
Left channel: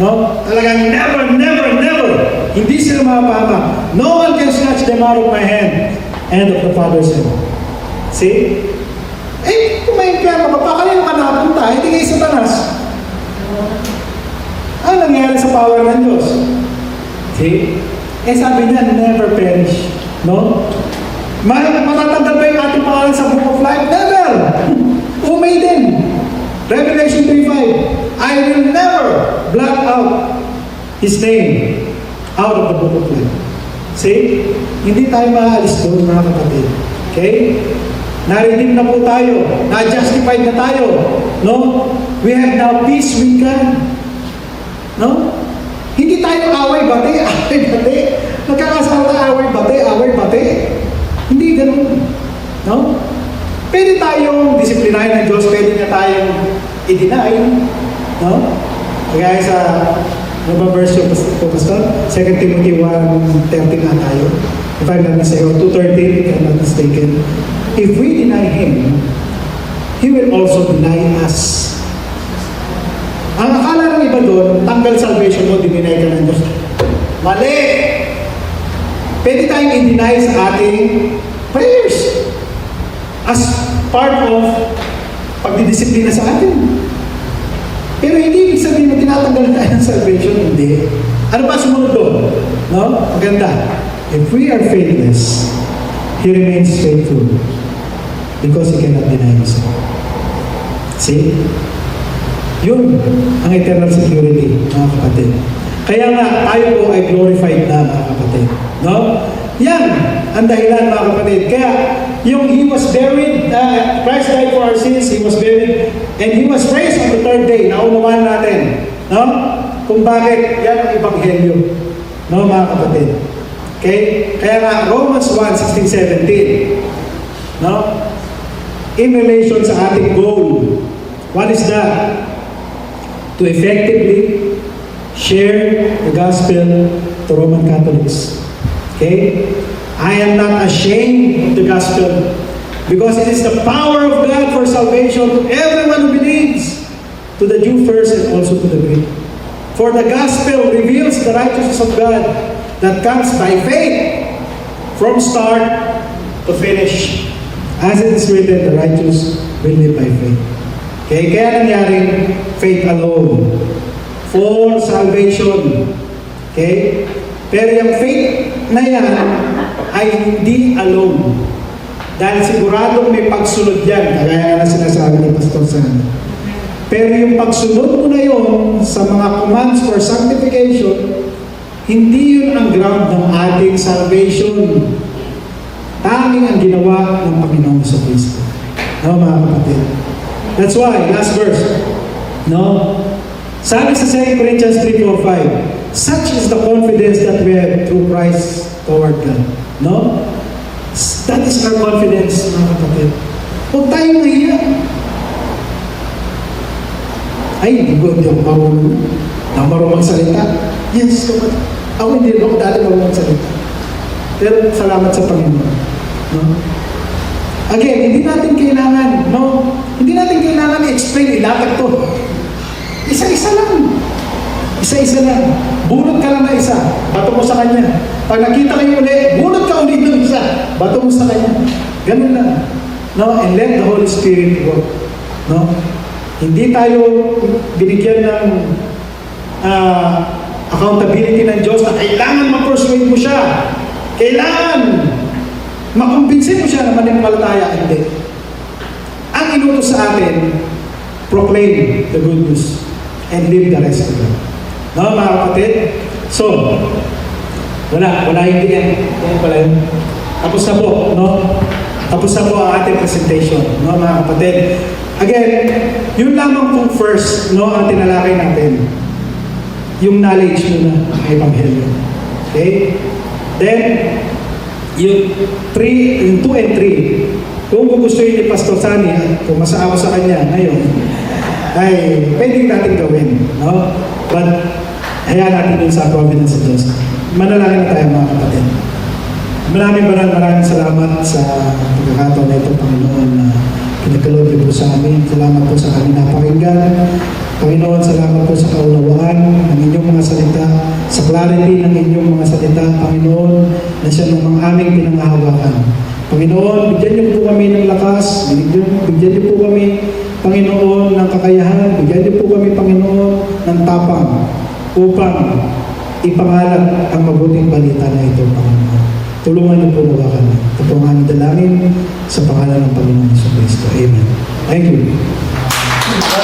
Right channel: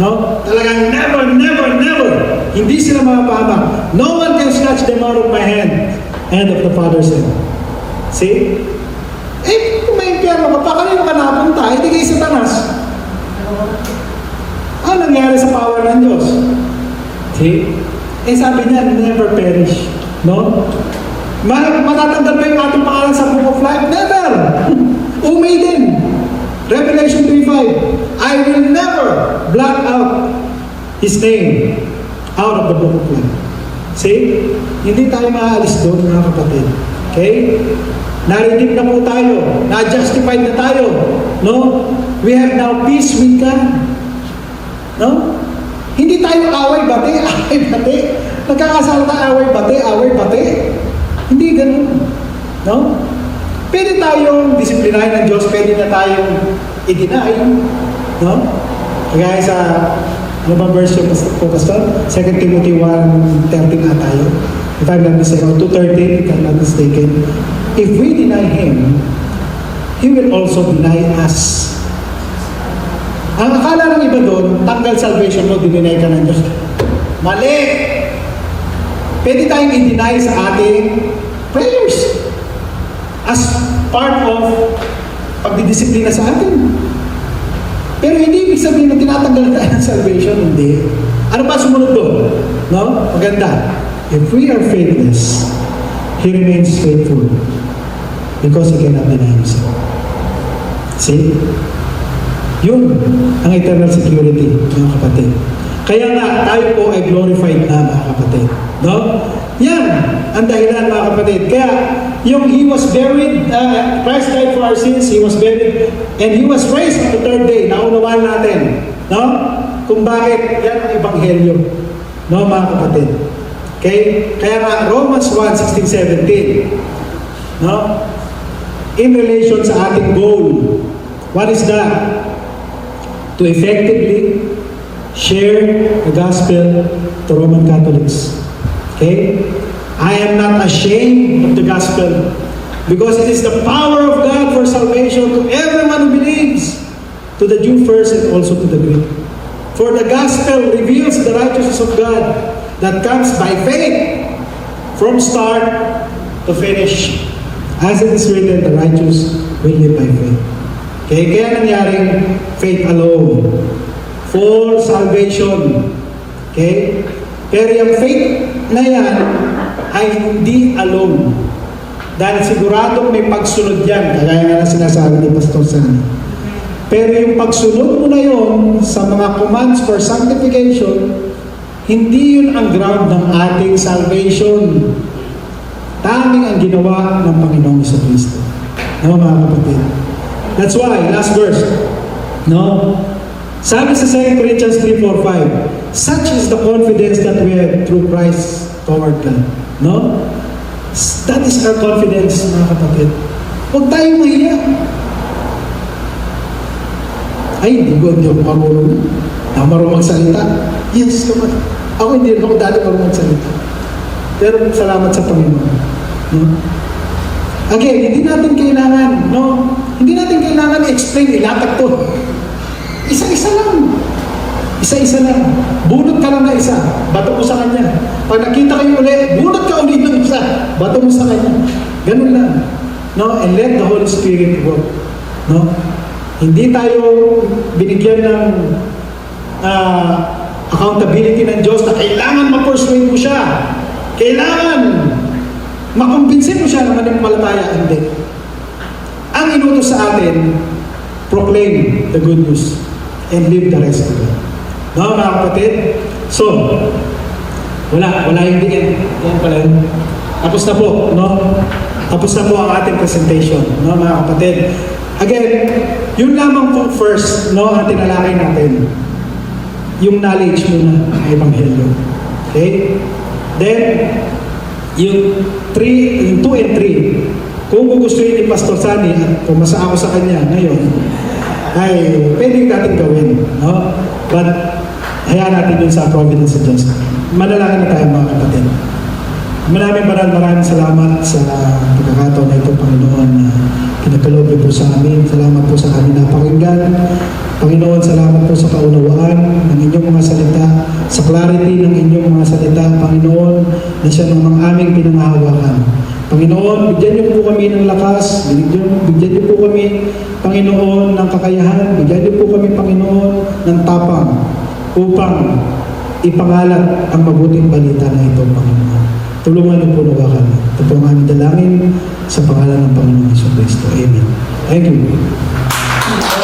No? Talagang never, never, never. Hindi sila mapapahamak. No one can snatch them out of my hand. Hand of the Father's hand. See? Kung may impyerno ka pa, kanino ka napunta? Hindi kay Satanas. Ano nangyari sa power ng Diyos? See? Sabi niya, never perish. No? Matatanggal ba yung ating pangalan sa Book of Life? Never! Umay din. Revelation 3:5, I will never blot out His name out of the Book of Life. See? Hindi tayo maaalis doon, mga kapatid. Okay? Na-redeem na po tayo. Na-justified na tayo. No? We have now peace with God. No? Hindi tayo away-bate. Away-bate. Nagkakasala tayo away-bate. Hindi ganun. No? Pwede tayong disiplinahin ng Diyos, pwede na tayong i-deny. No? Kaya sa, ano ba verse yung Pastor? 2 Timothy 1:13 na tayo. If I'm not mistaken, 2:13, if I'm not mistaken. If we deny Him, He will also deny us. Ang akala ng iba doon, tanggal salvation mo, dininay ka ng Diyos. Mali! Pwede tayong i-deny sa ating prayers. As part of pagdidisiplina sa atin. Pero hindi ibig sabihin na tinatanggal tayo ng salvation, hindi. Ano pa sumunod doon? No? Maganda. If we are faithless, He remains faithful because He cannot deny Himself. See? Yun ang eternal security, mga kapatid. Kaya nga, tayo po ay glorified na, mga kapatid. No? Yan ang dahilan, mga kapatid. Kaya, yung He was buried, Christ died for our sins, He was buried, and He was raised on the third day. Naunawaan natin. No? Kung bakit, yan ang ebanghelyo. No, mga kapatid. Okay? Kaya nga, Romans 1:16, 17. No? In relation sa ating goal, what is that? To effectively share the gospel to Roman Catholics. Okay? I am not ashamed of the gospel because it is the power of God for salvation to everyone who believes, to the Jew first and also to the Greek. For the gospel reveals the righteousness of God that comes by faith from start to finish. As it is written, the righteous will live by faith. Okay, kaya nangyaring faith alone for salvation. Okay? Pero yung faith na yan ay hindi alone. Dahil siguradong may pagsunod yan, kagaya na sinasabi ni Pastor Sana. Pero yung pagsunod mo na yun sa mga commands for sanctification, hindi yun ang ground ng ating salvation. Tanging ang ginawa ng Panginoon sa Kristo. No, mga kapatid? That's why, last verse, no? Sabi sa 2 Corinthians 3:4-5, such is the confidence that we have through Christ toward God. No? That is our confidence, mga kapatid. Huwag tayong mahiya. Ay, hindi ako marunong. Ako marunong magsalita. Yes, kapatid. Ako hindi ako dahil marunong magsalita. Pero salamat sa Panginoon. No? Again, hindi natin kailangan, no? Hindi natin kailangan i-explain, ilatag to. Isa-isa lang. Isa-isa lang. Bunot ka lang na isa. Bato mo sa kanya. Pag nakita kayo ulit, bunot ka ulit ng isa. Bato mo sa kanya. Ganun lang. No? And let the Holy Spirit work. No? Hindi tayo binigyan ng accountability ng Diyos na kailangan ma-persuade mo siya. Kailangan makumbinsin mo siya na manimalataya. Hindi. Ang inutos sa atin, proclaim the good news and leave the rest to God. No, mga kapatid? So, wala hindi yan. Yan pala yun. Tapos na po, no? Tapos na po ang ating presentation, no, mga kapatid? Again, yun lamang pong first, no, ang tinalakay natin. Yung knowledge mo na Ebanghelyo. Okay? Then, yung 2 and 3, kung gugustuhin ni Pastor Sani at pumasa ako sa kanya ngayon, ay pwedeng natin gawin. No? But, hayaan natin dun sa providence of Diyos. Manalangin na tayo, mga kapatid. Maraming salamat sa pagkakataon na ito, Panginoon, na pinagkaloob po sa amin. Salamat po sa kanila pakinggan. Panginoon, salamat po sa kaunawaan ng inyong mga salita, sa clarity ng inyong mga salita, Panginoon, na siya namang aming pinangahawakan. Panginoon, bigyan niyo po kami ng lakas, bigyan niyo po kami, Panginoon, ng kakayahan, bigyan niyo po kami, Panginoon, ng tapang upang ipangalat ang mabuting balita na ito, Panginoon. Tulungan niyo po na kami. Ito po ang aming dalangin sa pangalan ng Panginoon Jesucristo. Amen. Thank you.